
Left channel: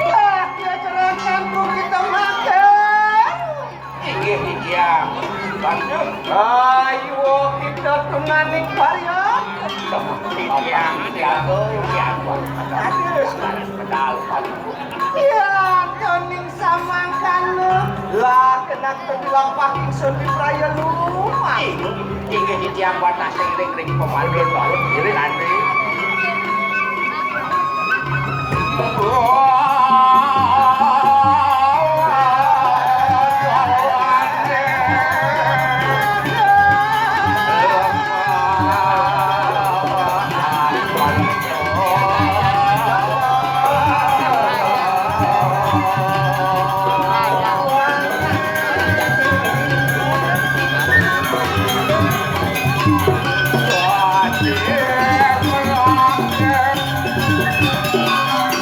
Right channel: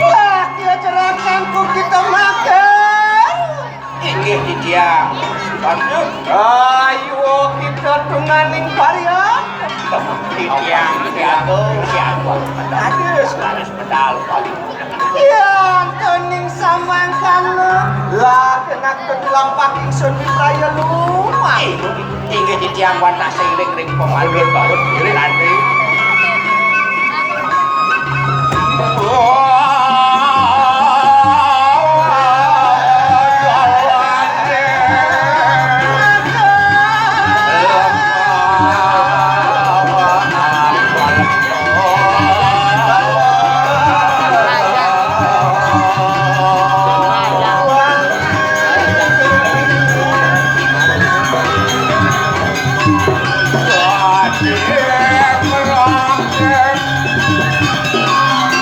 Laki acarkanku kita makan. Inggih di dia. Lanjut. Ayo kita tunganing karya. Di dia. Siapa? Hadis. Harus pedal paling. Yang kening samangkan lu. Lah kena kedelampak ingsun di praya lumah. Inggih di dia warna seiring-ring pemanggil bangun diri nanti.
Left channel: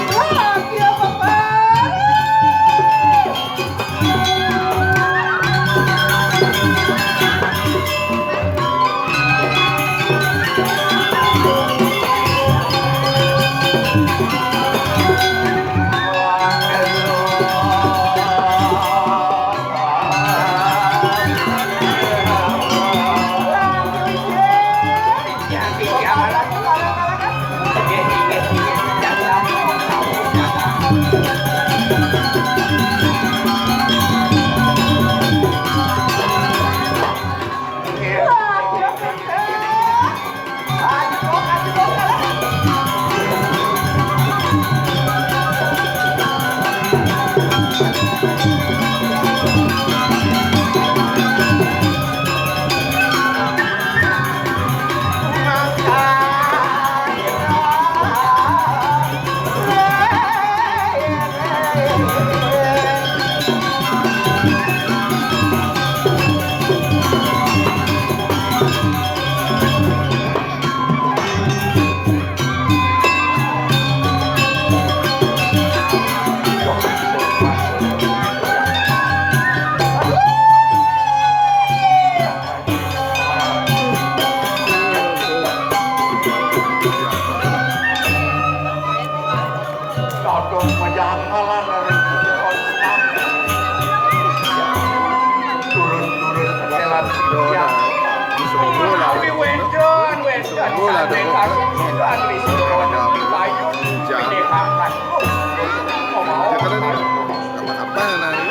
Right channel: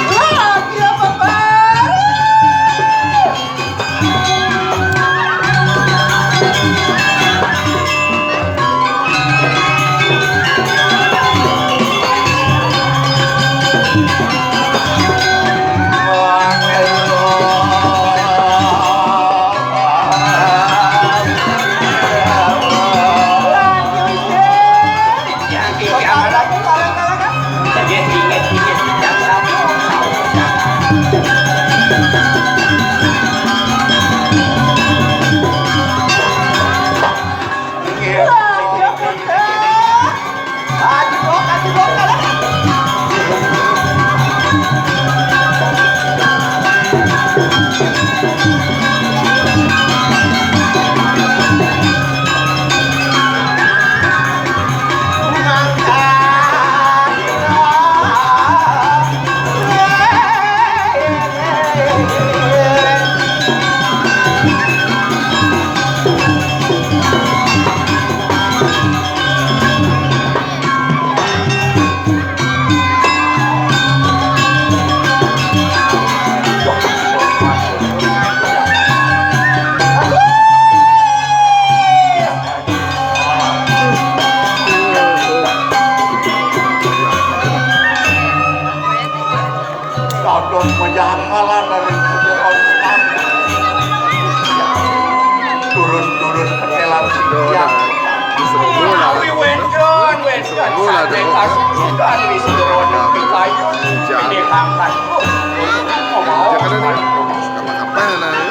Lagi apa baru? Kodong menjangkalan dari turun-turun petelan Dona. Serungu lah lah. Serungu lah tu. Jam. Jangan ni. Kapan-kapan nak ni.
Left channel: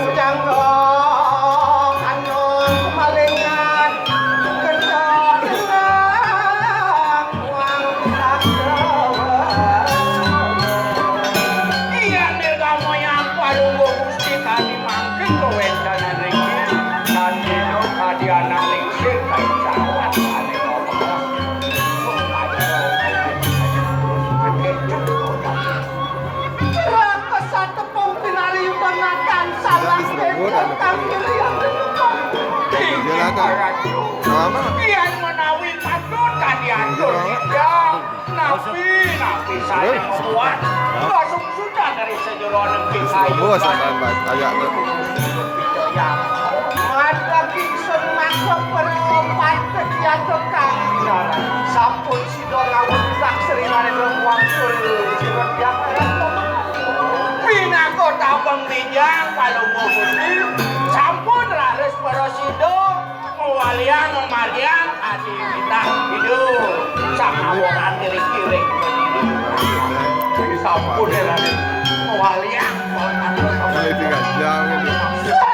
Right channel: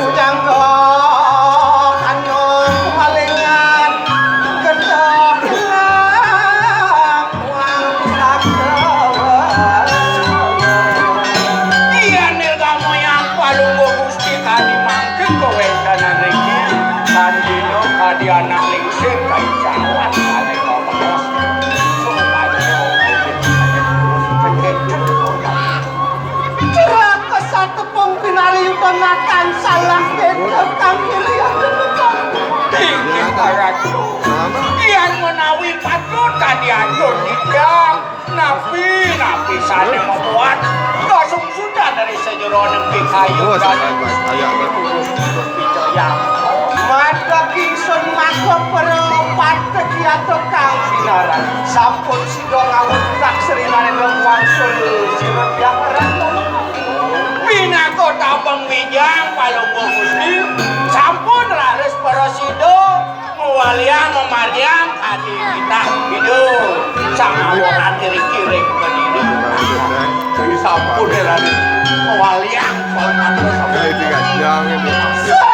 Ujang anu kemalingan gendong Iya nil kamu yang palunggo gusti kadi mangkin kowe kanan iki kandino kadi anak lingsir kai jawan kali ngomong Cerah ke satu pembinari yutonakan salah kedo kami lihat tinggi paraku Nama. Iyan menawi patut kadi atur tidak napi sana membuat langsung sudah dari sejero nemping kayu Oh, sampai ayat tu. maka kingsun maka peropat kegiatu kang binaran sampun sido ngawur tak seringan dong wangsul sirut yang Bina kota pembijang palunggo gusti sampun raris parosido mewalian memarian hati kita hidup sama orang kiri-kiri pendidik sampun raris mewalian Kali 3 jam kan dia.